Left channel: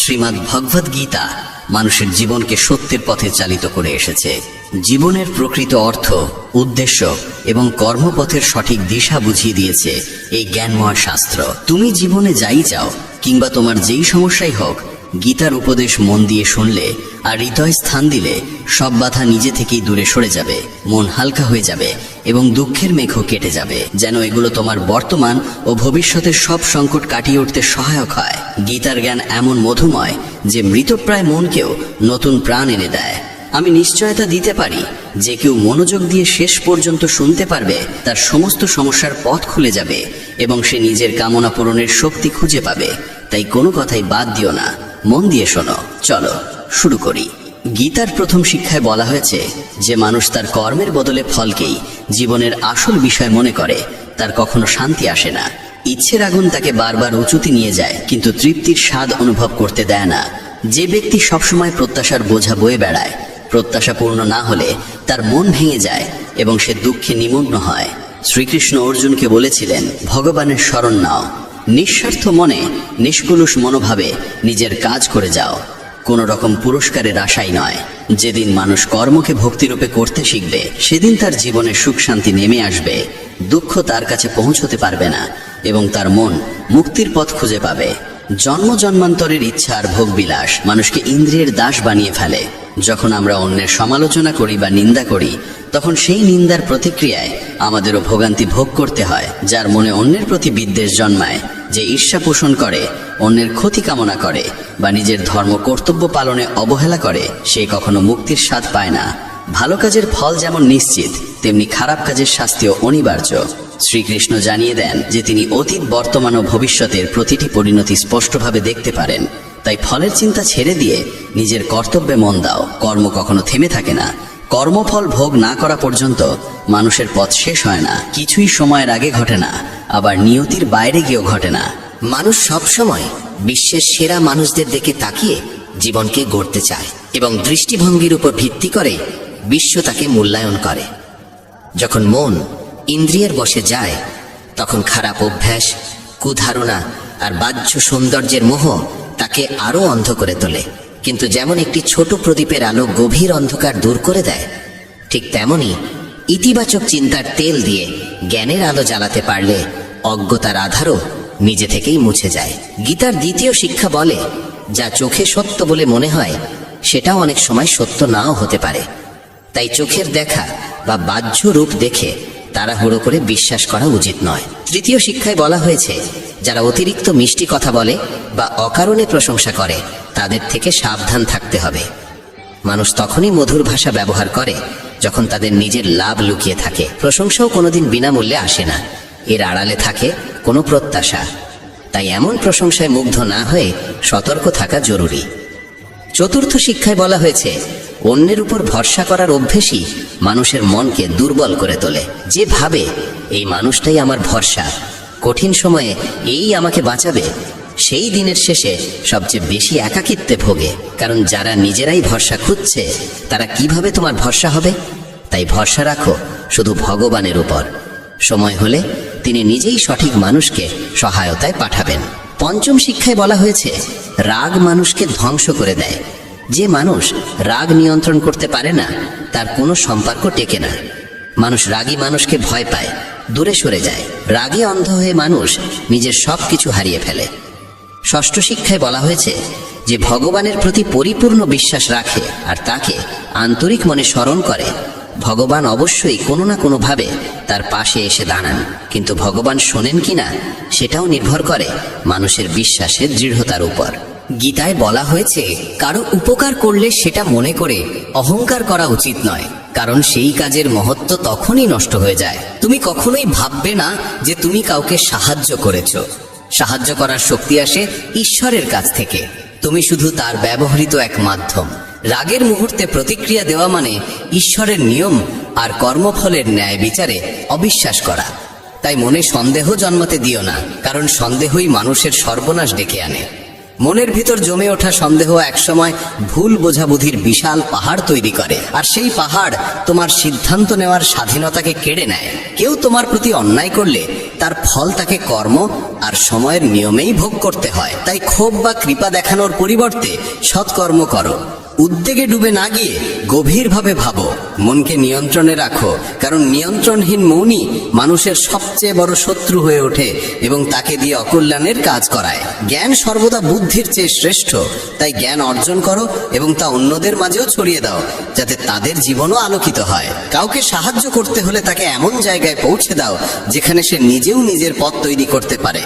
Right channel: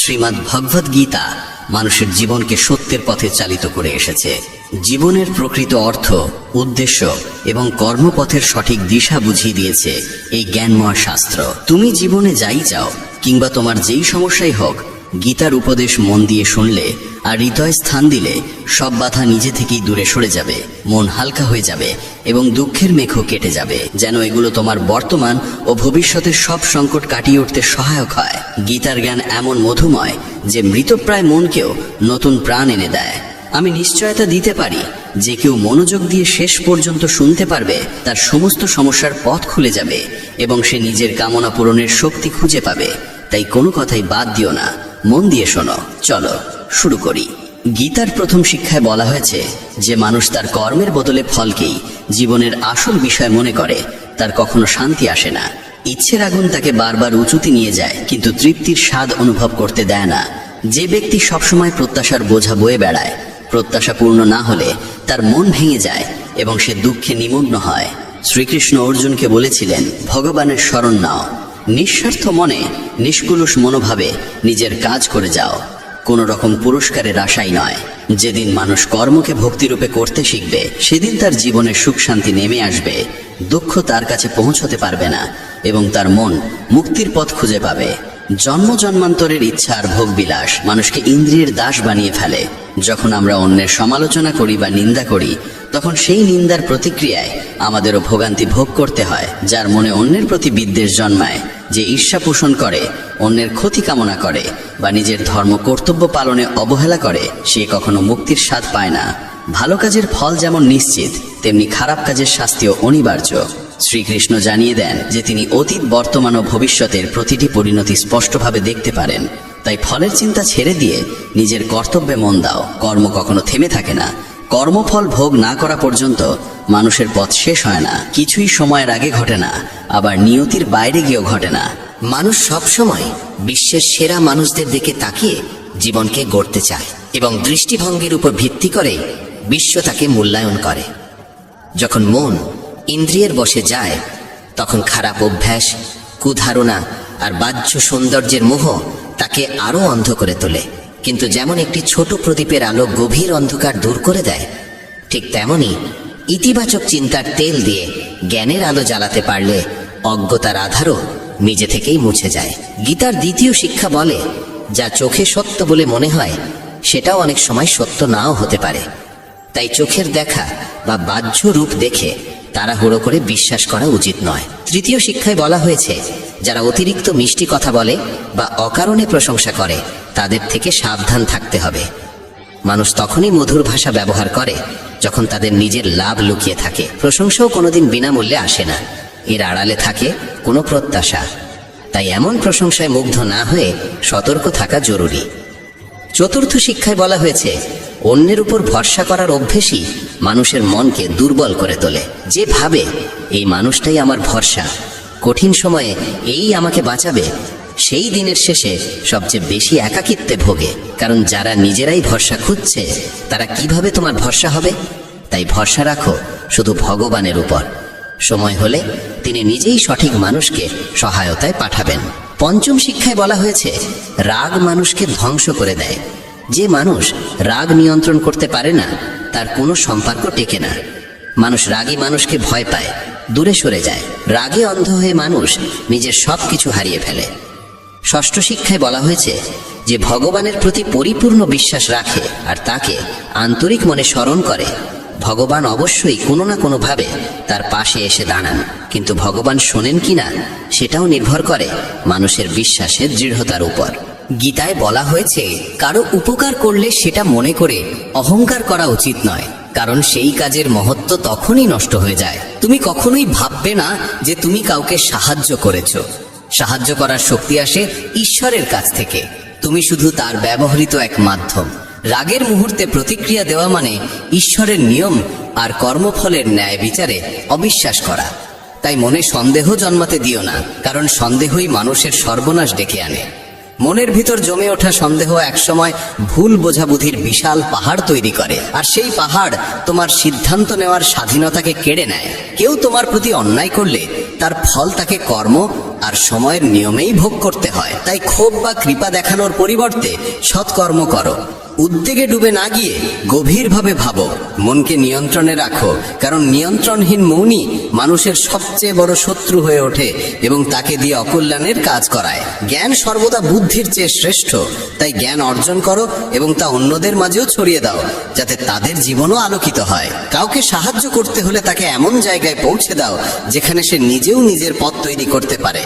শ্রীমদ্ ভগবদ গীতা মানুষের জীবনকে সত্যের পথে চালিত করে এসেছে। জীবনের প্রকৃত অর্থ, উদ্দেশ্য এবং কর্মপথের সঠিক দিশা বুঝিয়ে দিয়েছে এই জ্ঞানময় শাস্ত্র। তুমি জীবনে যাই চাও কিংবা তোমার যেই সমস্যাই হোক, গীতার উপদেশ মন দিয়ে শুনলে আর হৃদয় স্থান দিলে সব বাধা নিজে থেকেই দূরে সরে যাবে, মন হালকা হয়ে যাবে এবং দুঃখের মেঘও কেটে যাবে। যেন এগুলো তোমার বর্তমান ও ভবিষ্যতের সব সংকট কাটিয়ে উঠতে সহায়ক হয়। গীতার জ্ঞান এমন মধুময় যে মৃতপ্রায় মনকেও নতুন প্রাণ এনে দেয়। আমি নিশ্চয়তা দিতে পারি যে কেউ মনোযোগ দিয়ে শেষ পর্যন্ত শুনতে পারবে, তার সমস্ত সমস্যার পথ খুলে যাবে এবং সে নিজের কামনা পূরণের শক্তি খুঁজে পাবে। তাই কোনো কথাই বাদ দিও না, মন দিয়ে শোনো। চলো শুরু করি। গীতার প্রথম শিক্ষায় বলা হয়েছে যে মানুষ তার কর্মের বদলে ফলকেই জীবনের আসল বিষয় মনে করে, তার কখনো শান্তি আসে না। ইচ্ছের আগুন তাকে বারবার উঁচুতে নিয়ে যায়, কিন্তু তৃপ্তির স্বাদ অনুভব করতে দেয় না। যে ব্যক্তি সবসময় প্রত্যাশার বোঝা বয়ে বেড়ায়, প্রত্যাশা পূর্ণ না হলে তার মন ভেঙে যায় এবং সে দুঃখে নিমগ্ন হয়। শ্রীকৃষ্ণ অর্জুনকে বলেছিলেন, ভগবানের শরণ নাও, নিঃস্বার্থ মনে নিষ্কলুষ মনোভাবে নিজের কাজ করে যাও, কোনো রকম পুরস্কারের আশাই নয়। যেদিন মানুষ কর্মকে ভক্তিরূপে করতে শিখবে, সেদিন তার জীবনে সুখ শান্তি নেমে আসবে, দুঃখ তার কাছে পৌঁছতে পারবে না এবং তার মন মুক্তির পথ খুঁজে পাবে। জন্ম জন্মান্তরের ইচ্ছা আর ভোগবিলাস মানুষকে ইন্দ্রিয়ের দাস বানিয়ে ফেলে। যখন আমরা অন্যের সমালোচনা করি বা নিন্দা করি, তখন সেই নিন্দার প্রতিক্রিয়ায় আমাদেরও ভোগান্তি ভোগ করতে হয়। যার মনে অন্যের প্রতি বিদ্বেষ জন্মায়, যে ঈর্ষা পোষণ করে, অন্যের ক্ষতি কামনা করে বা নিজের ধর্ম কর্তব্য পালনে অবহেলা করে, সে কখনো মুক্তির স্বাদ পায় না। ভালো কাজের ফল যেমন নিশ্চিত, তেমনি খারাপ কাজের শাস্তিও অনিবার্য। শ্রীকৃষ্ণ জানিয়ে দেন যে তিনি অতীত, বর্তমান ও ভবিষ্যতের প্রতিটি পরিণতি স্পষ্টভাবে দেখতে পারেন। তাই ফলের চিন্তা ছেড়ে দিয়ে নিজের কর্তব্যে মন দাও। কর্ম কখনো থেমে থাকে না। কর্মফল ভোগ না করা পর্যন্ত মানুষের পথ শেষ হয় না। কিছুই সময়ের আগে ঘটে না, আবার নিয়তির বাইরে গিয়েও ঘটে না। মানুষ সবসময় বিশ্বের সেরা মানুষদের দিকে তাকিয়ে জীবনকে গড়তে চায় এবং দৃষ্টিভঙ্গির উপর ভিত্তি করে বিশ্ব তাকে মূল্যায়ন করে। যখন মন ইন্দ্রিয়ের বশে যায়, তখন খারাপ অভ্যাস, কুধারণা আর বাহ্য সৌন্দর্যের মোহ তাকে আরো অন্ধ করে তোলে। কিন্তু যেমন একটি ছোট প্রদীপের আলো গভীর অন্ধকার দূর করে দেয়, ঠিক তেমনি ইতিবাচক চিন্তার তেল দিয়ে জ্ঞানের আলো জ্বালাতে পারলে অজ্ঞতার আধারও নিজে থেকেই মুছে যায়। গীতার দ্বিতীয় শিক্ষা বলে, যা চোখে সত্য বলে মনে হয়, সেটাও অনেক সময় সত্য নাও হতে পারে। তাই চোখের দেখা বা বাহ্য রূপ দেখে তাড়াহুড়ো করে বিশ্বাস করা উচিত নয়। তৃতীয় শিক্ষায় বলা হয়েছে, যারা অতিরিক্ত মিষ্টি কথা বলে বা অকারণে প্রশংসা করে, তাদের থেকে সাবধান থাকতে হবে। মানুষ তখনই মধুর ভাষা ব্যবহার করে যখন তাদের নিজের লাভ লুকিয়ে থাকে। প্রশংসাও কোনোদিন বিনামূল্যে আসে না, এর আড়ালে থাকে কোনো প্রত্যাশা। তাই এমন প্রশংসায় মুগ্ধ না হয়ে সতর্ক থাকা জরুরি। চতুর্থ শিক্ষায় বলা হয়েছে, অন্যের উপর ভরসা করার অভ্যেসই মানুষের মনকে দুর্বল করে তোলে। যে ভাবে এই মানুষটাই আমার ভরসা, কঠিন সময়ে এই আমাকে বাঁচাবে, সেই দিনের শেষে সবচেয়ে বেশি একাকিত্বে ভোগে। কারণ যারা নিজেরাই ভরসা খুঁজছে, তারা কিভাবে তোমার ভরসা হবে? তাই ভরসা রাখো শুধু ভগবানের উপর। সময় হলে তিনি নিজেই সঠিক মানুষকে সহায়তায় পাঠাবেন। পঞ্চম শিক্ষায় বলা হয়েছে, রাগ মানুষকে ধ্বংস করে দেয়। যে মানুষ রাগ নিয়ন্ত্রণ করতে পারে না, তার কোনো সম্পর্ক টেকে না। মানুষ রাগী মানুষকে ভয় পায়, দূরে সরে যায়। রাগে অন্ধ হয়ে মানুষ নিজের সব কিছু হারিয়ে ফেলে। ষষ্ঠ শিক্ষায় বলা হয়েছে যে ভগবানের প্রতি পরিপূর্ণ বিশ্বাস রাখে আর তাকে আন্তরিক মনে স্মরণ করে, ভগবান অবশ্যই কোনো না কোনো ভাবে তার পাশে এসে দাঁড়ান। কিন্তু ভগবান শোনেন কিনা, সেটাও নির্ভর করে মানুষের বিশ্বাসের দৃঢ়তার উপর। গীতায় বলা হয়েছে, কারো উপকার করলে সেটা মনে করে অহংকার করা উচিত নয়, কারণ সেই কাজের মহত্ব তখনই নষ্ট হয়ে যায়। তুমি কখনোই ভাববে না যে তুমি কাউকে সাহায্য করেছো। সাহায্য করার শক্তি আসে ঈশ্বরের কাছ থেকে, তুমি শুধু তার ব্যবহৃত এক মাধ্যম। রাগের মুহূর্তে প্রতিক্রিয়া দেওয়া মানে ঈশ্বরের নিয়ম আর কর্মফলের ন্যায় বিচারে অবিশ্বাস করা। তাই মনে সন্দেহ জন্মাতে দিও না, কারণ সন্দেহই মানুষের সর্বনাশ ডেকে আনে। মনের ভিতর জমে ওঠা সন্দেহ একসময় ভুল বোঝাবুঝির বিশাল পাহাড় তৈরি করে, আর সেই পাহাড় তোমার সিদ্ধান্ত নেওয়ার স্বাধীনতাকে কেড়ে নেয়। কেউ তোমার প্রতি অন্যায় করলে তার ফল তাকে কর্ম আর সময়ের নিয়মেই ভোগ করতে হয়। তাই ক্ষোভ বা কৃপা দেখানোর পরিবর্তে সৎকর্ম করো। উদ্বেগে ডুবে না গিয়ে গভীরভাবে ভাবো, মনকে নিয়ন্ত্রণে রাখো, কারণ নিয়ন্ত্রণহীন মনই মানুষের সবচেয়ে বড় শত্রু হয়ে ওঠে এবং তাকে দিয়ে অকল্যাণের কাজ করায়। জ্ঞান সর্বদা বুদ্ধির চেয়ে শ্রেষ্ঠ, তাই জ্ঞান অর্জন করো এবং তা অন্যদের মাঝেও ছড়িয়ে দাও, যাতে তাদের জীবনও আলোকিত হয়। কাউকে সাহায্য করতে হলে তাকে এমন জায়গায় পৌঁছে দাও যেখানে সে নিজেও নিজের পথ তৈরি করতে পারে।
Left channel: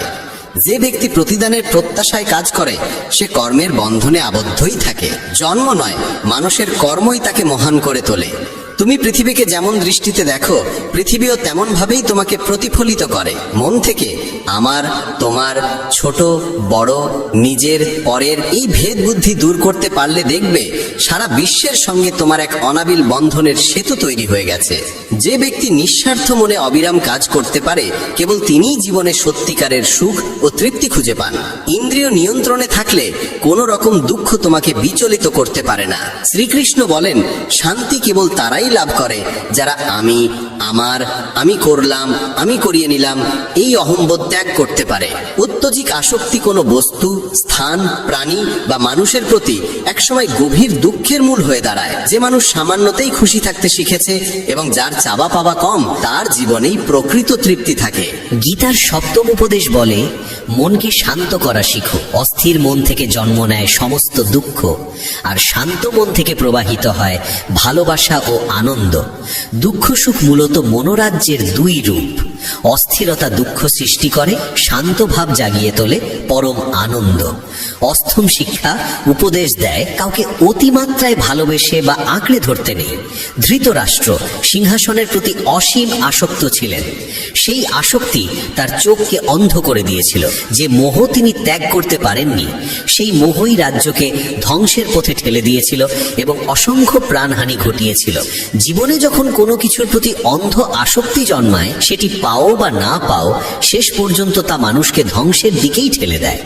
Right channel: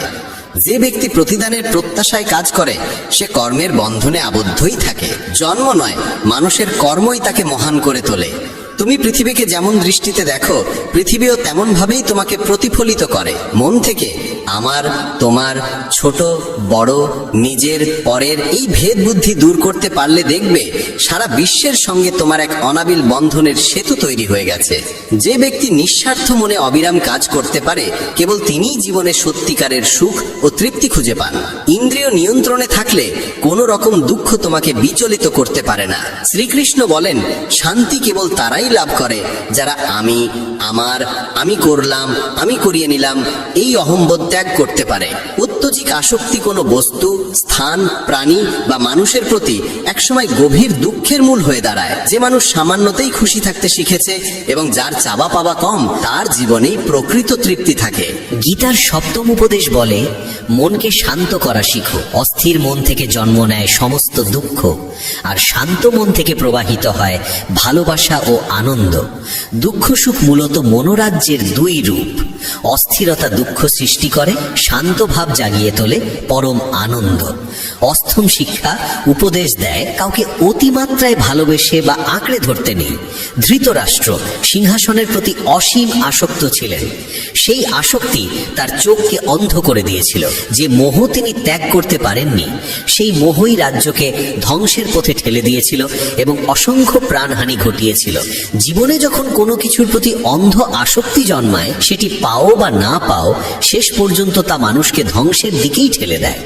যে ব্যক্তি প্রতিদানের প্রত্যাশায় কাজ করে সে কর্মের বন্ধনে আবদ্ধই থাকে। জন্ম নয়, মানুষের কর্মই তাকে মহান করে তোলে। তুমি পৃথিবীকে যেমন দৃষ্টিতে দেখো, পৃথিবীও তেমন ভাবেই তোমাকে প্রতিফলিত করে। মন থেকে আমার, তোমার, ছোট বড়, নিজের, পরের এই ভেদ বুদ্ধি দূর করতে পারলে দেখবে সারা বিশ্বের সঙ্গে তোমার এক অনাবিল বন্ধনের সেতু তৈরি হয়ে গেছে। যে ব্যক্তি নিঃস্বার্থ মনে অবিরাম কাজ করতে পারে, কেবল তিনিই জীবনে সত্যিকারের সুখ ও তৃপ্তি খুঁজে পান। ইন্দ্রিয় নিয়ন্ত্রণে থাকলে কোনো রকম দুঃখ তোমাকে বিচলিত করতে পারে না। শ্রীকৃষ্ণ বলেন, শান্তি কেবল তারাই লাভ করে যারা আমি, আমার, আমি করলাম, আমি করিয়ে নিলাম এই অহংবোধ ত্যাগ করতে পারে। অত্যধিক আসক্তি কোনো বস্তু, স্থান, প্রাণী বা মানুষের প্রতি একসময় গভীর দুঃখের মূল হয়ে দাঁড়ায়। যে মানুষ সামান্যতেই খুশি থাকতে শিখেছে এবং যার চাওয়া পাওয়া কম, তার জীবনেই প্রকৃত তৃপ্তি থাকে। গীতার সপ্তম উপদেশ বলে, মনকে শান্ত করা শিখো। অস্থির মন থেকে জন্ম নেয় সমস্ত দুঃখ, আর শান্ত মন থেকে প্রবাহিত হয় ভালোবাসা ও আনন্দ। দুঃখ সুখ মূলত মনোরাজ্যের দুই রূপ। অস্থিরতা দুঃখ সৃষ্টি করে, শান্ত ভাব জাগিয়ে তোলে পরম আনন্দ। অষ্টম শিক্ষা উপদেশ দেয়, কাউকে অতিমাত্রায় ভালোবেসে বা আঁকড়ে ধরতে নেই। ধৃতরাষ্ট্র সিংহাসনের প্রতি অসীম আসক্ত ছিলেন। সেই আসক্তি তার চোখকে অন্ধ করে দিয়েছিল। যে মোহ তিনি ত্যাগ করতে পারেননি, সেই মোহই রাজ্যকে ধ্বংসের পথে ঠেলে দিয়েছিল এবং অসংখ্য প্রাণহানি ঘটিয়েছিল। জীবনে যখন কোনো কিছুর প্রতি অন্ধ আসক্তি জন্মায়, সেটি পাও বা না পাও, শেষ পর্যন্ত তা মানুষকে ধ্বংসের দিকেই ঠেলে দেয়।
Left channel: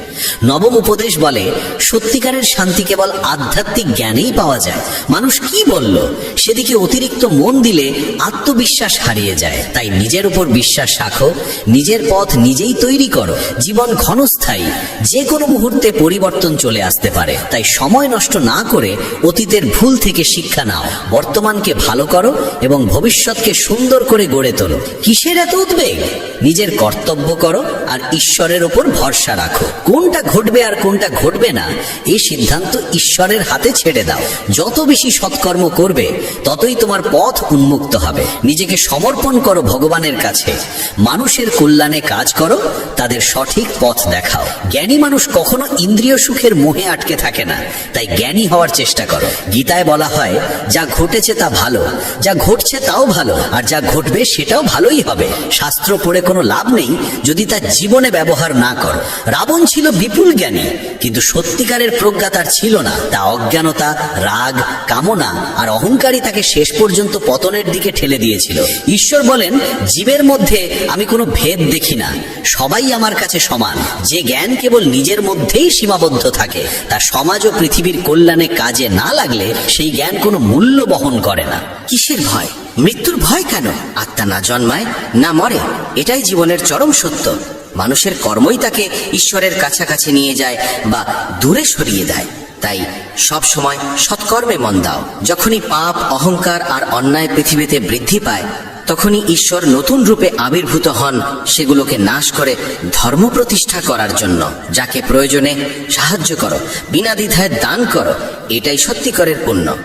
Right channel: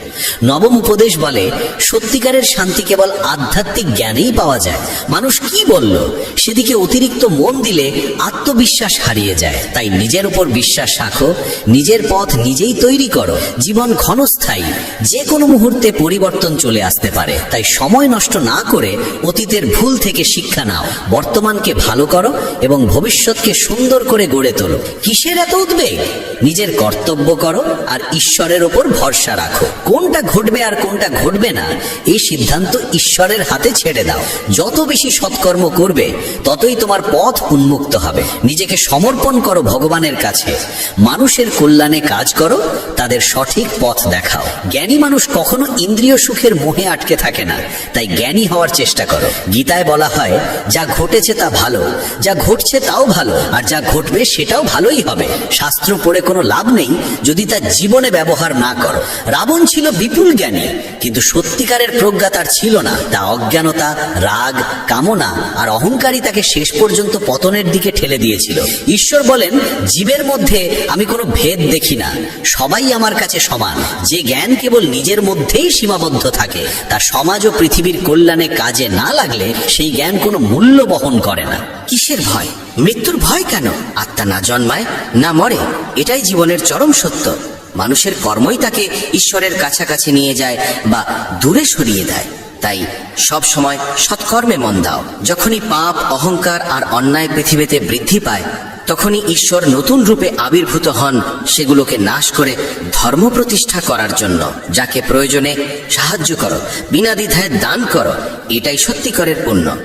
নবম উপদেশ বলে, সত্যিকারের শান্তি কেবল আধ্যাত্মিক জ্ঞানেই পাওয়া যায়। মানুষ কি বলল সেদিকে অতিরিক্ত মন দিলে আত্মবিশ্বাস হারিয়ে যায়। তাই নিজের উপর বিশ্বাস রাখো, নিজের পথ নিজেই তৈরি করো। জীবন ক্ষণস্থায়ী, যে কোনো মুহূর্তে পরিবর্তন চলে আসতে পারে। তাই সময় নষ্ট না করে অতীতের ভুল থেকে শিক্ষা নাও, বর্তমানকে ভালো করো এবং ভবিষ্যৎকে সুন্দর করে গড়ে তোলো। কিসের এত উদ্বেগ? নিজের কর্তব্য করো আর ঈশ্বরের ওপর ভরসা রাখো। কোনটা ঘটবে আর কোনটা ঘটবে না, এই সিদ্ধান্ত ঈশ্বরের হাতে ছেড়ে দাও। যত বেশি সৎকর্ম করবে, ততই তোমার পথ উন্মুক্ত হবে। নিজেকে সমর্পণ করো ভগবানের কাছে। মানুষের কল্যাণে কাজ করো, তাদের সঠিক পথ দেখাও। জ্ঞানী মানুষ কখনো ইন্দ্রিয় সুখের মোহে আটকে থাকে না। তাই জ্ঞানী হওয়ার চেষ্টা করো। গীতায় বলা হয়, যা ঘটেছে তা ভালো, যা ঘটছে তাও ভালো, আর যা ঘটবে সেটাও ভালোই হবে। শাস্ত্র পড়ে কোনো লাভ নেই যদি তা জীবনে ব্যবহার না করো। রাবণ ছিল বিপুল জ্ঞানী, কিন্তু সত্যিকারের প্রজ্ঞা তার ছিল না। তা অজ্ঞানতা, রাগ, কামনা আর অহংকারই তাকে শেষ পর্যন্ত পতনের দিকে ঠেলে দিয়েছিল। ঈশ্বর বলেন, জীবের মধ্যে আমি কোনো ভেদ দেখি না, সবাই আমার কাছে সমান। যে জ্ঞান কেবল নিজের মধ্যেই সীমাবদ্ধ থাকে, তা সমাজ ও পৃথিবীর কল্যাণে কাজে না লাগলে সেই জ্ঞান কোনো মূল্য বহন করে না। কিসের ভয়? মৃত্যুর ভয় কেন? আত্মা না জন্মায় না মরে, এটাই জীবনের চরম সত্য। মানুষের কর্মই তাকে ঈশ্বরের কাছাকাছি নিয়ে যায় বা দূরে সরিয়ে দেয়। তাই সব সময় সৎকর্মে মন দাও। যখনই পাপ, অহংকার আর অন্যায় পৃথিবীতে বৃদ্ধি পায়, তখনই ঈশ্বর নতুন রূপে আবির্ভূত হন সেগুলোকে নাশ করে ধর্ম প্রতিষ্ঠা করার জন্য। যাকে প্রয়োজনে সাহায্য করো, বিনা দ্বিধায় দান করো, এটাই সত্যিকারের পুণ্য।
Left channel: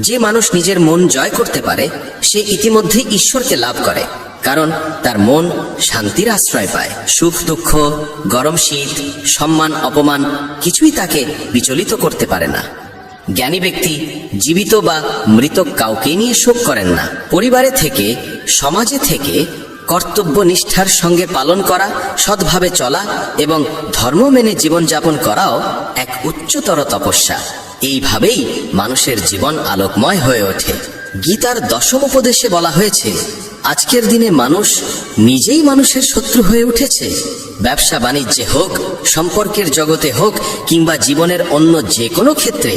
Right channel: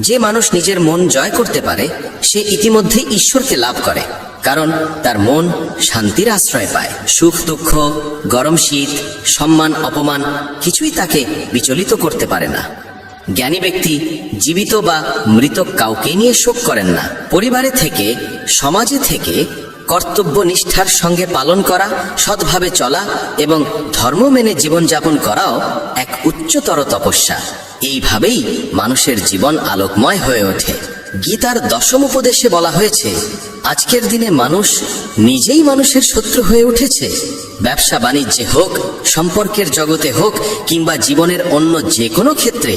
যে মানুষ নিজের মন জয় করতে পারে, সে ইতিমধ্যে ঈশ্বরকে লাভ করে, কারণ তার মন শান্তির আশ্রয় পায়। সুখ দুঃখ, গরম শীত, সম্মান অপমান কিছুই তাকে বিচলিত করতে পারে না। জ্ঞানী ব্যক্তি জীবিত বা মৃত কাউকে নিয়ে শোক করেন না। পরিবারে থেকে, সমাজে থেকে কর্তব্য নিষ্ঠার সঙ্গে পালন করা, সৎভাবে চলা এবং ধর্ম মেনে জীবনযাপন করাও এক উচ্চতর তপস্যা। এইভাবেই মানুষের জীবন আলোকময় হয়ে ওঠে। গীতার দশম উপদেশে বলা হয়েছে, আজকের দিনে মানুষ নিজেই মানুষের শত্রু হয়ে উঠেছে। ব্যবসা বাণিজ্যে হোক, সম্পর্কের জগতে হোক কিংবা জীবনের অন্য যে কোনো ক্ষেত্রে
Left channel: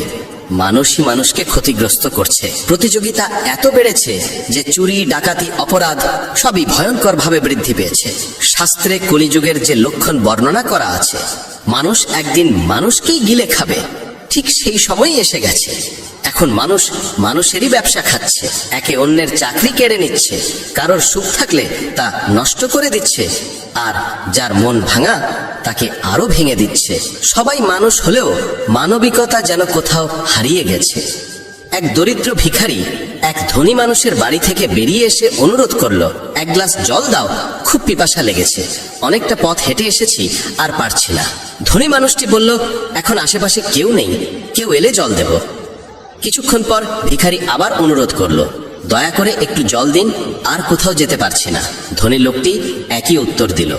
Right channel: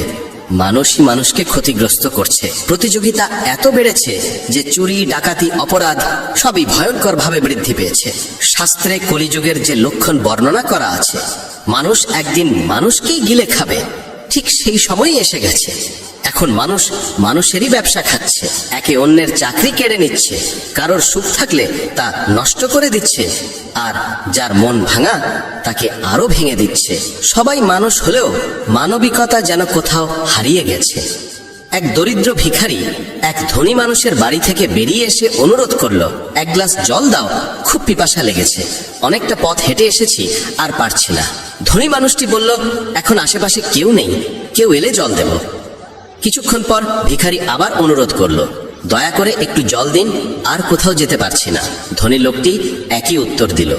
মানুষই মানুষকে ক্ষতিগ্রস্ত করছে। প্রতিযোগিতা এত বেড়েছে যে চুরি, ডাকাতি, অপরাধ সবই ভয়ঙ্করভাবে বৃদ্ধি পেয়েছে। শাস্ত্রে কলিযুগের যে লক্ষণ বর্ণনা করা আছে, মানুষ একদিন মানুষকেই গিলে খাবে, ঠিক সেই সময়ই এসে গেছে। এখন মানুষ মানুষেরই ব্যবসা খাচ্ছে, একে অন্যের চাকরি কেড়ে নিচ্ছে, কারোর সুখ থাকলে তা নষ্ট করে দিচ্ছে, আর যার মন ভাঙা তাকে আরো ভেঙে দিচ্ছে। সবাই মানুষ হলেও মানবিকতা যেন কোথাও হারিয়ে গেছে। এক দরিদ্র ভিখারি এক ধনী মানুষের বাড়ি থেকে বেরিয়ে এসে অনুরোধ করলো, এক গ্লাস জল দাও, খুব পিপাসা লেগেছে, অনেকটা পথ হেঁটে এসেছি, আর পারছি না। ধনী মানুষটি বলল, এখন আশেপাশে কেউ নেই, কেউ এলে জল দেব। কিছুক্ষণ পর ভিখারি আবার অনুরোধ করলো, দয়া করে একটু জল দিন, আর কোথাও যেতে পারছি না। ধনী লোকটি একই উত্তর দিল,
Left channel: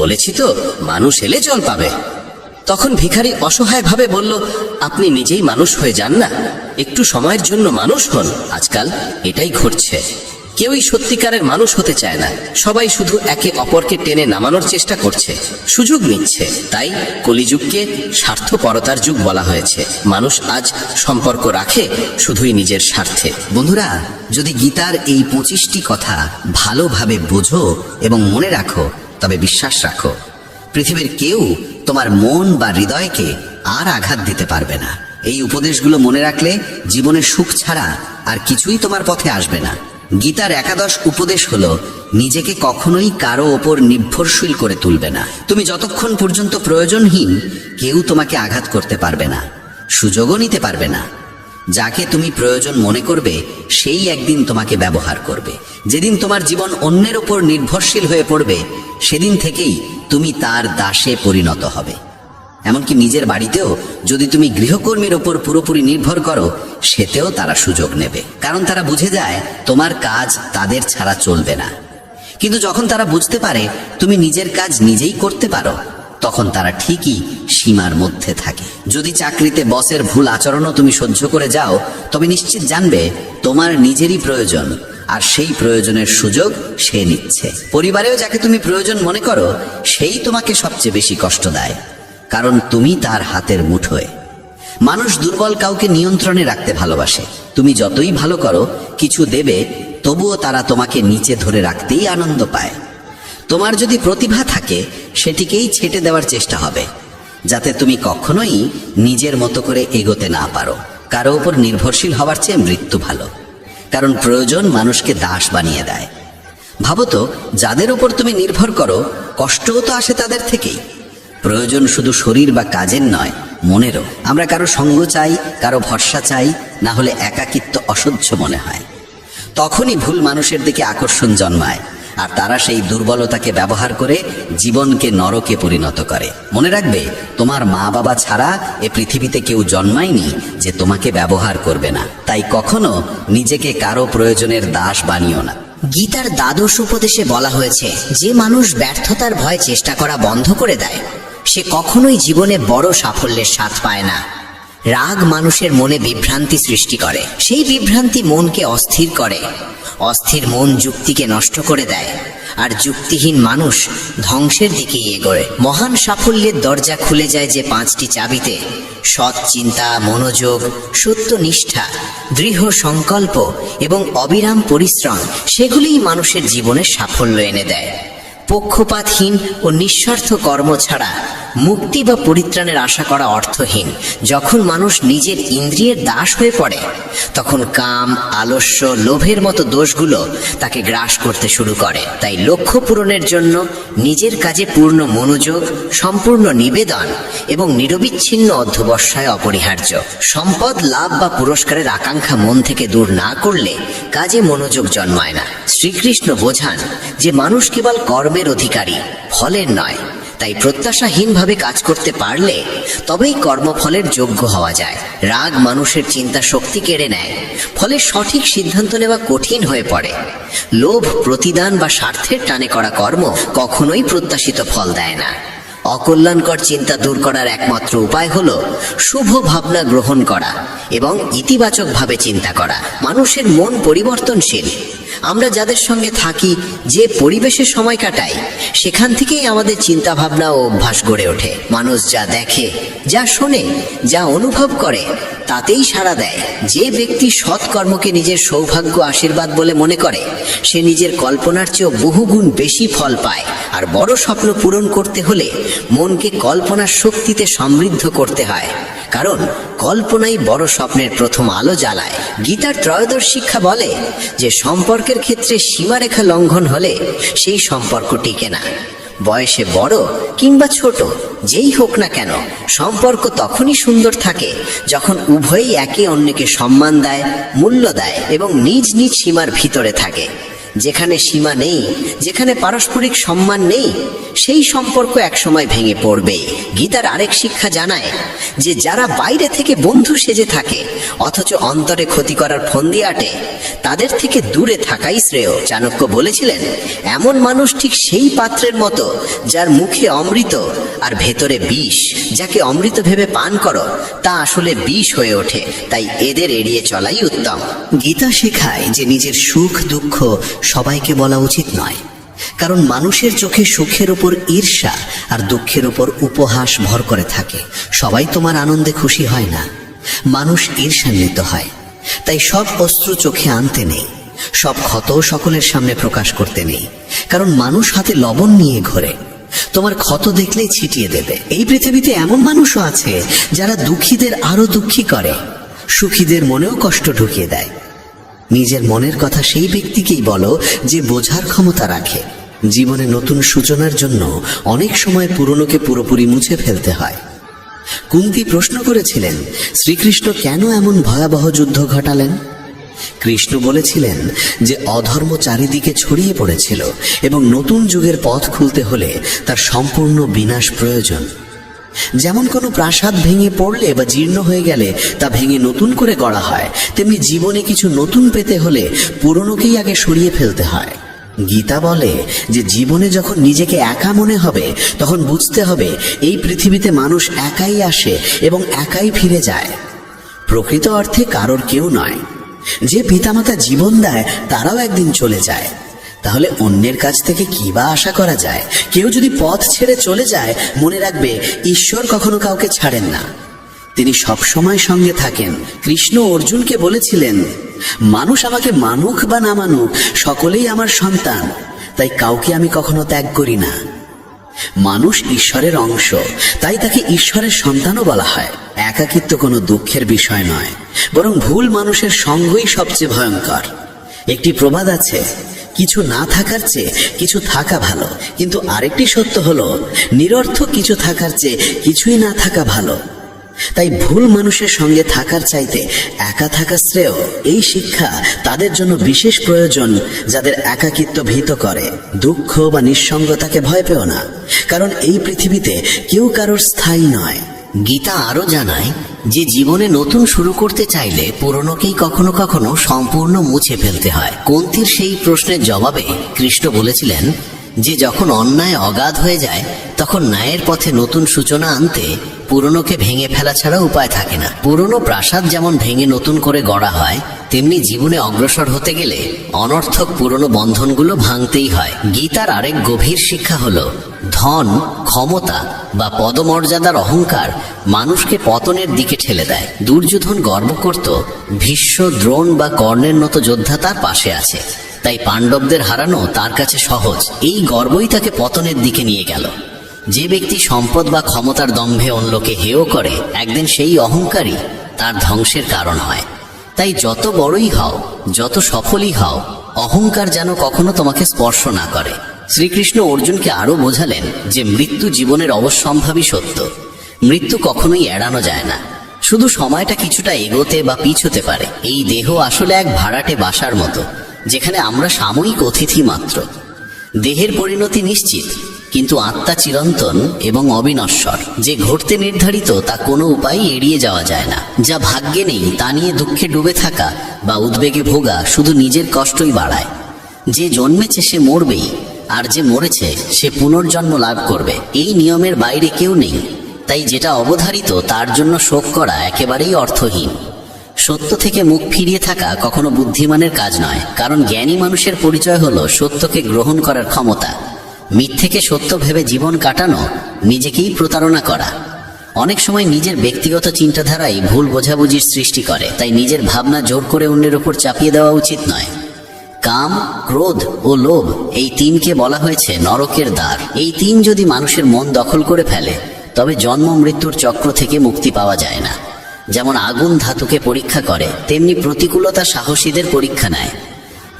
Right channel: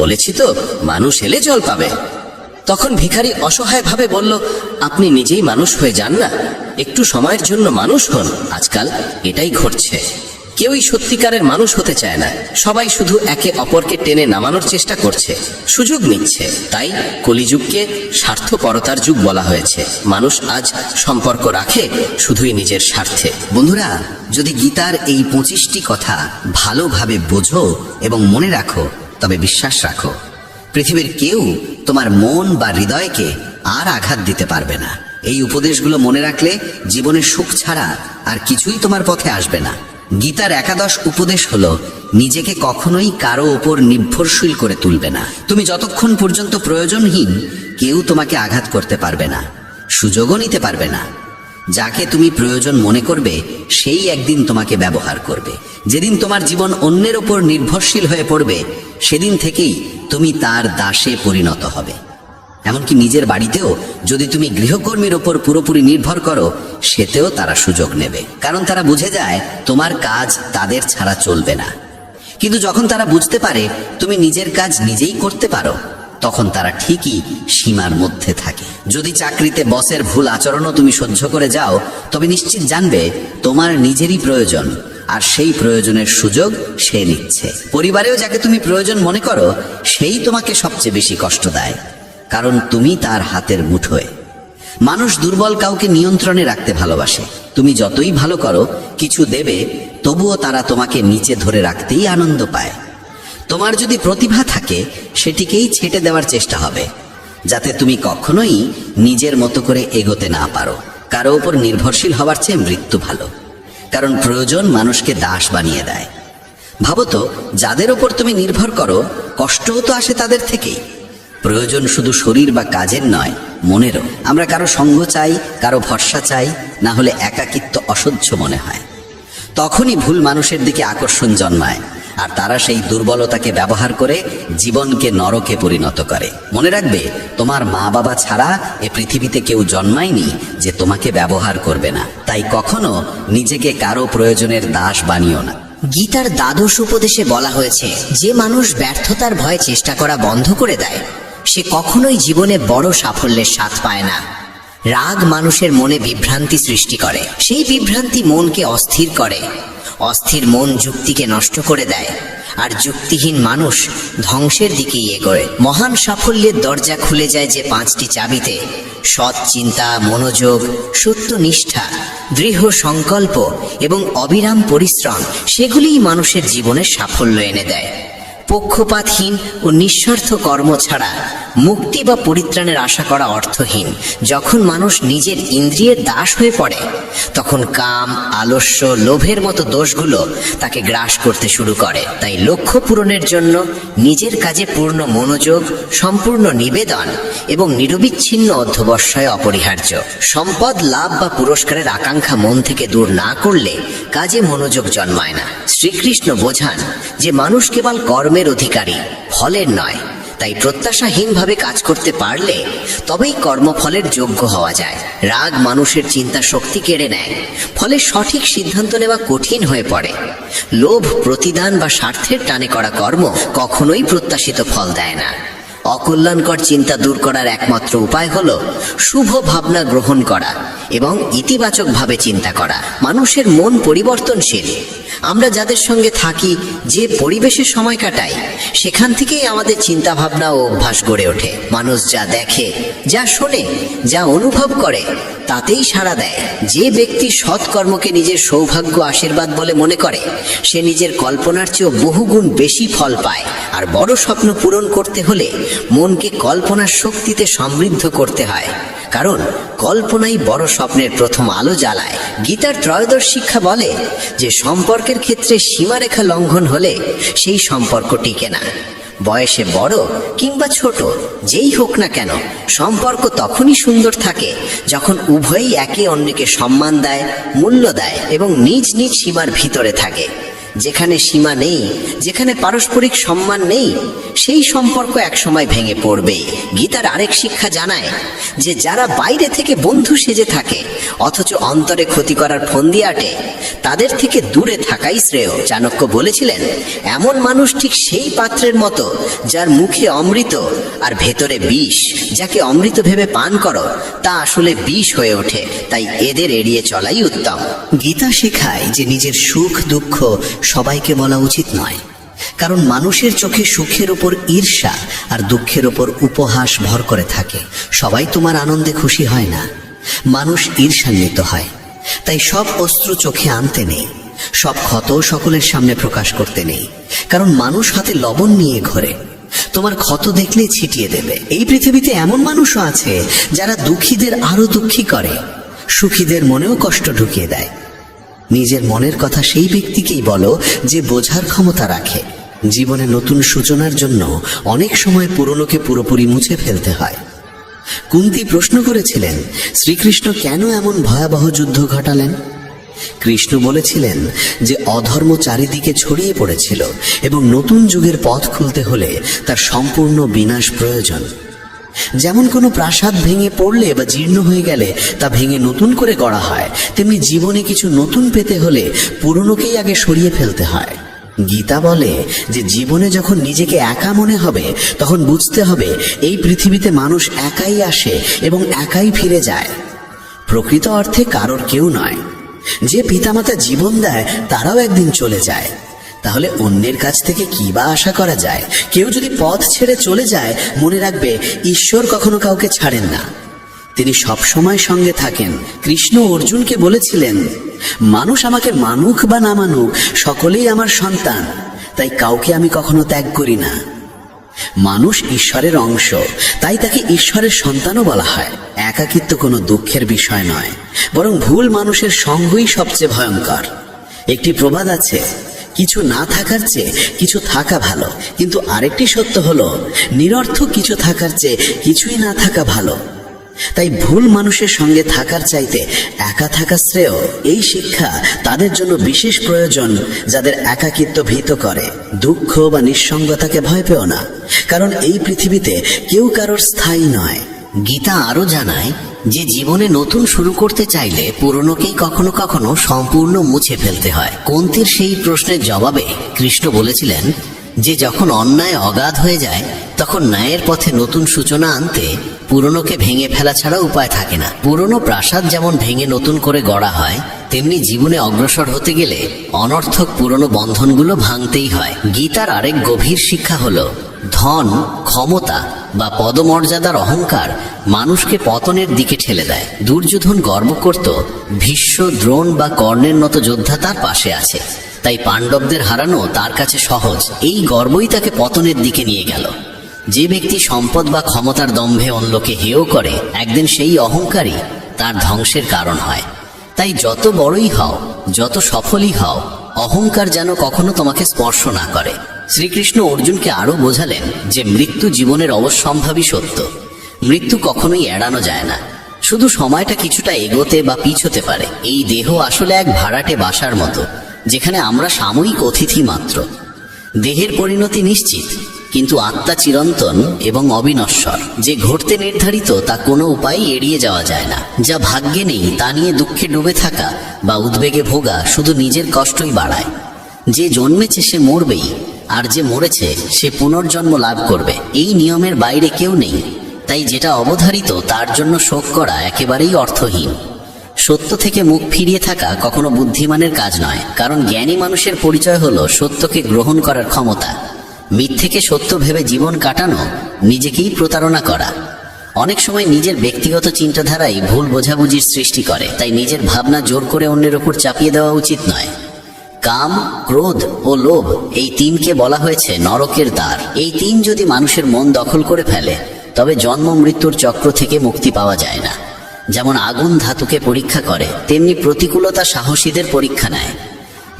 বলেছি তো মানুষ এলে জল পাবে। তখন ভিখারি অসহায়ভাবে বলল, আপনি নিজেই মানুষ হয়ে যান না, একটু সময়ের জন্য মানুষ হন। আজকাল এটাই ঘটছে, কেউই সত্যিকারের মানুষ হতে চায় না, সবাই শুধু একে অপরকে টেনে নামানোর চেষ্টা করছে, সুযোগ নিচ্ছে। তাই কলিযুগকে স্বার্থপরতার যুগ বলা হয়েছে। মানুষ আজ সম্পর্ক রাখে শুধুই নিজের স্বার্থে। বন্ধুরা, যদি গীতার এই 25টি কথা ভালোভাবে বোঝো এবং মনে রাখো, তবে বিশ্বাস রাখো, পৃথিবীর কেউ তোমার মন বা হৃদয়কে আর আঘাত দিতে পারবে না। এই উপদেশগুলো মনে রাখলে জীবনে সুখ ছাড়া আর কিছুই তোমার পথে আসবে না। গীতার 11 উপদেশ হলো, নিজেকে কখনোই কারো ওপর নির্ভরশীল করে তুলবে না। তুমি যতক্ষণ পর্যন্ত প্রয়োজনহীন, কেউ তোমাকে আঘাত করতে পারবে না, সুযোগও নিতে পারবে না। যাকে তুমি প্রয়োজন মনে করবে, সেই একদিন তোমাকে ব্যবহার করবে। যেদিন তোমার জীবন অন্যের ওপর নির্ভরশীল হয়ে পড়বে, সেদিন থেকেই তুমি তার দাসে পরিণত হবে। এমনকি নিজের বাড়িতেও যদি তুমি গৃহকর্মীর ওপর পুরোপুরি নির্ভর করো, সেতেও তারা সুযোগ নেবে, কারণ তারা বুঝে যায় তোমার কাজ তাদের ছাড়া চলবে না। কিন্তু যখন তারা বুঝতে পারে তুমি নিজের কাজ নিজেই করতে পারো, তখন তারা ঠিকই সীমার মধ্যে থাকে। যদি চাকরিতে বসের ভুল আচরণও তুমি সহ্য করে যাও, তবে নিশ্চিত জানবে তোমার নিজেরই প্রয়োজন, আর সেই প্রয়োজনের সুযোগ সে নিচ্ছে। পরিবারেও যাকে তুমি প্রয়োজন মনে করো, সেই তোমাকে সবচেয়ে বেশি কষ্ট দেয়, কারণ তুমি তার হাতের মুঠোয়। মানুষ দুর্বল কাউকে নিয়ন্ত্রণে রাখতে ভালোবাসে। তুমি যতই ভালো করো, কিছু দেবে, তবুও তারা তোমাকে নিচে ধরে রাখতেই আনন্দ পায়। তোমার যদি প্রতিভা থাকে, সেটিকেই ছেটে দেওয়ার চেষ্টা হবে, যাতে তুমি কখনোই নিজের মতো করে এগোতে না পারো। কারো উপর নির্ভরশীল হওয়ার চেয়ে মৃত্যু ভালো, কারণ প্রয়োজন মানুষকে দাস বানিয়ে দেয়। ভাবো তো, যাদের উপর তুমি নির্ভর করো, কষ্টও তো আসে তাদের থেকেই। প্রয়োজন শুধু শরীর বা কাজের নয়, মনেরও। আমরা কারো সঙ্গ চাই, কারো ভরসা চাই, না হলে একাকিত্ব অসহ্য মনে হয়। তখনই ভুল মানুষের দিকে আকর্ষণ জন্মায়, আর তারা সেই দুর্বলতাকে ব্যবহার করে জীবনকে নরকে পরিণত করে। মনে রাখবে, তোমার মা বাবা ছাড়া এ পৃথিবীতে কেউ জন্মায়নি যে তোমাকে ব্যবহার করবে না। তাই কখনো নিজেকে কারো প্রয়োজনের দাস বানিও না। গীতার 12 উপদেশে বলা হয়েছে, যে মানুষ ব্যর্থতার ভয়ে চেষ্টা করা বন্ধ করে দেয়, সে কখনোই জীবনে বড় সাফল্যের স্বাদ পায় না। রাগ মানুষের মনে বিভ্রান্তি সৃষ্টি করে, সেই বিভ্রান্তি মনকে অস্থির করে, অস্থির মন যুক্তিকে নষ্ট করে দেয়, আর যুক্তিহীন মানুষ ধ্বংসের দিকেই এগোয়। মহান সাফল্যের দরজা খুলে যায় যে 5টি চাবিতে: সৎ চিন্তা, মনোযোগ, সত্যনিষ্ঠা, দৃঢ় সংকল্প এবং অবিরাম পরিশ্রম। সেগুলিই মানুষের জীবনে সাফল্য এনে দেয়। পক্ষপাতহীন ও নিঃস্বার্থ কর্ম ছাড়া মুক্তি বা পরিত্রাণের আশা করা অর্থহীন। যখন মানুষ নিজের ইন্দ্রিয়ের দাস হয়ে পড়ে, তখন কাম, আলস্য, লোভের মতো দোষগুলো তাকে গ্রাস করতে শুরু করে। তাই লক্ষ্য পূরণের জন্য নিজের কাজে পূর্ণ মনোযোগ, সম্পূর্ণ নিবেদন এবং নিরবিচ্ছিন্ন অধ্যবসায় অপরিহার্য। সম্পদ লাভ বা পুরস্কারের আকাঙ্ক্ষা মন থেকে দূর না করলে কাজে মনোযোগ জন্মায় না। শ্রীকৃষ্ণ বোঝান যে মানুষ কেবল কর্মের অধিকারী, ফলের নয়। তাই প্রত্যাশাহীনভাবে কাজ করতে পারলে তবেই কর্মফলের যোগ্য হওয়া যায়। রাগ মানুষের চিন্তা শক্তি কেড়ে নেয়, ফলে সঠিক সিদ্ধান্ত নেওয়া কঠিন হয়ে পড়ে। লোভ, প্রতিদান বা স্বার্থের টানে করা কর্ম কখনোই প্রত্যাশিত ফল দেয় না। অকল্যাণকর চিন্তা দূর করার একমাত্র উপায় হলো শুভ ভাবনা গ্রহণ করা এবং ইতিবাচকভাবে চিন্তা করা। মানুষের মন পরিবর্তনশীল, আমরা যাদের সঙ্গে থাকি, যে পরিবেশে সময় কাটাই, সেখান থেকেই আমাদের চিন্তা ভাবনা ও অভ্যাস গড়ে ওঠে। মানুষ যা দেখে, যা শোনে, যা অনুভব করে, তাতেই সাড়া দেয়। যে ব্যক্তি সৎকর্মকে নিজের সৌভাগ্য আশীর্বাদ বলে মনে করে, সে নিজের কল্পনার চেয়েও বহুগুণ বেশি ফল পায়। আর বড় স্বপ্ন পূরণ করতে হলে মনকে কল্পনার শক্তিতে সমৃদ্ধ করতে হয়, কারণ কল্পনাই বড় স্বপ্নের প্রথম আলো জ্বালায়। গীতার ত্রয়োদশ শিক্ষা বলে যে সম্পর্কের ক্ষেত্রে সীমারেখা লঙ্ঘন হলে সেই সম্পর্ক টিকে না। বয়সে বড় কিংবা ছোট যেই হোক না কেন, সম্পর্ক তখনই সুন্দর থাকে যখন উভয়ই একে অন্যকে সম্মান দেয়, মূল্য দেয় এবং নিজ নিজ সীমার ভিতরে থাকে। যেখানে সীমা নেই, যেখানে পারস্পরিক সম্মান নেই, সেই সম্পর্ক একসময় ভেঙে পড়বে। গীতার আরেক শিক্ষা জানায় যে যারা বাইরে থেকে বন্ধু সেজে থাকে অথচ অন্তরে ক্ষতি করার ফন্দি আটে, তাদের থেকে দূরে থাকাই শ্রেয়। চাণক্য বলেছিলেন, এমন মানুষ ঠিক সেই পাত্রের মতো যার মুখে অমৃত আর ভেতরে বিষ। যাকে অমৃত ভেবে পান করো, তা আসলে বিষ হয়ে ওঠে। তাই এদের এড়িয়ে চলাই উত্তম। গীতা শেখায় যে নিজের সুখ দুঃখ সবাইকে বলা উচিত নয়, কারণ মানুষের চোখে সুখের উপর ঈর্ষা আর দুঃখের উপর উপহাস ভর করে থাকে। সবাই তোমার আনন্দে খুশি হয় না, মানুষ ঈর্ষান্বিত হয়। তাই সব অস্ত্র চোখে আনতে নেই, সব ক্ষত সকলের সামনে প্রকাশ করতে নেই, কারণ মানুষ হাতে লবণ নিয়ে ঘোরে, তোমার ক্ষত দেখলেই ছিটিয়ে দেবে। এই পৃথিবীতে এমন মানুষও আছে যারা দুঃখীদের আরো দুঃখী করে, সুখীদের মনেও কষ্ট ঢুকিয়ে দেয়। নিজের মনের কথা সেই ব্যক্তিকেই বলো যে বোঝার ক্ষমতা রাখে। জীবনে নতুন সূচনার জন্য অনেক সময় পুরনোকে পুরোপুরি মুছে ফেলতে হয়। কুন্তী প্রশ্ন করেছিলেন, শ্রীকৃষ্ণ কেন এমন ভয়াবহ যুদ্ধ ঘটালেন? কৃষ্ণ বলেছিলেন যে অধর্ম চারিদিকে ছড়িয়ে পড়েছিল এবং নতুন যুগের পথ খুলতে হলে তার সম্পূর্ণ বিনাশ প্রয়োজন। যেমন কোনো প্রাসাদ ভেঙে পড়লে বা জীর্ণ হয়ে গেলে তা ভেঙে নতুন করে গড়া হয়, তেমনি জীবনে কিছু নতুন পেতে হলে পুরনোকেই আগে সরিয়ে ফেলতে হয়। গীতা বলে যে জীবনে যখন নিজেকে একা মনে হবে, তখন বুঝতে হবে এই পৃথিবীতে মানুষ একাই আসে এবং একাই ফিরে যায়। প্রকৃত অর্থে কারোর কেউ নয়। যে পিতামাতা জীবন দেয় তারাও একদিন চলে যায়। তাহলে অন্যের কাছ থেকে কি বা আশা করা যায়? কেউ যদি পথ ছেড়ে চলে যায়, মনে রাখবে ঈশ্বর কখনো কাউকে ছাড়েন না, তিনি সব সময় সঙ্গে থাকেন। কৃষ্ণ অর্জুনকে বলেছিলেন, মানুষ আমাকে মানুক বা না মানুক, সকলেই আমার সন্তান, তাই কাউকে আমি কখনো ত্যাগ করি না। মানুষ ঈশ্বরের অংশ, তাই তাকে ঈশ্বরের সন্তানও বলা হয়। একাকিত্ব কোনো দুঃখের বিষয় নয়, বরং ভুল মানুষের সঙ্গই সবচেয়ে ভয়ঙ্কর। একটি প্রবাদ আছে, কিছু না থাকার চেয়ে কিছু থাকা ভালো। কিন্তু আরেকটি সত্য হলো, নিরর্থক কিছু থাকার চেয়ে কিছুই না থাকা ভালো। তাই ভুল মানুষের সঙ্গে থাকার চাইতে একা থাকা শ্রেয়। এই শিক্ষা তাদের জন্য বিশেষ প্রয়োজন যাদের একাকিত্ব ভীত করে। দুঃখ বা নিঃসঙ্গতাকে ভয় পেও না, কারণ এই পৃথিবীতে কেউ কারোর স্থায়ী নয়। গীতা আরো জানায় যে জীবনে নতুন শুরু করতে চাইলে পুরনোকেই কখনো কখনো সম্পূর্ণ মুছে ফেলতে হয়। কুন্তীর সেই প্রশ্নের জবাবে কৃষ্ণ বলেছিলেন যে যখন অন্যায় অগাধ হয়ে যায়, তখন ন্যায়ের পথে নতুন সূচনা আনতে পুরনোকে ভেঙে ফেলা ছাড়া উপায় থাকে না। পুরনো প্রাসাদ যেমন ভেঙে নতুন করে গড়া হয়, তেমনি জীবনে অগ্রসর হতে গেলে অনর্থক পুরনো বন্ধনগুলো ভাঙতেই হয়। গীতার আরেক গভীর শিক্ষা হলো, ধন, ক্ষমতা বা পদমর্যাদার অহংকার মানুষকে পতনের দিকে ঠেলে দেয়। দুর্যোধন গর্ব করত ভীষ্ম, দ্রোণ বা কর্ণের মতো যোদ্ধা তার পাশে আছে, তাই পাণ্ডবদের হারানো তার কাছে সহজ। এই গর্বই তাকে পতনের দিকে নিয়ে গেল। যে ব্যক্তি সম্পদ বা ক্ষমতার দম্ভে অন্যকে হেয় করে, একদিন সেই অহংকারই তার ধ্বংসের কারণ হয়। তাই যত বড়ই হও, যত সফলই হও, অহংকার যেন কখনো তোমাকে স্পর্শ না করে। শ্রীকৃষ্ণ অর্জুনকে আরো বোঝালেন যে মৃত্যু জীবনের অবশ্যম্ভাবী সত্য। মৃত্যু কখনোই এড়ানো যায় না, শুধু সময়টা কিছুটা এগোতে বা পিছোতে পারে। এই দেহ আসলে এক ভাড়াটে বাসার মতো, যেখানে আমরা সাময়িক অতিথি মাত্র। দেহের পরিণতি নিশ্চিত, কিন্তু আত্মা চিরন্তন এবং অবিনশ্বর। যে ঘটতে নির্ধারিত তা কোনো উপায় এড়িয়ে যাওয়া যায় না। যা ভাগ্যে নেই তা নিয়ে দুঃখে ডুবে থাকা বা উদ্বেগে ভোগা শুধু নিজের কষ্টই বাড়ায়। যে জন্মেছে সে মরবেই, আর যে মরেছে সে পুনর্জন্ম লাভ করবে। এই নিয়মের বাইরে কেউ নেই, তাই যেটা অবধারিত তার জন্য শোক করা একেবারেই অর্থহীন। সত্য থেকে মুখ ফিরিয়ে থাকা কখনো বুদ্ধিমানের কাজ নয়, কারণ জ্ঞানী মানুষের পরিচয় হলো সত্যকে গ্রহণ করার ক্ষমতা। মিথ্যেকে সত্য ভেবে জীবন কাটানো নিজেকেই প্রতারণা করা। অনেক সময় নিজের ব্যক্তিগত চিন্তাধারাই ভুল বোঝাবুঝির সৃষ্টি করে, তাই নিজের ভাবনা জোর করে অন্যের উপর চাপিয়ে দেওয়া উচিত নয়। কাম, ক্রোধ ও লোভ, এই তিনকে বলা হয়েছে নরকের দ্বার। এই তিন যদি মানুষের মন দখল করে ফেলে তবে জন্ম মৃত্যুর চক্র থেকে মুক্তি পাওয়া যায় না। যেমন আগুন ধাতুকে পরীক্ষা করে, তেমনি প্রতিকূলতা সাহসীদের পরীক্ষা নেয়।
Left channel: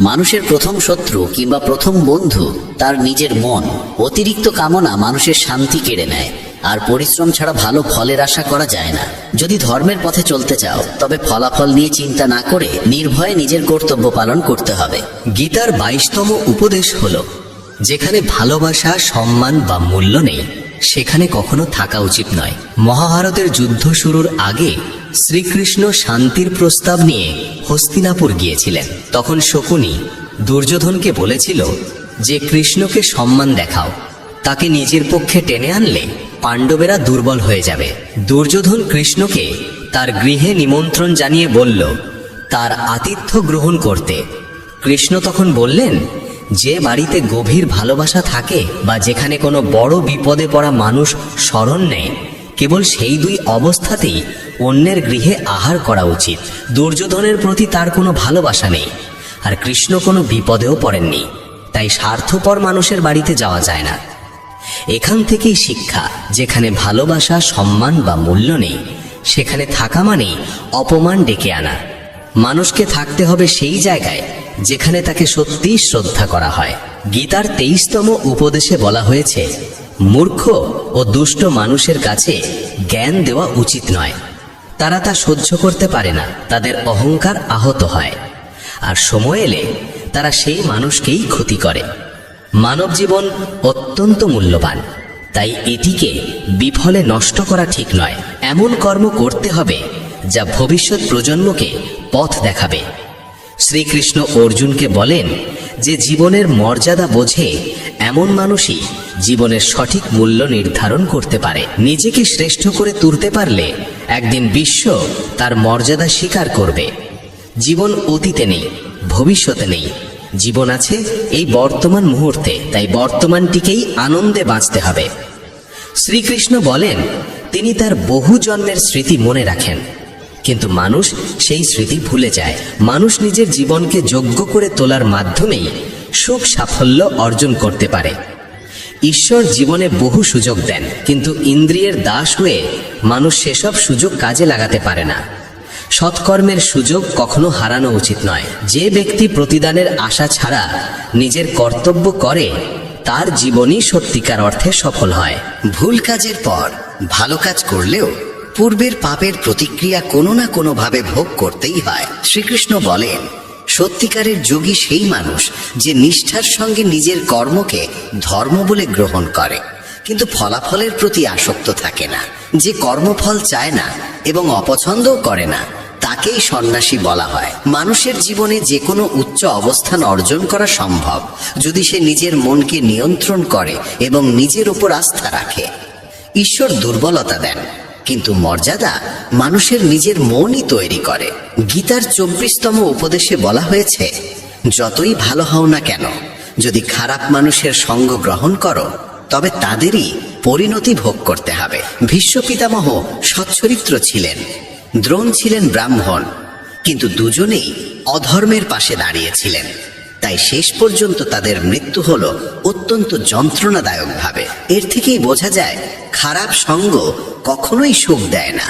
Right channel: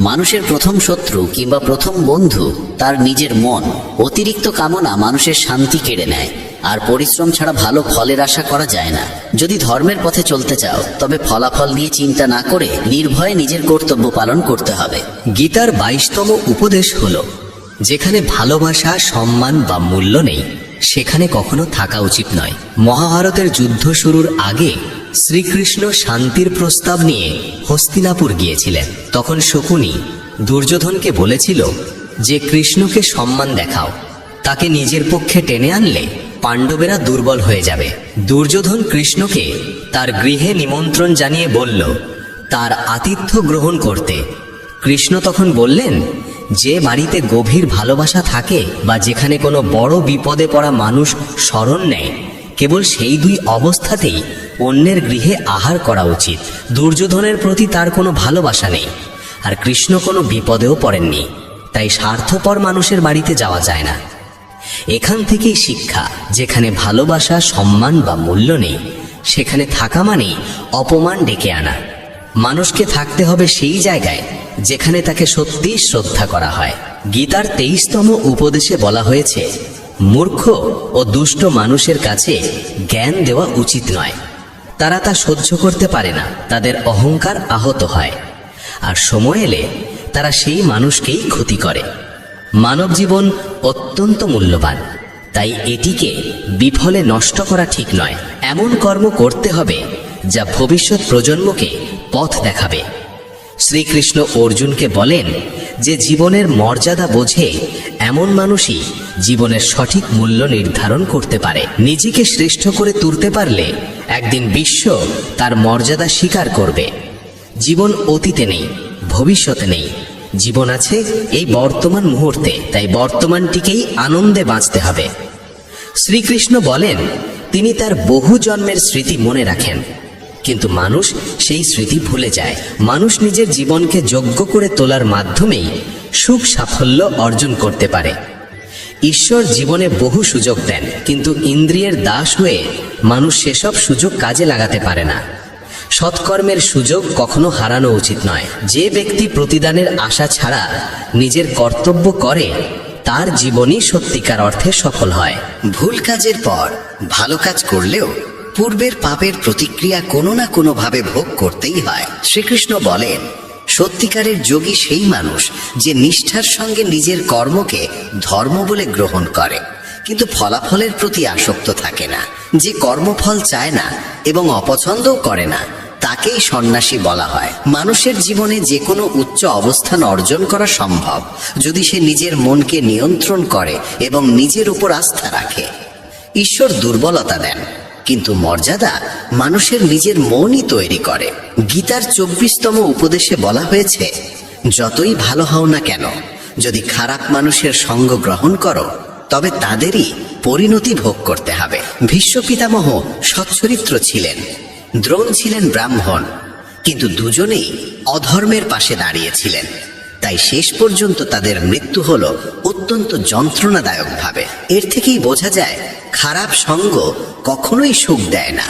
মানুষের প্রথম শত্রু কিংবা প্রথম বন্ধু তার নিজের মন। অতিরিক্ত কামনা মানুষের শান্তি কেড়ে নেয়, আর পরিশ্রম ছাড়া ভালো ফলের আশা করা যায় না। যদি ধর্মের পথে চলতে চাও তবে ফলাফল নিয়ে চিন্তা না করে নির্ভয়ে নিজের কর্তব্য পালন করতে হবে। গীতার 22তম উপদেশ হলো, যেখানে ভালোবাসা, সম্মান বা মূল্য নেই সেখানে কখনো থাকা উচিত নয়। মহাভারতের যুদ্ধ শুরুর আগে শ্রীকৃষ্ণ শান্তির প্রস্তাব নিয়ে হস্তিনাপুর গিয়েছিলেন। তখন শকুনি দুর্যোধনকে বলেছিল যে কৃষ্ণকে সম্মান দেখাও, তাকে নিজের পক্ষে টেনে আনলে পাণ্ডবেরা দুর্বল হয়ে যাবে। দুর্যোধন কৃষ্ণকে তার গৃহে নিমন্ত্রণ জানিয়ে বলল তার আতিথ্য গ্রহণ করতে। কৃষ্ণ তখন বললেন, যে বাড়িতে গভীর ভালোবাসা থাকে বা যেখানে কোনো বড় বিপদে পড়া মানুষ শরণ নেয়, কেবল সেই দুই অবস্থাতেই অন্যের গৃহে আহার করা উচিত। দুর্যোধনের প্রতি তার কোনো ভালোবাসা নেই, আর কৃষ্ণ কোনো বিপদেও পড়েননি, তাই স্বার্থপর মানুষের বাড়িতে যাওয়া যায় না। এখান থেকেই শিক্ষা, যেখানে ভালোবাসা, সম্মান বা মূল্য নেই সেখানে থাকা মানেই অপমান ডেকে আনা। মানুষকে থাকতে হবে সেই জায়গায় যেখানে তাকে সত্যিই শ্রদ্ধা করা হয়। গীতার 23তম উপদেশে বলা হয়েছে, মূর্খ ও দুষ্ট মানুষের কাছে জ্ঞান দেওয়া উচিত নয়। তারা তা সহ্য করতে পারে না, তাদের অহংকার আহত হয়, আর সময় এলে তারা সেই মানুষকেই ক্ষতি করে। মানব জীবন অত্যন্ত মূল্যবান, তাই এটিকে বিফলে নষ্ট করা ঠিক নয়। এমন কর্ম করতে হবে যা ভবিষ্যৎ প্রজন্মকে পথ দেখাবে। শ্রীকৃষ্ণ অর্জুনকে বলেন যে জীবনের মর্যাদা বোঝে এমন মানুষই জীবনের সঠিক মূল্য নির্ধারণ করতে পারে। নিজেকে শ্রেষ্ঠ করে তুলতে পারলে একদিন বিশ্ব তার মর্যাদা স্বীকার করবে। জীবন অতীতে নেই, ভবিষ্যতে নেই, জীবন আছে এই বর্তমান মুহূর্তে, তাই বর্তমানটিকেই আনন্দে বাঁচতে হবে। শ্রীকৃষ্ণ বলেন তিনি তার বহু জন্মের স্মৃতি মনে রাখেন, কিন্তু মানুষ সেই স্মৃতি ভুলে যায়। মানুষ নিজের জীবনকে যোগ্য করে তোলার মাধ্যমেই সুখ সাফল্য অর্জন করতে পারে। ঈশ্বর জীবনে বহু সুযোগ দেন, কিন্তু ইন্দ্রিয়ের দাস হয়ে মানুষ সেসব সুযোগ কাজে লাগাতে পারে না। সৎকর্মের সুযোগ কখনো হারানো উচিত নয়। যে ব্যক্তি প্রতিদানের আশা ছাড়া নিজের কর্তব্য করে তার জীবনই সত্যিকার অর্থে সফল হয়। ভুল কাজের পর ভালো কাজ করলেও পূর্বের পাপের প্রতিক্রিয়া কোনো না কোনো ভাবে ভোগ করতেই হয়। শ্রীকৃষ্ণ বলেন, সত্যিকারের যোগী সেই মানুষ যে নিষ্ঠার সঙ্গে নিজের কর্মকে ধর্ম বলে গ্রহণ করে, কিন্তু ফলাফলের প্রতি আসক্ত থাকে না। যে কর্মফল চায় না এবং অপছন্দও করে না, তাকেই সন্ন্যাসী বলা হয়। মানুষের জীবনে যে কোনো উচ্চ অবস্থান অর্জন করা সম্ভব যদি সে নিজের মনকে নিয়ন্ত্রণ করে এবং নিজের উপর আস্থা রাখে। ঈশ্বর দুর্বলতা দেন, কিন্তু মর্যাদা মানুষের নিজের মনই তৈরি করে। গীতার 24তম উপদেশে বলা হয়েছে, যতই ভালো হও না কেন, যদি খারাপ মানুষের সঙ্গ গ্রহণ করো তবে তাদেরই পরিণতি ভোগ করতে হবে। ভীষ্ম পিতামহ সচ্চরিত্র ছিলেন, দ্রোণ ছিলেন ব্রাহ্মণ, কিন্তু দুজনেই অধর্মের পাশে দাঁড়িয়েছিলেন। তাই শেষ পর্যন্ত তাদের মৃত্যু হলো অত্যন্ত যন্ত্রণাদায়ক ভাবে। এর থেকেই বোঝা যায় খারাপ সঙ্গ কখনোই সুখ দেয় না।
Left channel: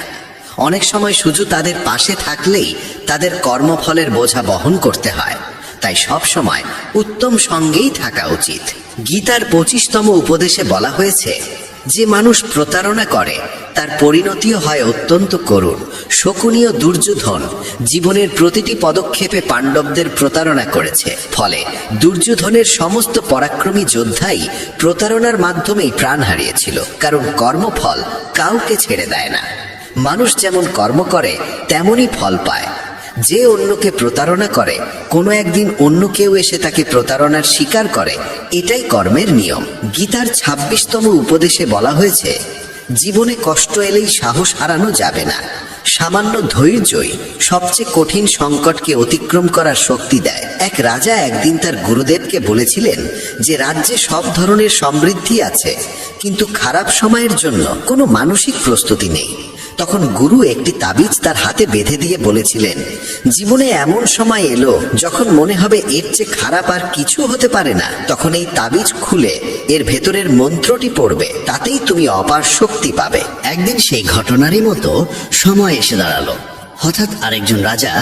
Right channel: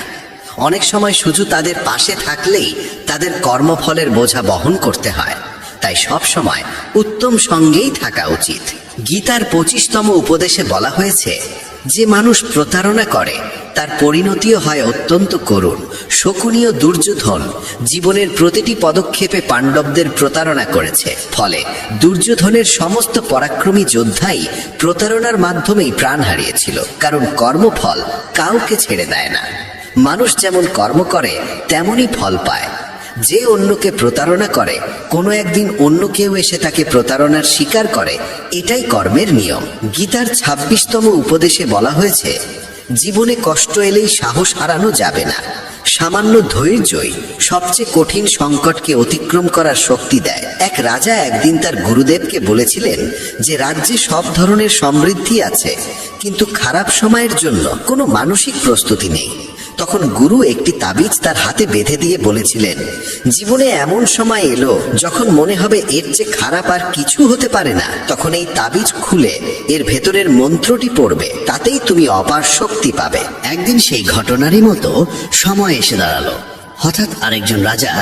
অনেক সময় শুধু তাদের পাশে থাকলেই তাদের কর্মফলের বোঝা বহন করতে হয়। তাই সব সময় উত্তম সঙ্গেই থাকা উচিত। গীতার 25তম উপদেশে বলা হয়েছে, যে মানুষ প্রতারণা করে তার পরিণতিও হয় অত্যন্ত করুণ। শকুনি ও দুর্যোধন জীবনের প্রতিটি পদক্ষেপে পাণ্ডবদের প্রতারণা করেছে, ফলে দুর্যোধনের সমস্ত পরাক্রমী যোদ্ধাই প্রতারণার মাধ্যমেই প্রাণ হারিয়েছিল। কারণ কর্মফল কাউকে ছেড়ে দেয় না। মানুষ যেমন কর্ম করে তেমনই ফল পায়। যে অন্যকে প্রতারণা করে কোনো একদিন অন্য কেউ এসে তাকে প্রতারণার শিকার করে, এটাই কর্মের নিয়ম। গীতার 26তম উপদেশে বলা হয়েছে, জীবনে কষ্ট এলেই সাহস হারানো যাবে না। সামান্য ধৈর্যই সবচেয়ে কঠিন সংকটকে অতিক্রম করার শক্তি দেয়। এক রাজা একদিন তার গুরুদেবকে বলেছিলেন যে রাজ্যে সব ধরনের সমৃদ্ধি আছে, কিন্তু খারাপ সময়ের জন্য কোনো মানসিক প্রস্তুতি নেই। তখন গুরু একটি তাবিজ তার হাতে বেঁধে দিয়ে বলেছিলেন, জীবনে এমন সময় এলো যখন মনে হবে এর চেয়ে খারাপ আর কিছু হতে পারে না, তখন এই তাবিজ খুলে এর ভেতরের মন্ত্রটি পড়বে, তাতেই তুমি অপার শক্তি পাবে। একদিন সেই ঘটনারই মতো সময় এসে দাঁড়ালো। হঠাৎ আরেকজন রাজা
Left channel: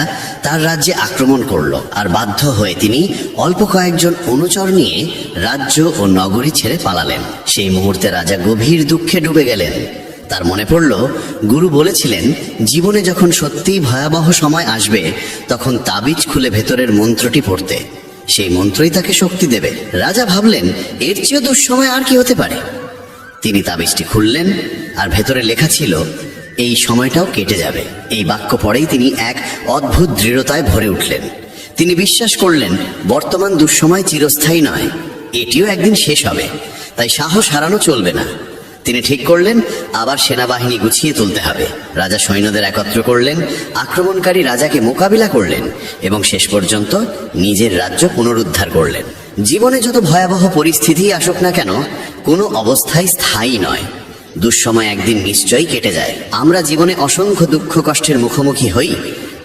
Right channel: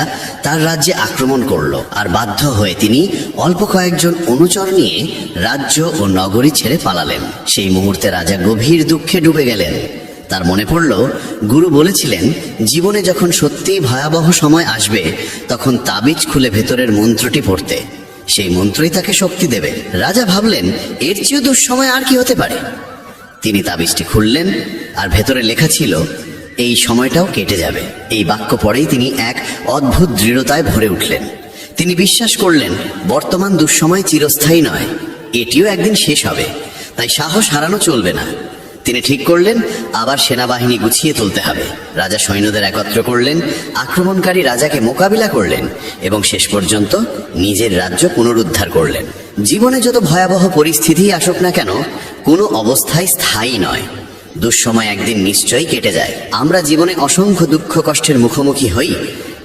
তার রাজ্যে আক্রমণ করলো, আর বাধ্য হয়ে তিনি অল্প কয়েকজন অনুচর নিয়ে রাজ্য ও নগরী ছেড়ে পালালেন। সেই মুহূর্তে রাজা গভীর দুঃখে ডুবে গেলেন। তার মনে পড়ল, গুরু বলেছিলেন জীবনে যখন সত্যিই ভয়াবহ সময় আসবে তখন তাবিজ খুলে ভেতরের মন্ত্রটি পড়তে, সেই মন্ত্রই তাকে শক্তি দেবে। রাজা ভাবলেন এর চেয়েও দুঃসময় আর কি হতে পারে। তিনি তাবিজটি খুললেন, আর ভেতরে লেখা ছিল, এই সময়টাও কেটে যাবে। এই বাক্য পড়েই তিনি এক অদ্ভুত দৃঢ়তায় ভরে উঠলেন। তিনি বিশ্বাস করলেন বর্তমান দুঃসময় চিরস্থায়ী নয়, এটিও একদিন শেষ হবে, তাই সাহস হারানো চলবে না। তিনি ঠিক করলেন আবার সেনাবাহিনী গুছিয়ে তুলতে হবে। রাজা সৈন্যদের একত্র করলেন, আক্রমণকারী রাজাকে মোকাবিলা করলেন এবং শেষ পর্যন্ত নিজের রাজ্য পুনরুদ্ধার করলেন। জীবনে যত ভয়াবহ পরিস্থিতি আসুক না কেন, কোনো অবস্থায় স্থায়ী নয়। দুঃসময় একদিন নিশ্চয়ই কেটে যায়। আমরা জীবনে অসংখ্য দুঃখ কষ্টের মুখোমুখি হই,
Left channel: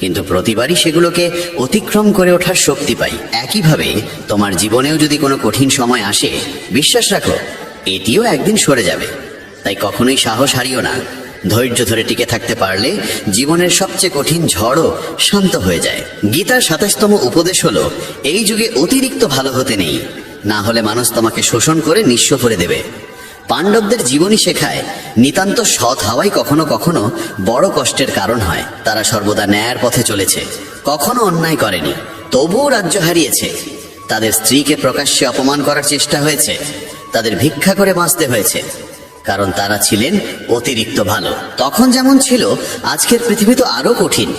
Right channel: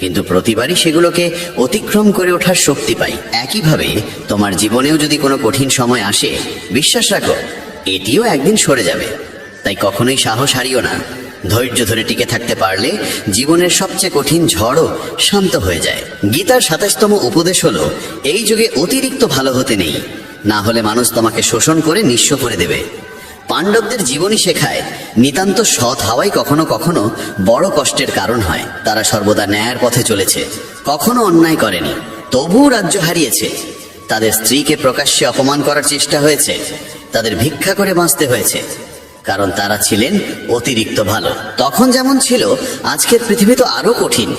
কিন্তু প্রতিবারই সেগুলোকে অতিক্রম করে ওঠার শক্তি পাই। একইভাবে তোমার জীবনেও যদি কোনো কঠিন সময় আসে, বিশ্বাস রাখো এটিও একদিন সরে যাবে। তাই কখনোই সাহস হারিও না। ধৈর্য ধরে টিকে থাকতে পারলে জীবনের সবচেয়ে কঠিন ঝড়ও শান্ত হয়ে যায়। গীতার ২৭তম উপদেশ হলো, এই যুগে অতিরিক্ত ভালো হতে নেই, না হলে মানুষ তোমাকে শোষণ করে নিঃস্ব করে দেবে। পাণ্ডবদের জীবনী শেখায় নিতান্ত সৎ হওয়াই কখনো কখনো বড় কষ্টের কারণ হয়। তারা সর্বদা ন্যায়ের পথে চলেছে, কখনো অন্যায় করেনি, তবুও রাজ্য হারিয়েছে। তাদের স্ত্রীকে প্রকাশ্যে অপমান করার চেষ্টা হয়েছে, তাদের ভিক্ষা করে বাঁচতে হয়েছে, কারণ তারা ছিলেন অতিরিক্ত ভালো। তখন যেমন ছিল, আজকের পৃথিবী তো আরো কঠিন।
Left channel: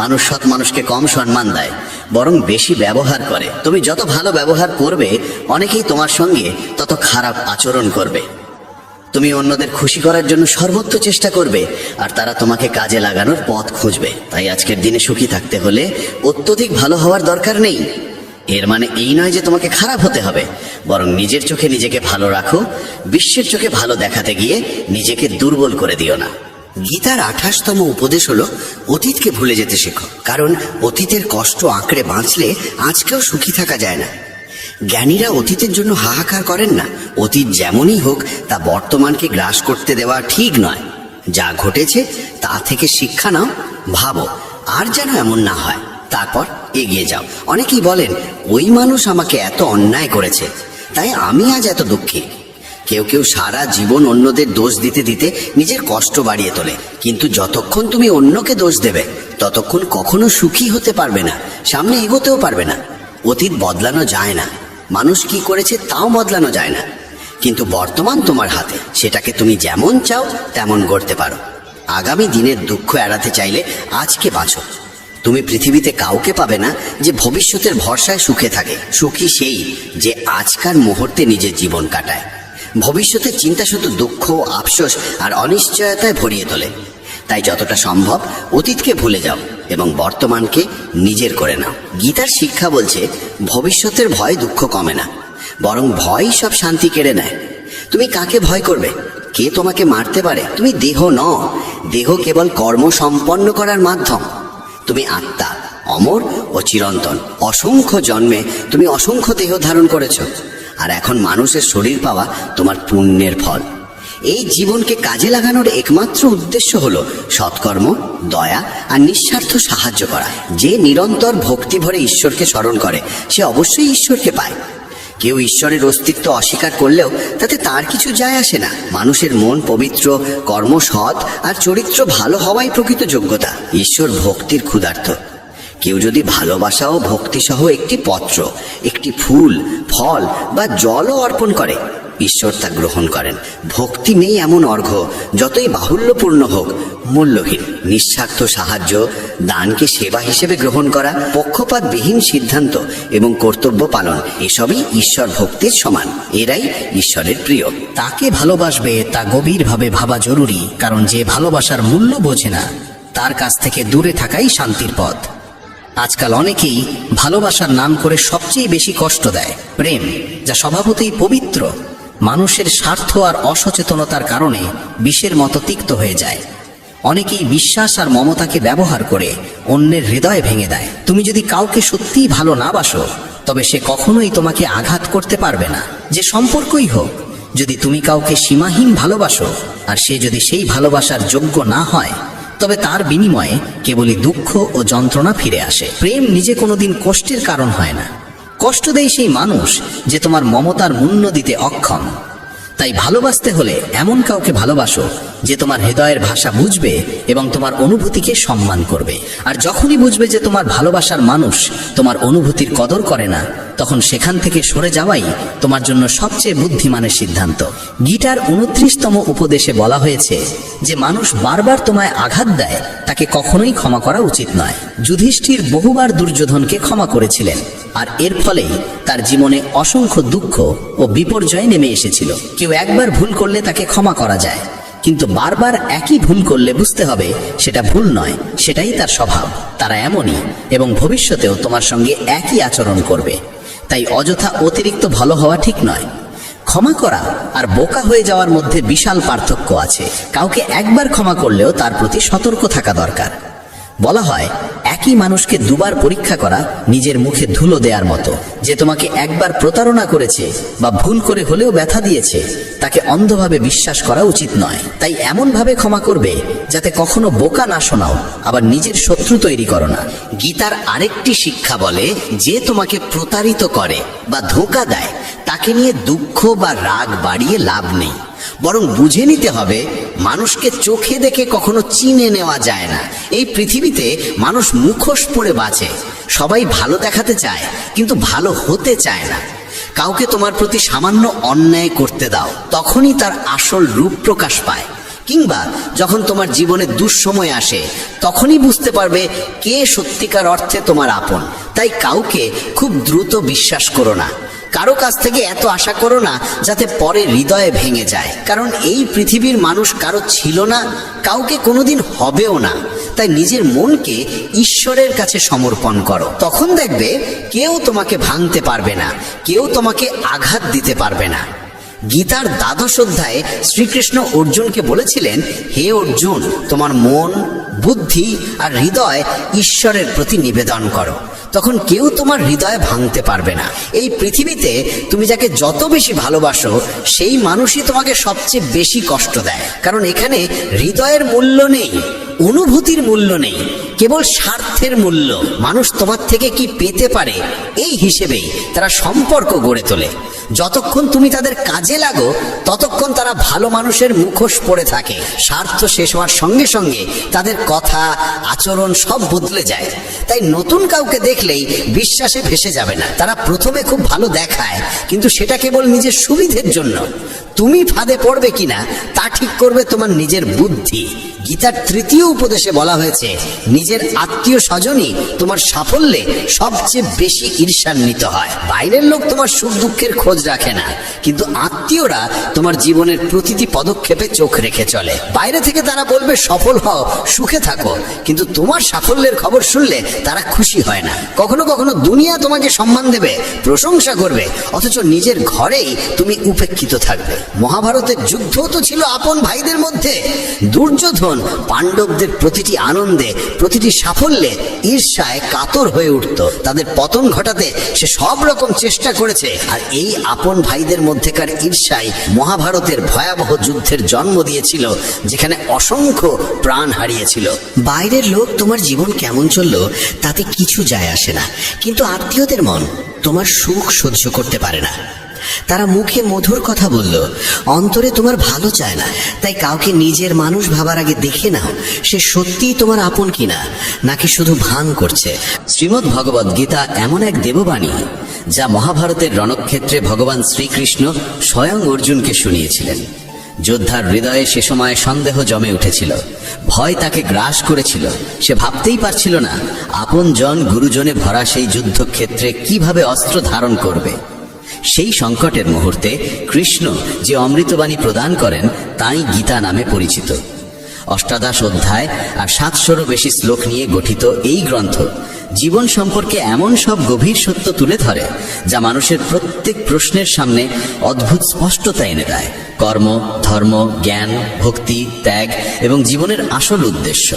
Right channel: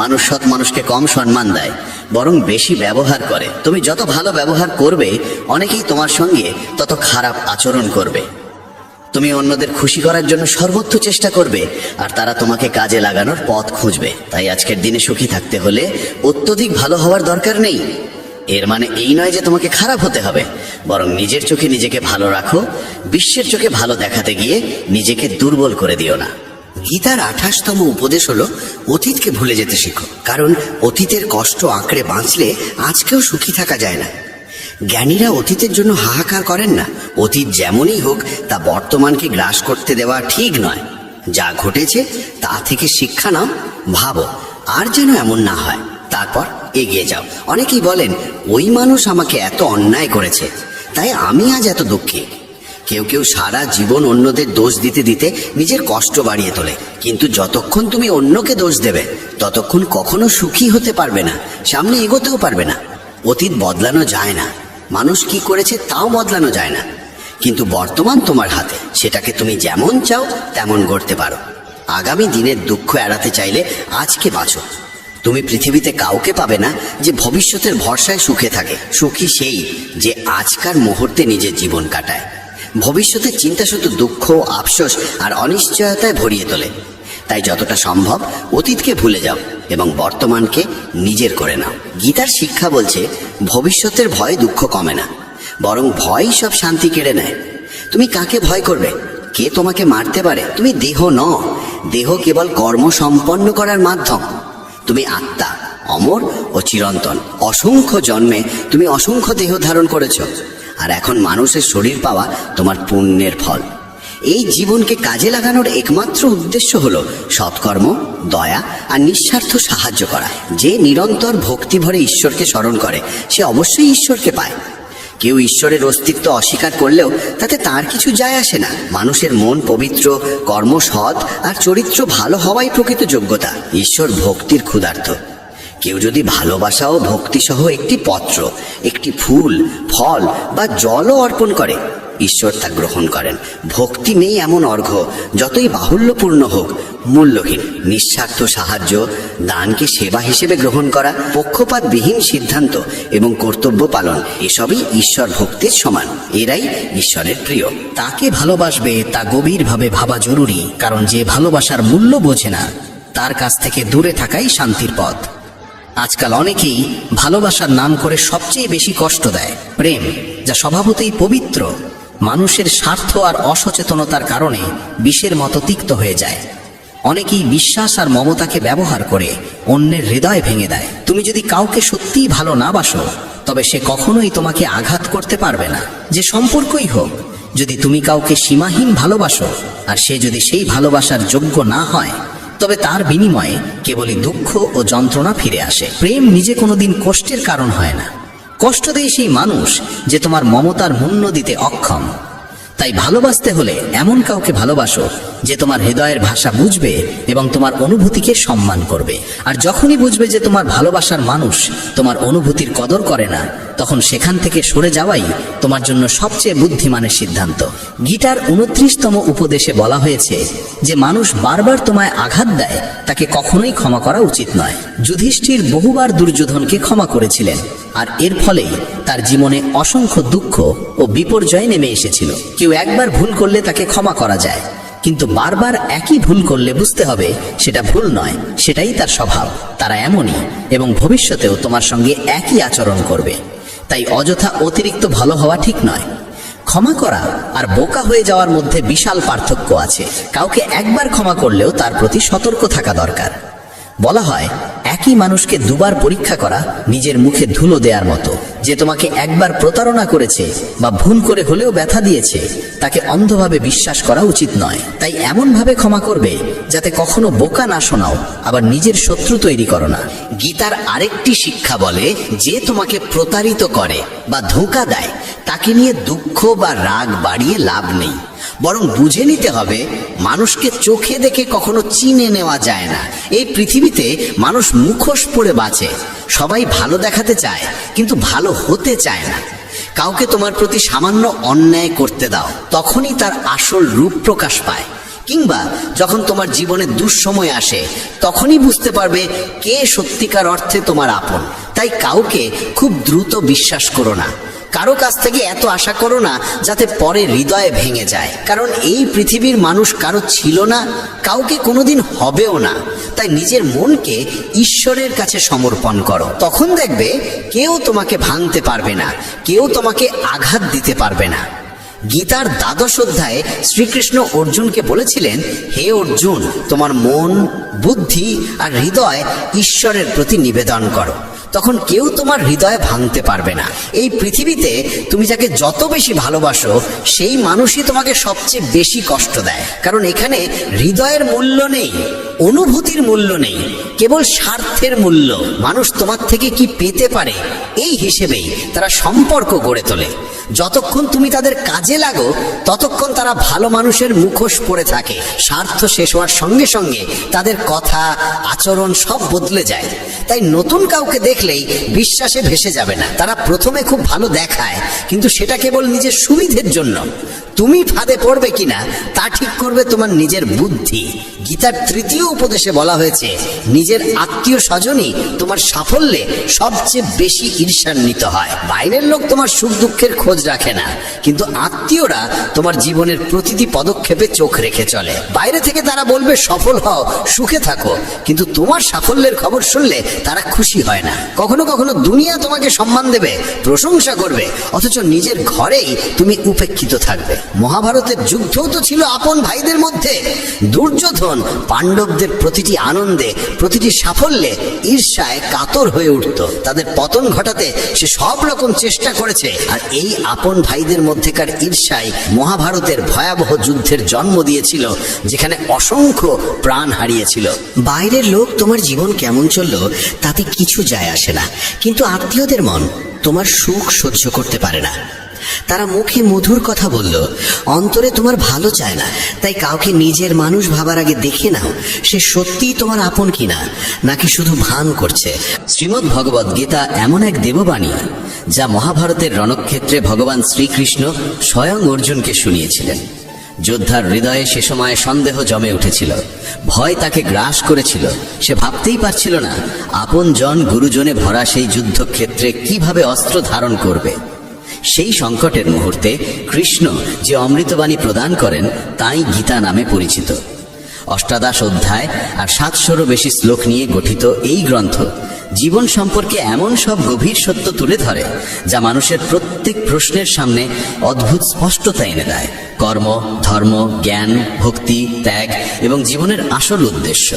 মানুষ সৎ মানুষকে কম সম্মান দেয়, বরং বেশি ব্যবহার করে। তুমি যত ভালো ব্যবহার করবে, অনেকেই তোমার সঙ্গে তত খারাপ আচরণ করবে। তুমি অন্যদের খুশি করার জন্য সর্বোচ্চ চেষ্টা করবে, আর তারা তোমাকে কাজে লাগানোর পথ খুঁজবে। তাই আজকের দিনে সুখী থাকতে হলে অত্যধিক ভালো হওয়ার দরকার নেই। এর মানে এই নয় যে তোমাকে খারাপ হতে হবে, বরং নিজের চোখে নিজেকে ভালো রাখো। বিশ্বের চোখে ভালো দেখাতে গিয়ে নিজেকে দুর্বল করে দিও না। গীতার ২৮তম উপদেশ হলো, অতীতকে ভুলে যেতে শেখো, কারণ অতীতের কষ্ট আঁকড়ে বাঁচলে আজকেও সুখী থাকা যায় না। জ্ঞানীরা অতীতের জন্য হাহাকার করেন না। অতীত যেমনই হোক, তা বর্তমানকে গ্রাস করতে দেওয়া ঠিক নয়। যা ঘটেছে তা থেকে শিক্ষা নাও, ভাবো আর যেন এমন না হয়, তারপর এগিয়ে যাও। অনেকেই বলেন, ওই মানুষ আমাকে এত অন্যায় করেছে, তাই আমি আজ এত দুঃখী। কেউ কেউ সারা জীবন অন্যদের দোষ দিতে দিতে নিজের কষ্ট বাড়িয়ে তোলে, কিন্তু যতক্ষণ তুমি অন্যকে দোষ দেবে ততক্ষণ কখনো সুখী হতে পারবে না, সামনে এগোতেও পারবে না। অতীত বদলানো যায় না, মানুষ কি করেছে তাও বদলানো যায় না, কিন্তু বর্তমান তোমার হাতে, সেটাকে তুমি যেমন চাও তেমন গড়তে পারো। আগামী দিনের দুঃখ এড়াতে চাইলে আজকে বাঁচো। তুমি পৃথিবীতে কাউকে পাবে না যে ভবিষ্যতের ভরসায় সুখে থাকে। সুখী সেই যে আজকার মুহূর্তে নিজের জীবন কাটায়। ভবিষ্যতের চিন্তা শুধু দুঃখ, আফসোস আর অনিশ্চয়তায় ভরিয়ে তোলে। তাই যতটা সম্ভব অতীতকে ভুলে যাও এবং বর্তমানকে নিজের করে নাও। গীতার শিক্ষা বলছে, ভবিষ্যতের ভয় দুঃখ কমে না, বরং ভয়ই সব শান্তি কেড়ে নেয়। তুমি কাকে ভয় করবে? কে তোমাকে মারতে পারে? তুমি দেহ নও, দেহ কেবল কর্ম সম্পন্ন করার মাধ্যম। তুমি আত্মা, অমর ও চিরন্তন। অসংখ্য জন্মে তুমি অসংখ্য দেহ ধারণ করেছ, আর এখন মানুষের শরীর পাওয়া তোমার পুণ্যের ফল। এই জীবনকে কাজে লাগানোর একমাত্র উদ্দেশ্য হলো সৎকর্ম, দয়া আর নিঃস্বার্থ সাহায্য করা। যে নিরন্তর ভক্তি ভরে ঈশ্বরকে স্মরণ করে, সে অবশ্যই ঈশ্বরকে পায়। কেউ ঈশ্বরের অস্তিত্ব অস্বীকার করলেও তাতে তার কিছু যায় আসে না। মানুষের মন পবিত্র, কর্ম সৎ আর চরিত্র ভালো হওয়াই প্রকৃত যোগ্যতা। ঈশ্বর ভক্তির ক্ষুধার্ত, কেউ যদি ভালোবাসা ও ভক্তিসহ একটি পত্র, একটি ফুল, ফল বা জলও অর্পণ করে, ঈশ্বর তা গ্রহণ করেন। ভক্তি নেই এমন অর্ঘ্য যতই বাহুল্যপূর্ণ হোক মূল্যহীন। নিঃস্বার্থ সাহায্য, দানকে সেবা হিসেবে গ্রহণ করা, পক্ষপাতবিহীন সিদ্ধান্ত এবং কর্তব্য পালন, এসবই ঈশ্বর ভক্তির সমান। এরাই ঈশ্বরের প্রিয়। তাকে ভালোবাসবে তা গভীরভাবে ভাবা জরুরি, কারণ যে ভালোবাসার মূল্য বোঝে না তার কাছ থেকে দূরে থাকাই শান্তির পথ। আজকাল অনেকেই ভালোবাসার নাম করে সবচেয়ে বেশি কষ্ট দেয়। প্রেম, যা স্বভাবতই পবিত্র, মানুষের স্বার্থ আর অসচেতনতার কারণে বিষের মতো তিক্ত হয়ে যায়। অনেকেই বিশ্বাস আর মমতাকে ব্যবহার করে অন্যের হৃদয় ভেঙে দেয়। তুমি যদি কাউকে সত্যিই ভালো না বাসো, তবে সে কখনোই তোমাকে আঘাত করতে পারবে না। যে সম্পর্কই হোক, যদি তুমি কাউকে সীমাহীন ভালোবাসো আর সে যদি সেই ভালোবাসার যোগ্য না হয়, তবে তার বিনিময়ে কেবলই দুঃখ ও যন্ত্রণা ফিরে আসে। প্রেম নিজে কোনোদিন কষ্টের কারণ হয় না। কষ্ট দেয় সেই মানুষ যে তোমার মমতার মূল্য দিতে অক্ষম। তাই ভালোবাসতে হলে এমন কাউকে ভালোবাসো যে তোমার হৃদয়ের ভাষা বুঝবে এবং তোমার অনুভূতিকে সম্মান করবে। আর যখনই বুঝবে যে তোমার ভালোবাসার মানুষ তোমার অনুভূতির কদর করে না, তখন সেখান থেকে সরে যাওয়াই তোমার জন্য সবচেয়ে বুদ্ধিমানের সিদ্ধান্ত। গীতার 29তম উপদেশে বলা হয়েছে যে মানুষ বারবার তোমায় আঘাত দেয় তাকে কখনোই ক্ষমা করা উচিত নয়। যুধিষ্ঠির বহুবার দুর্যোধনকে ক্ষমা করেছিলেন, আর এর ফলে তার জীবনে অসংখ্য দুঃখ ও বিপর্যয় নেমে এসেছিল। কেউ একবার ভুল করলে তাকে ক্ষমা করা যায়, কিন্তু বারবার একই ভুল করলে বুঝতে হবে সেটা ভুল নয়, সেটাই তার স্বভাব। তারা এমনই এবং ভবিষ্যতেও তোমার সঙ্গে একই আচরণ করবে। তাই অযথা অতিরিক্ত ভালো হওয়া ঠিক নয়। ক্ষমা করা আর বোকা হয়ে যাওয়ার মধ্যে বিশাল পার্থক্য আছে। কাউকে একবার ক্ষমা করলেও তার প্রতি সতর্ক থাকা দরকার। বলা হয়, একই মানুষকে দুবার পরীক্ষা করা নিজের মুখে ধুলো দেওয়ার মতো। যে তোমাকে একবার প্রতারণা করেছে বা ভুল করে হলেও ব্যথা দিয়েছে, তাকে অন্ধভাবে বিশ্বাস করা উচিত নয়। তাই এমনভাবে ক্ষমা করবে যাতে কখনো বোকা না শোনাও, আবার নিজের শত্রু তৈরি করো না। গীতার আরেকটি শিক্ষা বলে, যে তোমাকে প্রতারিত করে বা ধোঁকা দেয় তাকে নিয়ে দুঃখ বা রাগ বাড়িয়ে লাভ নেই, বরং বুঝে নিতে হবে মানুষকে চোখে দেখে কখনো চিনে নেওয়া যায় না। এই পৃথিবীতে মানুষ মুখোশ পরে বাঁচে। সবাই ভালো দেখাতে চায় কিন্তু ভালো হতে চায় না। কাউকে তোমার প্রতি সামান্য অন্যায় করতে দাও, তখনই তার আসল রূপ প্রকাশ পায়। কিংবা যখন তোমার জীবনে দুঃসময় আসে, তখনই বুঝতে পারবে কে সত্যিকার অর্থে তোমার আপন। তাই কাউকে খুব দ্রুত বিশ্বাস করো না। কারো কাছ থেকে এত আশা করো না যাতে পরে হৃদয়ে ভেঙে যায়। কারণ এই পৃথিবীর মানুষ কারো ছিল না, কাউকে কোনোদিন হবেও না। তাই নিজের মনকে ঈশ্বরের কাছে সমর্পণ করো। তখন দেখবে কেউ তোমাকে ভাঙতে পারবে না, কেউ তোমাকে আঘাত দিতে পারবে না। গীতার 12 অধ্যায়ে শ্রীকৃষ্ণ অর্জুনকে বলেছিলেন, হে অর্জুন, তোমার মন, বুদ্ধি আর হৃদয় ঈশ্বরের প্রতি নিবেদন করো। তখন কেউ তোমার হৃদয় ভাঙতে পারবে না। এই পৃথিবীতে তুমি যাকে যত বেশি ভালোবাসো, সেই মানুষই তোমাকে সবচেয়ে বেশি কষ্ট দেয়। কারণ এখানে হৃদয়ের মূল্য নেই, অনুভূতির মূল্য নেই, কেবল স্বার্থের মূল্য। মানুষ তোমার থেকে কি পেতে পারে এই হিসেবেই তারা সম্পর্ক গড়ে তোলে। যতক্ষণ তুমি তাদের কাজে লাগো, ততক্ষণ তারা ভালো মানুষের মুখোশ পরে থাকে। স্বার্থ শেষ হওয়ার সঙ্গে সঙ্গে তাদের কথা, আচরণ সব বদলে যায়। তাই নতুন কাউকে দেখলেই বিশ্বাসে ভেসে যাবে না। তারা প্রথমে খুব ভালো দেখায়, কিন্তু সেটা কেবল নিজের সুবিধের জন্য। তুমি ফাঁদে পড়বে কিনা তা ঠিক করবে তোমার নিজের বুদ্ধি। গীতার 3য় উপদেশে বলা হয়েছে, নিজের আত্মীয় স্বজনই তোমার সাফল্যে সবচেয়ে বেশি ঈর্ষান্বিত হয়। বাইরের লোক তোমার সুখ দুঃখের খোঁজ রাখে না, কিন্তু আত্মীয়রা তোমার জীবনের প্রতিটি পদক্ষেপে চোখ রেখে চলে। বাইরে থেকে তারা বলবে সফল হও, সুখে থাকো, কিন্তু তোমার সাফল্যের খবর শুনলে তারা খুশি হয় না। কখনো কখনো দুনিয়া তোমাকে সম্মান দেবে, প্রশংসা করবে, অথচ নিজের ঘরেই তুমি উপেক্ষিত থাকবে। মহাভারতের যুদ্ধও তো ছিল আপন ভাইদের মধ্যে। দুর্যোধন পাণ্ডবদের প্রতিটি আনন্দে, প্রতিটি সাফল্যে ঈর্ষায় কাতর হয়ে উঠত। তাদের পতন ঘটাতে সে সব রকম চেষ্টা করেছে। আর এই আপন ভাইদের মধ্যেকার ঈর্ষাই মহাভারতের ভয়াবহ যুদ্ধের জন্ম দিয়েছিল, যেখানে অসংখ্য প্রাণ হারিয়েছিল। বাইরের লোক তোমার জীবন কেমন চললো তাতে কিছু যায় আসে না, কিন্তু আত্মীয়দের মন তোমার সুখ সহ্য করতে পারে না। তারা মুখে মধুর কথা বলল, অন্তরে তোমার ভালো চায় না। তাই কাউকে নিজের মানুষ ভাবার আগে দেখে নাও সে সত্যিই তোমার আপন কিনা, নাকি শুধু ভান করছে। শ্রীমদ্ ভগবদ গীতা এমন এক দেববাণী যা মহাভারতের রণক্ষেত্রে ভগবান শ্রীকৃষ্ণ স্বয়ং অর্জুনকে শুনিয়েছিলেন। যোদ্ধার হৃদয়ে সে সময় সন্দেহ জমে উঠেছিল, ভয় তাকে গ্রাস করেছিল। সে ভাবতেই পারছিল না আপন জন গুরুজনে ভরা সেই যুদ্ধক্ষেত্রে কিভাবে অস্ত্র ধারণ করবে। সেই সংকটের মুহূর্তে কৃষ্ণ যে অমৃতবাণী প্রদান করেন তাই গীতা নামে পরিচিত। ৮৮ অধ্যায় আর ৭০০-রও বেশি শ্লোক নিয়ে গঠিত এই গ্রন্থ জীবন সম্পর্কে এমন সব গভীর সত্য তুলে ধরে যা মানুষের প্রত্যেক প্রশ্নের সামনে অদ্ভুত স্পষ্টতা এনে দেয়। কর্ম, ধর্ম, জ্ঞান, ভক্তি, ত্যাগ এবং জীবনের আসল উদ্দেশ্য।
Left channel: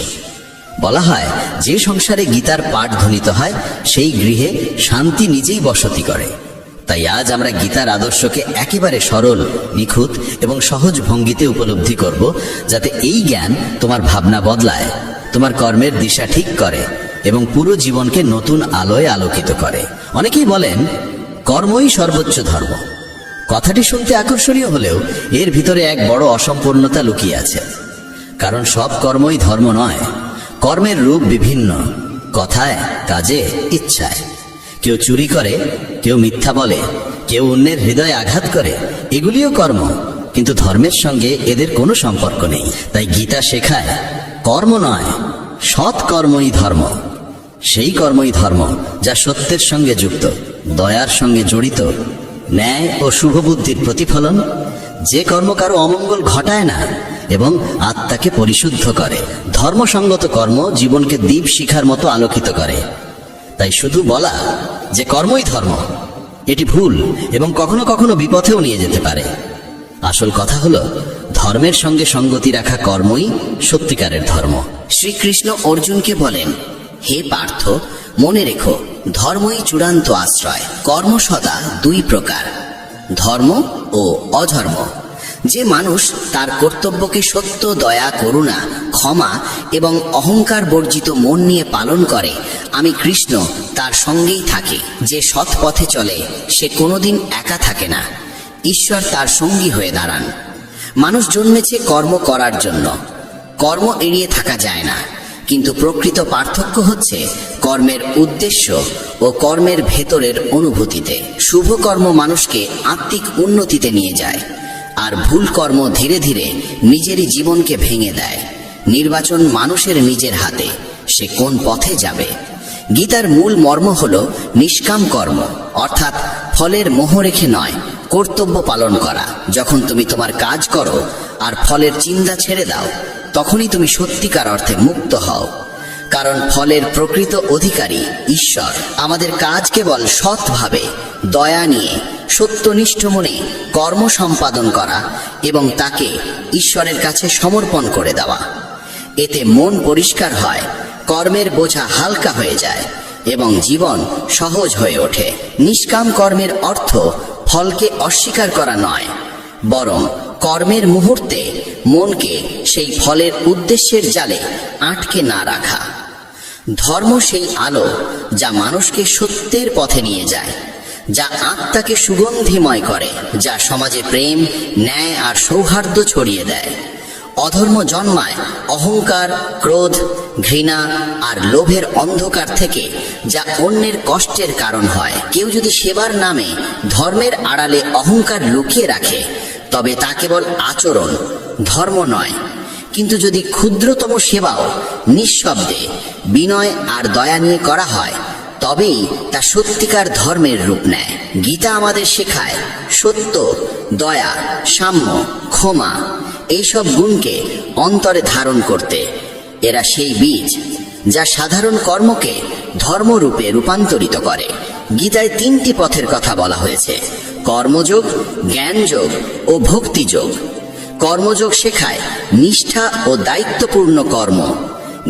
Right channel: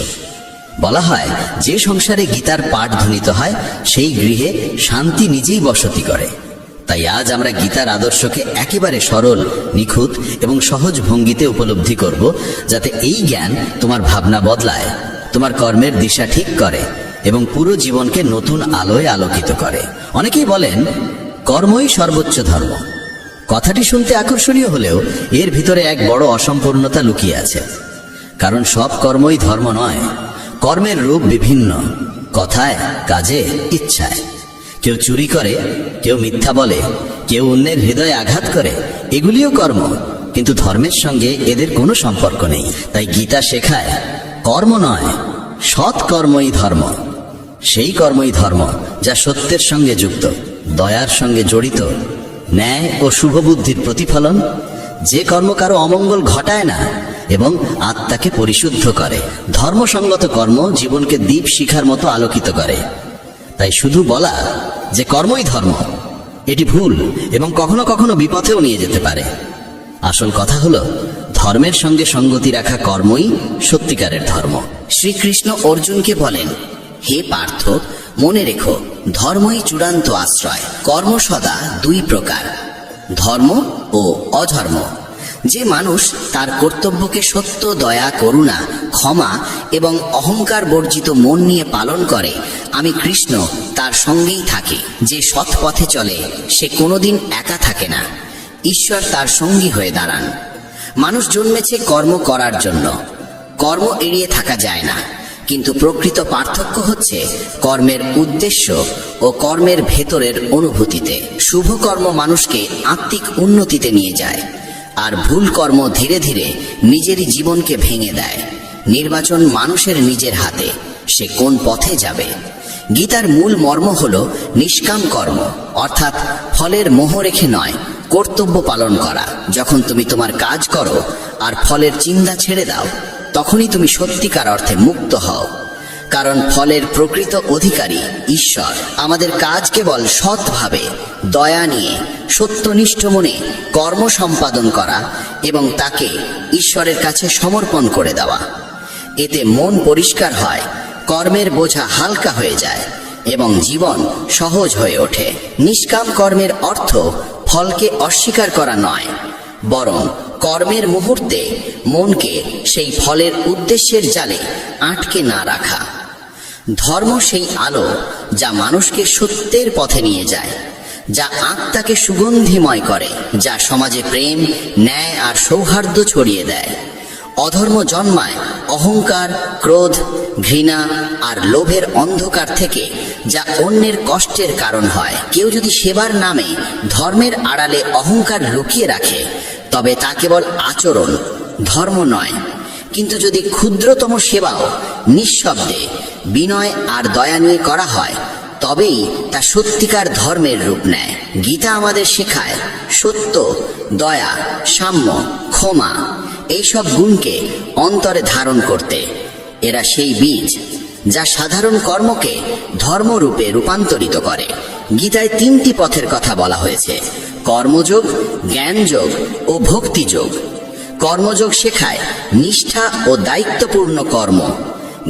বলা হয় যে সংসারে গীতার পাঠ ধ্বনিত হয় সেই গৃহে শান্তি নিজেই বসতি করে। তাই আজ আমরা গীতার আদর্শকে একেবারে সরল, নিখুঁত এবং সহজ ভঙ্গিতে উপলব্ধি করব, যাতে এই জ্ঞান তোমার ভাবনা বদলায়, তোমার কর্মের দিশা ঠিক করে এবং পুরো জীবনকে নতুন আলোয় আলোকিত করে। অনেকেই বলেন কর্মই সর্বোচ্চ ধর্ম। কথাটি শুনতে আকর্ষণীয় হলেও এর ভিতরে এক বড় অসম্পূর্ণতা লুকিয়ে আছে। কারণ সব কর্মই ধর্ম নয়। কর্মের রূপ বিভিন্ন, কথায়, কাজে, ইচ্ছায়। কেউ চুরি করে, কেউ মিথ্যা বলে, কেউ অন্যের হৃদয়ে আঘাত করে, এগুলিও কর্ম, কিন্তু ধর্মের সঙ্গে এদের কোনো সম্পর্ক নেই। তাই গীতা শেখায় কর্ম নয়, সৎ কর্মই ধর্ম। সেই কর্মই ধর্ম যা সত্যের সঙ্গে যুক্ত, দয়ার সঙ্গে জড়িত, ন্যায় ও শুভবুদ্ধির প্রতিফলন। যে কর্ম কারো অমঙ্গল ঘটায় না এবং আত্মাকে পরিশুদ্ধ করে। ধর্মসঙ্গত কর্ম জীবনকে দীপ শিখার মতো আলোকিত করে। তাই শুধু বলা যে কর্মই ধর্ম, এটি ভুল এবং কখনো কখনো বিপথেও নিয়ে যেতে পারে। আসল কথা হলো ধর্মের সঙ্গে সঙ্গতি রাখা কর্মই সত্যিকারের ধর্ম। শ্রীকৃষ্ণ অর্জুনকে বলেন, হে পার্থ, মনে রেখো ধর্মই চূড়ান্ত আশ্রয়। কর্ম সদা দুই প্রকার, ধর্ম ও অধর্ম। যে মানুষ তার কর্তব্যকে সত্য, দয়া, করুণা, ক্ষমা এবং অহংকার বর্জিত মন নিয়ে পালন করে, আমি কৃষ্ণ তার সঙ্গেই থাকি। যে সৎ পথে চলে সে কোনোদিন একা থাকে না, ঈশ্বর তার সঙ্গী হয়ে দাঁড়ান। মানুষ জন্মেছে কর্ম করার জন্য, কর্ম এড়িয়ে থাকা যায় না। কিন্তু প্রকৃত পার্থক্য হচ্ছে কর্মের উদ্দেশ্য ও কর্মের ভেতরের অনুভূতিতে। শুভ কর্ম মানুষকে আত্মিক উন্নতিতে নিয়ে যায়, আর ভুল কর্ম ধীরে ধীরে নিজেরই জীবনকে ভেঙে দেয়। নির্বাচন মানুষের নিজের হাতে, সে কোন পথে যাবে। গীতার মূল মর্ম হল নিষ্কাম কর্ম, অর্থাৎ ফলের মোহ রেখে নয়, কর্তব্য পালন করা। যখন তুমি তোমার কাজ করো আর ফলের চিন্তা ছেড়ে দাও, তখনই তুমি সত্যিকার অর্থে মুক্ত হও। কারণ ফলের প্রকৃত অধিকারী ঈশ্বর। আমাদের কাজ কেবল সৎভাবে, দয়া নিয়ে, সত্যনিষ্ঠ মনে কর্ম সম্পাদন করা এবং তাকে ঈশ্বরের কাছে সমর্পণ করে দেওয়া। এতে মন পরিষ্কার হয়, কর্মের বোঝা হালকা হয়ে যায় এবং জীবন সহজ হয়ে ওঠে। নিষ্কাম কর্মের অর্থ ফলকে অস্বীকার করা নয়, বরং কর্মের মুহূর্তে মনকে সেই ফলের উদ্দেশ্যের জালে আটকে না রাখা। ধর্ম সেই আলো যা মানুষকে সত্যের পথে নিয়ে যায়, যা আত্মাকে সুগন্ধিময় করে, যা সমাজে প্রেম, ন্যায় আর সৌহার্দ্য ছড়িয়ে দেয়। অধর্ম জন্মায় অহংকার, ক্রোধ, ঘৃণা আর লোভের অন্ধকার থেকে, যা অন্যের কষ্টের কারণ হয়। কেউ যদি সেবার নামে ধর্মের আড়ালে অহংকার লুকিয়ে রাখে, তবে তা কেবল আচরণ, ধর্ম নয়। কিন্তু যদি ক্ষুদ্রতম সেবাও নিঃশব্দে, বিনয় আর দয়া নিয়ে করা হয়, তবেই তা সত্যিকার ধর্মের রূপ নেয়। গীতা আমাদের শেখায় সত্য, দয়া, সাম্য, ক্ষমা এইসব গুণকে অন্তরে ধারণ করতে। এরা সেই বীজ যা সাধারণ কর্মকে ধর্মরূপে রূপান্তরিত করে। গীতায় 3টি পথের কথা বলা হয়েছে: কর্মযোগ, জ্ঞানযোগ ও ভক্তিযোগ। কর্মযোগ শেখায় নিষ্ঠা ও দায়িত্বপূর্ণ কর্ম।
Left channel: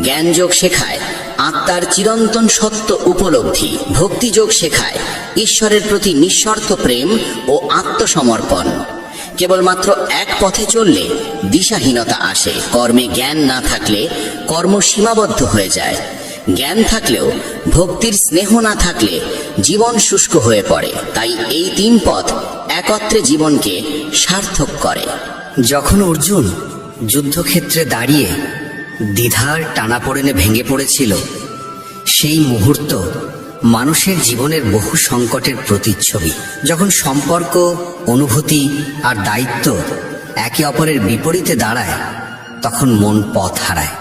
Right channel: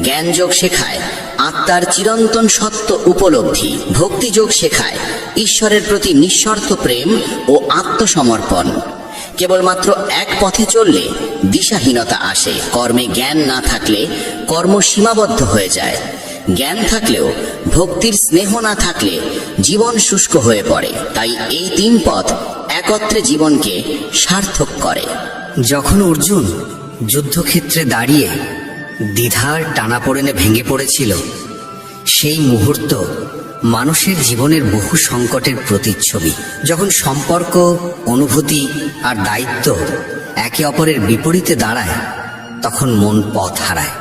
জ্ঞানযোগ শেখায় আত্মার চিরন্তন সত্য উপলব্ধি। ভক্তিযোগ শেখায় ঈশ্বরের প্রতি নিঃশর্ত প্রেম ও আত্মসমর্পণ। কেবলমাত্র এক পথে চললে দিশাহীনতা আসে। কর্মে জ্ঞান না থাকলে কর্ম সীমাবদ্ধ হয়ে যায়। জ্ঞান থাকলেও ভক্তির স্নেহ না থাকলে জীবন শুষ্ক হয়ে পড়ে। তাই এই 3 পথ একত্রে জীবনকে সার্থক করে। যখন অর্জুন যুদ্ধক্ষেত্রে দাঁড়িয়ে দ্বিধার টানাপোড়েনে ভেঙে পড়েছিল, সেই মুহূর্ত মানুষের জীবনের বহু সংকটের প্রতিচ্ছবি। যখন সম্পর্ক, অনুভূতি আর দায়িত্ব একে অপরের বিপরীতে দাঁড়ায়, তখন মন পথ হারায়।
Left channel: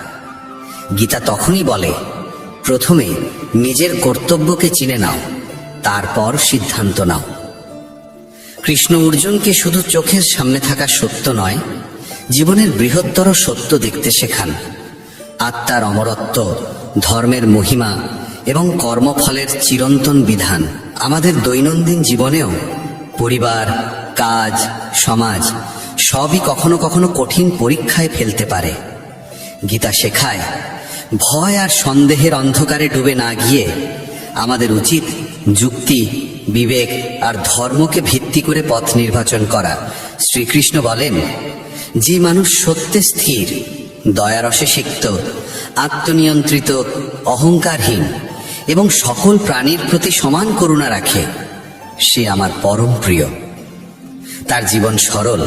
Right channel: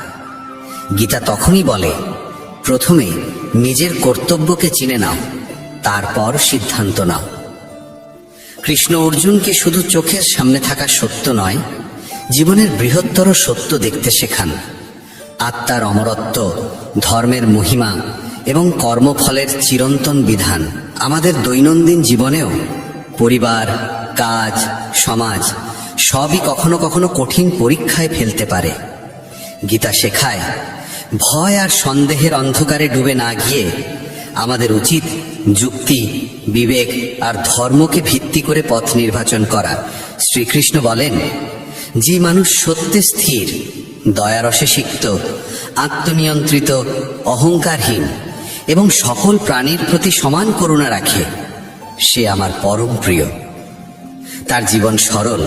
গীতা তখনই বলে, প্রথমে নিজের কর্তব্যকে চিনে নাও, তারপর সিদ্ধান্ত নাও। কৃষ্ণ অর্জুনকে শুধু চোখের সামনে থাকা সত্য নয়, জীবনের বৃহত্তর সত্য দেখতে শেখান। আত্মার অমরত্ব, ধর্মের মহিমা এবং কর্মফলের চিরন্তন বিধান। আমাদের দৈনন্দিন জীবনেও পরিবার, কাজ, সমাজ সবই কখনো কখনো কঠিন পরীক্ষায় ফেলতে পারে। গীতা শেখায়, ভয় আর সন্দেহের অন্ধকারে ডুবে না গিয়ে আমাদের উচিত যুক্তি, বিবেক আর ধর্মকে ভিত্তি করে পথ নির্বাচন করা। শ্রীকৃষ্ণ বলেন, যে মানুষ সত্যে স্থির, দয়ারসে সিক্ত, আত্মনিয়ন্ত্রিত, অহংকারহীন এবং সকল প্রাণীর প্রতি সমান করুণা রাখে, সে আমার পরম প্রিয়। তার জীবন সরল,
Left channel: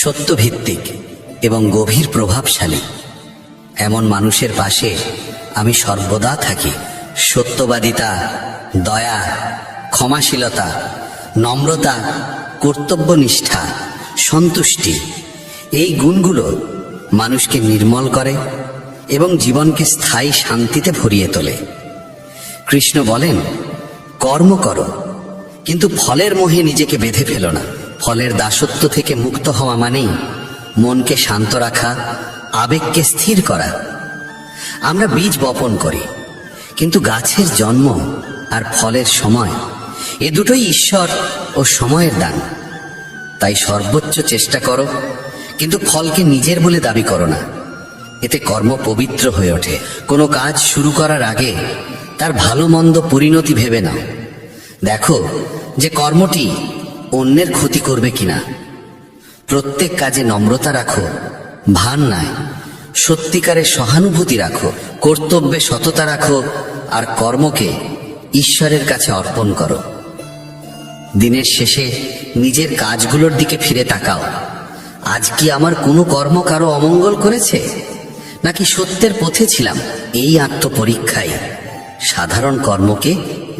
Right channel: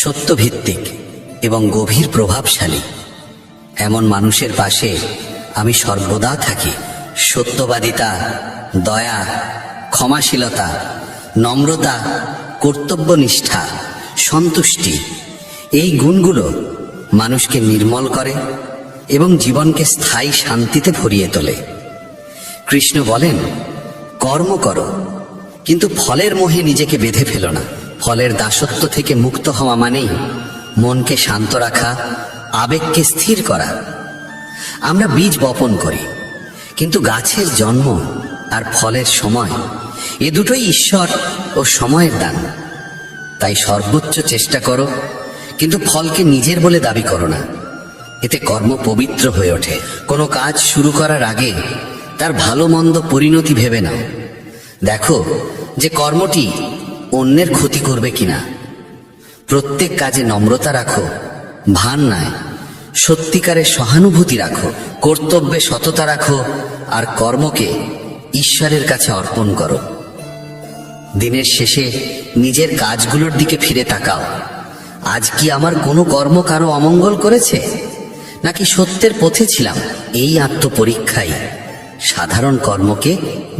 সত্যভিত্তিক এবং গভীর প্রভাবশালী। এমন মানুষের পাশে আমি সর্বদা থাকি। সত্যবাদিতা, দয়া, ক্ষমাশীলতা, নম্রতা, কর্তব্যনিষ্ঠা, সন্তুষ্টি, এই গুণগুলো মানুষকে নির্মল করে এবং জীবনকে স্থায়ী শান্তিতে ভরিয়ে তোলে। কৃষ্ণ বলেন, কর্ম করো, কিন্তু ফলের মোহে নিজেকে বেঁধে ফেলো না। ফলের দাসত্ব থেকে মুক্ত হওয়া মানেই মনকে শান্ত রাখা, আবেগকে স্থির করা। আমরা বীজ বপন করি, কিন্তু গাছের জন্ম আর ফলের সময়, এ দুটোই ঈশ্বর ও সময়ের দান। তাই সর্বোচ্চ চেষ্টা করো, কিন্তু ফলকে নিজের বলে দাবি করো না। এতে কর্ম পবিত্র হয়ে ওঠে। কোনো কাজ শুরু করার আগে তার ভালো মন্দ পরিণতি ভেবে নাও। দেখো যে কর্মটি অন্যের ক্ষতি করবে কিনা। প্রত্যেক কাজে নম্রতা রাখো, ভান নয়। সত্যিকারের সহানুভূতি রাখো, কর্তব্যে সততা রাখো, আর কর্মকে ঈশ্বরের কাছে অর্পণ করো। দিনের শেষে নিজের কাজগুলোর দিকে ফিরে তাকাও। আজ কি আমার কোনো কর্ম কারো অমঙ্গল করেছে, নাকি সত্যের পথে ছিলাম? এই আত্মপরীক্ষাই সাধারণ কর্মকে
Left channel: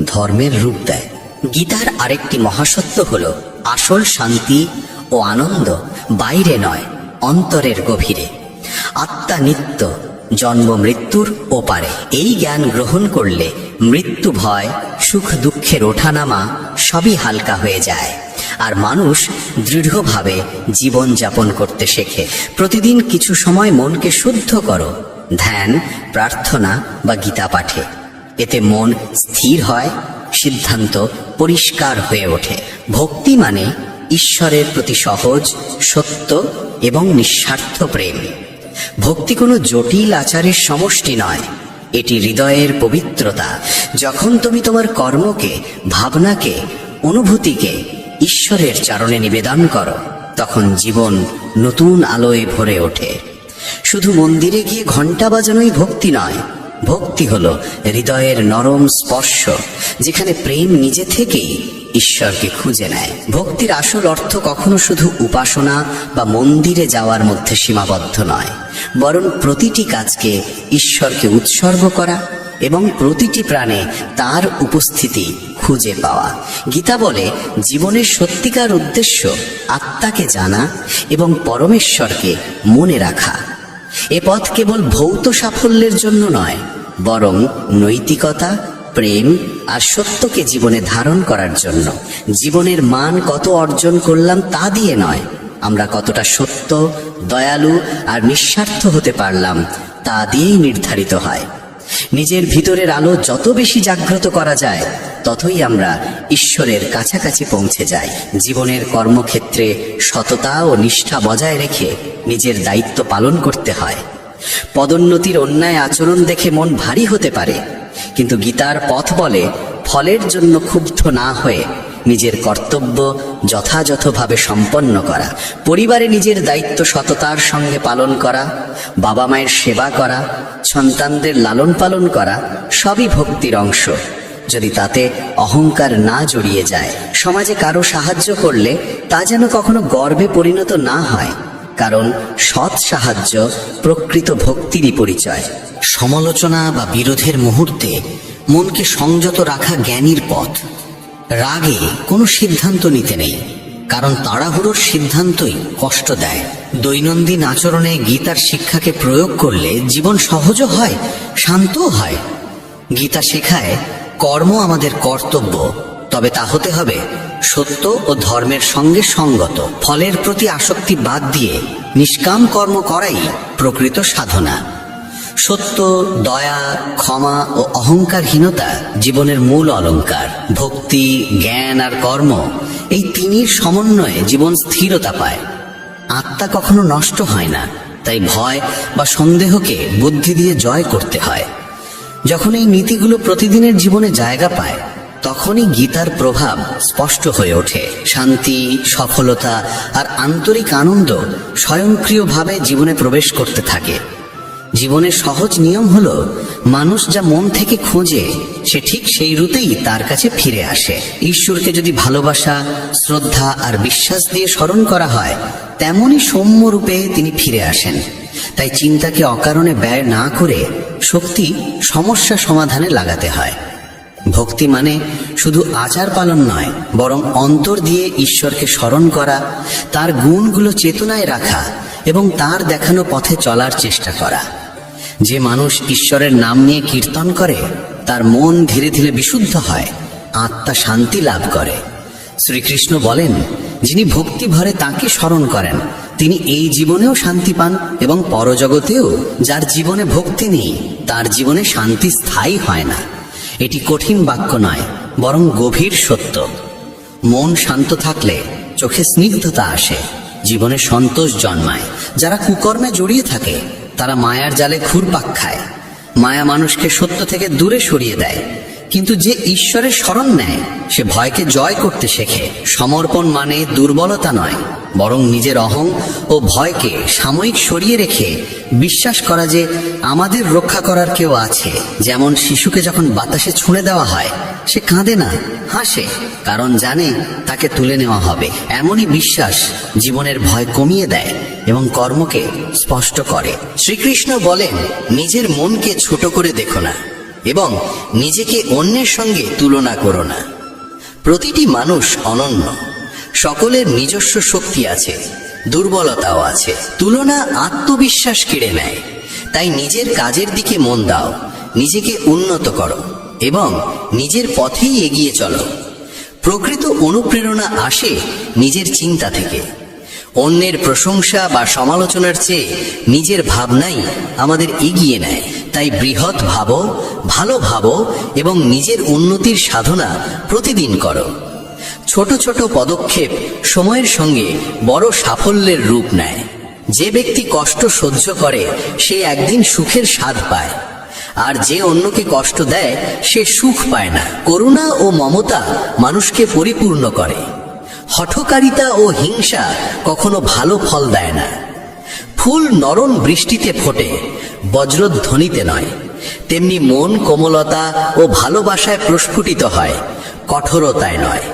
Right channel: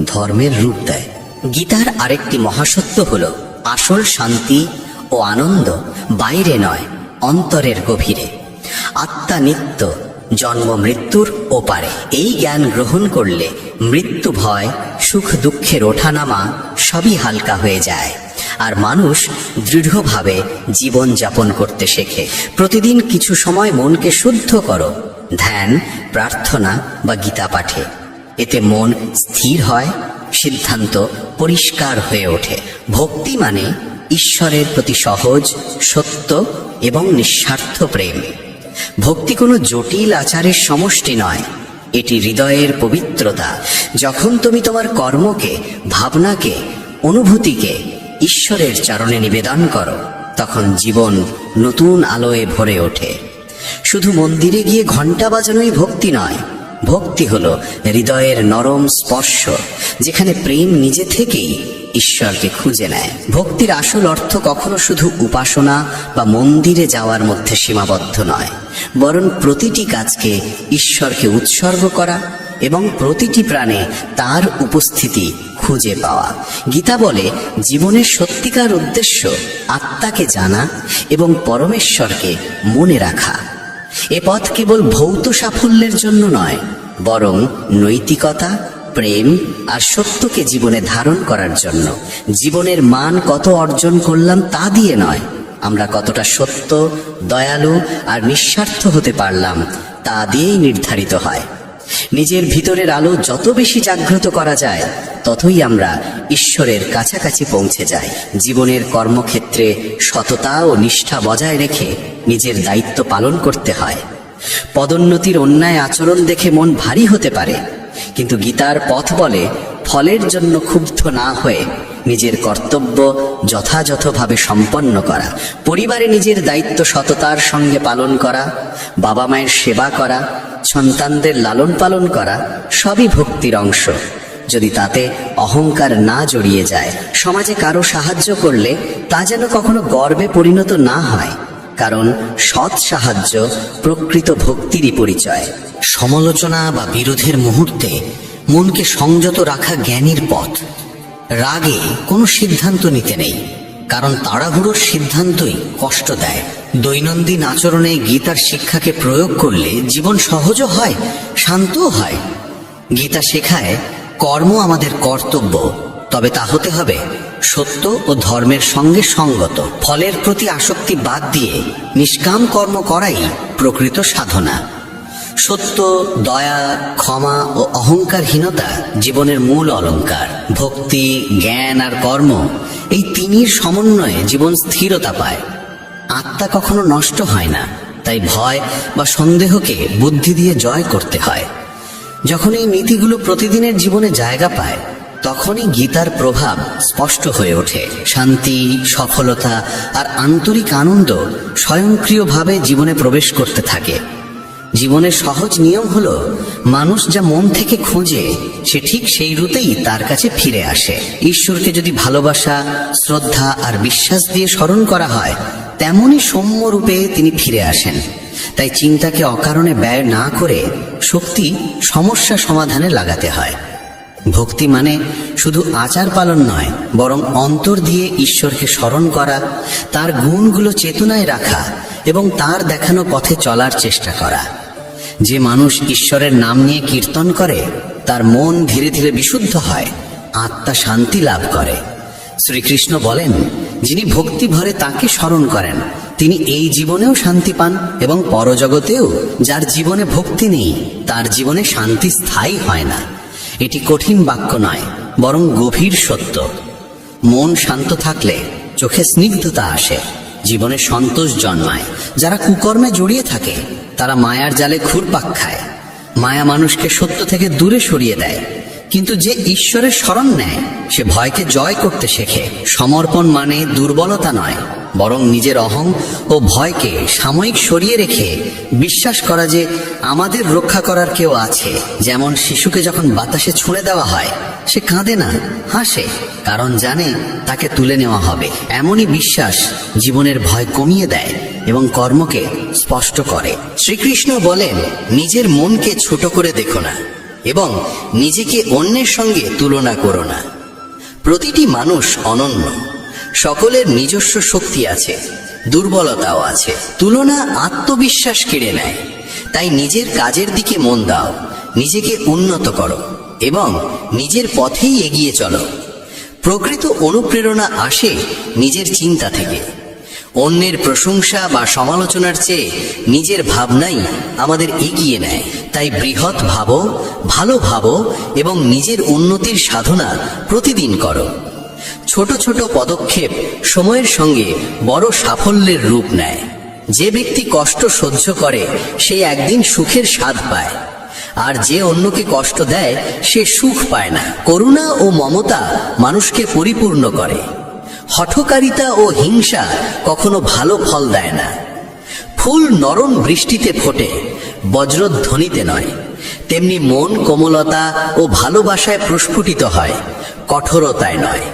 ধর্মের রূপ দেয়। গীতার আরেকটি মহাসত্য হল, আসল শান্তি ও আনন্দ বাইরে নয়, অন্তরের গভীরে। আত্মা নিত্য, জন্ম মৃত্যুর ওপারে। এই জ্ঞান গ্রহণ করলে মৃত্যু ভয়, সুখ দুঃখের ওঠানামা সবই হালকা হয়ে যায়, আর মানুষ দৃঢ়ভাবে জীবন যাপন করতে শেখে। প্রতিদিন কিছু সময় মনকে শুদ্ধ করো, ধ্যান, প্রার্থনা বা গীতা পাঠে। এতে মন স্থির হয়, সিদ্ধান্ত পরিষ্কার হয়ে ওঠে। ভক্তি মানে ঈশ্বরের প্রতি সহজ, সত্য এবং নিঃস্বার্থ প্রেম। ভক্তি কোনো জটিল আচারের সমষ্টি নয়, এটি হৃদয়ের পবিত্রতা। যখন তুমি তোমার কর্মকে, ভাবনাকে, অনুভূতিকে ঈশ্বরের চরণে নিবেদন করো, তখন জীবন নতুন আলোয় ভরে ওঠে। শুধু মন্দিরে গিয়ে ঘণ্টা বাজানোই ভক্তি নয়। ভক্তি হলো হৃদয়ের নরম স্পর্শ, যেখানে প্রেম নিজে থেকেই ঈশ্বরকে খুঁজে নেয়। ভক্তির আসল অর্থ কখনো শুধু উপাসনা বা মন্দিরে যাওয়ার মধ্যে সীমাবদ্ধ নয়, বরং প্রতিটি কাজকে ঈশ্বরকে উৎসর্গ করা এবং প্রতিটি প্রাণে তার উপস্থিতি খুঁজে পাওয়া। গীতা বলে, জীবনের সত্যিকার উদ্দেশ্য আত্মাকে জানা এবং পরমেশ্বরকে মনে রাখা। এ পথ কেবল ভৌত সাফল্যের জন্য নয়, বরং নৈতিকতা, প্রেম আর সত্যকে জীবনে ধারণ করার জন্য। জীবনের মান কত অর্জন করলাম তা দিয়ে নয়, আমরা কতটা সত্য, দয়ালু আর নিঃস্বার্থ হতে পারলাম তা দিয়েই নির্ধারিত হয়। নিজের ভিতরের আলো যত বেশি জাগ্রত করা যায়, ততই আমরা ঈশ্বরের কাছাকাছি পৌঁছে যাই। জীবনের কর্মক্ষেত্রে সততা ও নিষ্ঠা বজায় রেখে নিজের দায়িত্ব পালন করতে হয়। পদোন্নতির অন্যায় আচরণ দেখে মন ভারী হতে পারে, কিন্তু গীতার পথ বলে, ফলের জন্য ক্ষুব্ধ না হয়ে নিজের কর্তব্য যথাযথভাবে সম্পন্ন করা। পরিবারে নিজের দায়িত্ব সততার সঙ্গে পালন করা, বাবা মায়ের সেবা করা, সন্তানদের লালন পালন করা সবই ভক্তির অংশ। যদি তাতে অহংকার না জড়িয়ে যায়। সমাজে কারো সাহায্য করলে তা যেন কখনো গর্বে পরিণত না হয়, কারণ সৎ সাহায্য প্রকৃত ভক্তিরই পরিচয়। সমালোচনা বা বিরোধের মুহূর্তে মনকে সংযত রাখা জ্ঞানীর পথ। রাগে কোনো সিদ্ধান্ত নিতে নেই, কারণ তাড়াহুড়োর সিদ্ধান্তই কষ্ট দেয়। দৈনন্দিন আচরণে গীতার শিক্ষাকে প্রয়োগ করলে জীবন সহজও হয়, শান্তও হয়। গীতা শেখায় কর্ম আমাদের কর্তব্য, তবে তা হতে হবে সত্য ও ধর্মের সঙ্গে সঙ্গত। ফলের প্রতি আসক্তি বাদ দিয়ে নিষ্কাম কর্ম করাই প্রকৃত সাধনা। সত্য, দয়া, ক্ষমা ও অহংকারহীনতা জীবনের মূল অলংকার। ভক্তি, জ্ঞান আর কর্ম, এই তিনির সমন্বয়ে জীবন স্থিরতা পায়। আত্মা কখনো নষ্ট হয় না, তাই ভয় বা সন্দেহকে বুদ্ধি দিয়ে জয় করতে হয়। যখন এই নীতিগুলো প্রতিদিনের জীবনে জায়গা পায়, তখনই গীতার প্রভাব স্পষ্ট হয়ে ওঠে। শান্তি, সফলতা আর আন্তরিক আনন্দ স্বয়ংক্রিয়ভাবে জীবনে প্রবেশ করতে থাকে। জীবনের সহজ নিয়ম হলো, মানুষ যা মন থেকে খোঁজে সে ঠিক সেই রুতেই তার কাছে ফিরে আসে। ঈশ্বরকে যদি ভালোবাসা, শ্রদ্ধা আর বিশ্বাস দিয়ে স্মরণ করা হয়, তেমনই সৌম্য রূপে তিনি ফিরে আসেন। তাই চিন্তাকে অকারণে ব্যয় না করে শক্তি সমস্যা সমাধানে লাগাতে হয়। ভক্তি মানে শুধু আচার পালন নয়, বরং অন্তর দিয়ে ঈশ্বরকে স্মরণ করা, তার গুণগুলো চেতনায় রাখা এবং তার দেখানো পথে চলার চেষ্টা করা। যে মানুষ ঈশ্বরের নাম নিয়ে কীর্তন করে, তার মন ধীরে ধীরে বিশুদ্ধ হয়, আত্মা শান্তি লাভ করে। শ্রীকৃষ্ণ বলেন, যিনি ভক্তি ভরে তাঁকে স্মরণ করেন, তিনি এই জীবনেও শান্তি পান এবং পরজগতেও। যার জীবনে ভক্তি নেই, তার জীবনে শান্তি স্থায়ী হয় না। এটি কঠিন বাক্য নয়, বরং গভীর সত্য। মন শান্ত থাকলে চোখে স্নিগ্ধতা আসে, জীবনে সন্তোষ জন্মায়। যারা কুকর্মে জড়িয়ে থাকে, তারা মায়ার জালে ঘুরপাক খায়। মায়া মানুষকে সত্য থেকে দূরে সরিয়ে দেয়, কিন্তু যে ঈশ্বরের শরণ নেয় সে ভয়কে জয় করতে শেখে। সমর্পণ মানে দুর্বলতা নয়, বরং নিজের অহং ও ভয়কে সাময়িক সরিয়ে রেখে বিশ্বাস করা যে আমাদের রক্ষা করার কেউ আছে। যেমন শিশুকে যখন বাতাসে ছুঁড়ে দেওয়া হয়, সে কাঁদে না, হাসে, কারণ জানে তাকে তুলে নেওয়া হবে। এমনই বিশ্বাস জীবনের ভয় কমিয়ে দেয় এবং কর্মকে স্পষ্ট করে। শ্রীকৃষ্ণ বলেন, নিজের মনকে ছোট করে দেখো না এবং নিজেকে অন্যের সঙ্গে তুলনা করো না। প্রতিটি মানুষ অনন্য, সকলের নিজস্ব শক্তি আছে, দুর্বলতাও আছে। তুলনা আত্মবিশ্বাস কেড়ে নেয়। তাই নিজের কাজের দিকে মন দাও, নিজেকে উন্নত করো এবং নিজের পথেই এগিয়ে চলো। প্রকৃত অনুপ্রেরণা আসে নিজের চিন্তা থেকে। অন্যের প্রশংসা বা সমালোচনার চেয়ে নিজের ভাবনাই আমাদের এগিয়ে নেয়। তাই বৃহৎ ভাবো, ভালো ভাবো এবং নিজের উন্নতির সাধনা প্রতিদিন করো। ছোট ছোট পদক্ষেপ সময়ের সঙ্গে বড় সাফল্যের রূপ নেয়। যে ব্যক্তি কষ্ট সহ্য করে সে একদিন সুখের স্বাদ পায়, আর যে অন্যকে কষ্ট দেয় সে সুখ পায় না। করুণা ও মমতা মানুষকে পরিপূর্ণ করে। হঠকারিতা ও হিংসা কখনো ভালো ফল দেয় না। ফুল নরম বৃষ্টিতে ফোটে, বজ্রধ্বনিতে নয়। তেমনি মন কোমলতা ও ভালোবাসায় প্রস্ফুটিত হয়, কঠোরতায় নয়।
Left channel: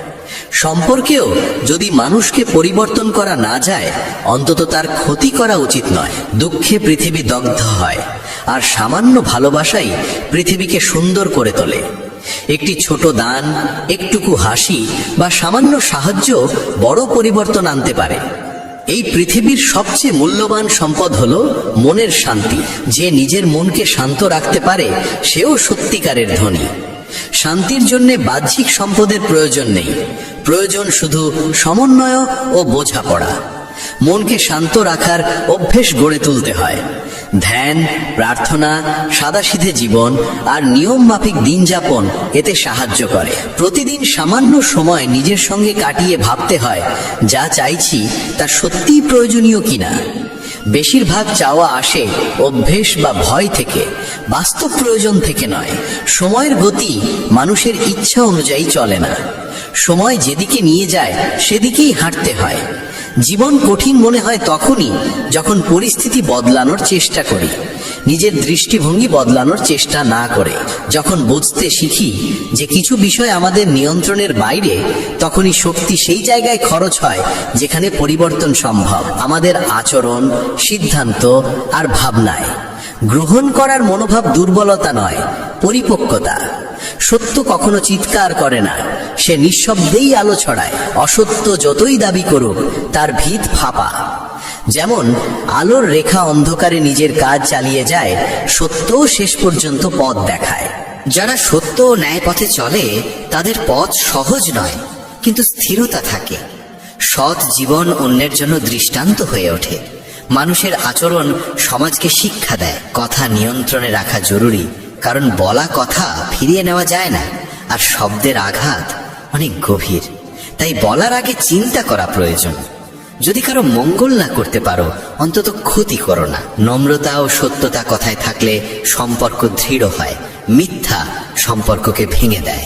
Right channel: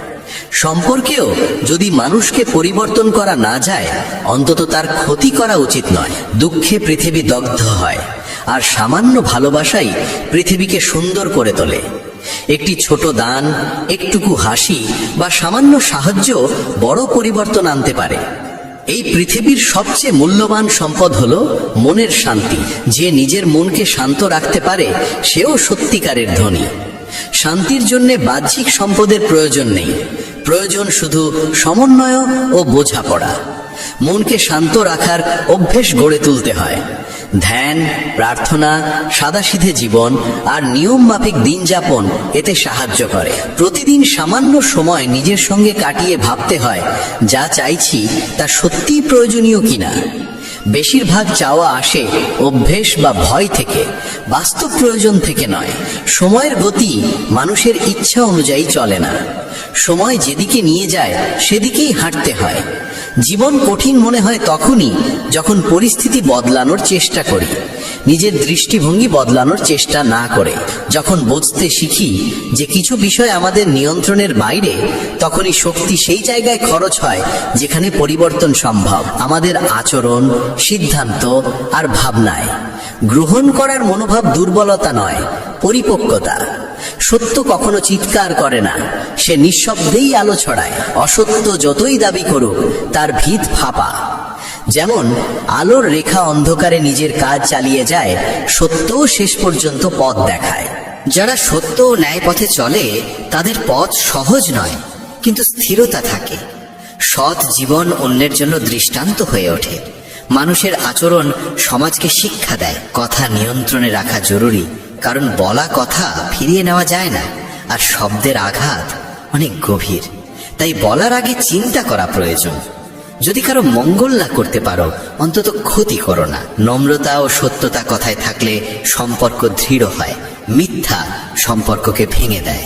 সম্পর্কেও যদি মানুষকে পরিবর্তন করা না যায়, অন্তত তার ক্ষতি করা উচিত নয়। দুঃখে পৃথিবী দগ্ধ হয়, আর সামান্য ভালোবাসাই পৃথিবীকে সুন্দর করে তোলে। একটি ছোট দান, একটুকু হাসি বা সামান্য সাহায্য বড় পরিবর্তন আনতে পারে। এই পৃথিবীর সবচেয়ে মূল্যবান সম্পদ হলো মনের শান্তি। যে নিজের মনকে শান্ত রাখতে পারে সেও সত্যিকারের ধনী। শান্তির জন্য বাহ্যিক সম্পদের প্রয়োজন নেই, প্রয়োজন শুধু সমন্বয় ও বোঝাপড়া। মনকে শান্ত রাখার অভ্যেস গড়ে তুলতে হয়। ধ্যান, প্রার্থনা, সাদাসিধে জীবন আর নিয়ম মাফিক দিন যাপন এতে সাহায্য করে। প্রতিদিন সামান্য সময় নিজের সঙ্গে কাটিয়ে ভাবতে হয়, যা চাইছি তা সত্যিই প্রয়োজনীয় কিনা। বেশিরভাগ চাওয়া আসে অভ্যেস বা ভয় থেকে, বাস্তব প্রয়োজন থেকে নয়। সময়ের গতি মানুষের ইচ্ছা অনুযায়ী চলে না। সময় যেদিকে নিয়ে যায় সেদিকেই হাঁটতে হয়। জীবন কঠিন মনে হয় তখনই যখন পরিস্থিতি বদলানোর চেষ্টা করি, নিজের দৃষ্টিভঙ্গি বদলানোর চেষ্টা না করে। যখন বুঝতে শিখি যে কিছু বিষয় আমাদের নিয়ন্ত্রণের বাইরে, তখনই শক্তি সেই জায়গায় খরচ হয় যেখানে পরিবর্তন সম্ভব। আমাদের আচরণ, সিদ্ধান্ত আর ভাবনায় গ্রহণ করার মনোভাব দুর্বলতা নয়, পরিপক্কতা। সত্য কখনো চিৎকার করে না, সে নিঃশব্দেই আলো ছড়ায়। অসত্য যতই দাবি করুক, তার ভিত ফাঁপা। যেমন আলোর রেখা অন্ধকারে নিজের কাজ চালিয়ে যায়, সত্যও শেষ পর্যন্ত পথ দেখায়। যারা সত্য ও ন্যায় পথে চলে তাদের পথ সহজ নয়, কিন্তু স্থিরতা থাকে। সৎ জীবন অন্যের জন্য দৃষ্টান্ত হয়ে ওঠে। মানুষের আচরণ সমাজকে শিক্ষা দেয়। কথা নিয়ন্ত্রণে রাখা জরুরি, কারণ বলা কথা ফিরিয়ে নেওয়া যায় না, আর শব্দের আঘাত অনেক গভীর। তাই বলার আগে চিন্তা করা প্রয়োজন। যদি কারো মঙ্গল না করতে পারো, অন্তত ক্ষতি করো না। নম্রতা ও সত্যতা কথায় থাকলে সম্পর্ক দৃঢ় হয়। মিথ্যা সম্পর্ককে ভেঙে দেয়।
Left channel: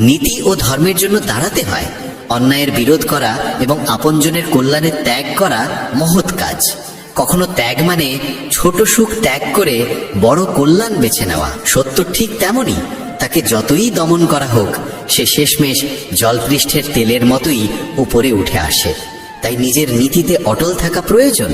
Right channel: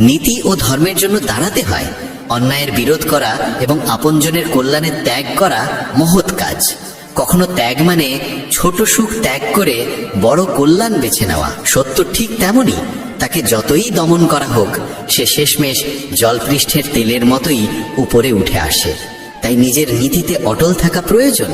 নীতি ও ধর্মের জন্য দাঁড়াতে হয়। অন্যায়ের বিরোধ করা এবং আপনজনের কল্যাণে ত্যাগ করা মহৎ কাজ। কখনো ত্যাগ মানে ছোট সুখ ত্যাগ করে বড় কল্যাণ বেছে নেওয়া। সত্য ঠিক তেমনই, তাকে যতই দমন করা হোক, সে শেষমেশ জলপৃষ্ঠের তেলের মতোই উপরে উঠে আসে। তাই নিজের নীতিতে অটল থাকা প্রয়োজন।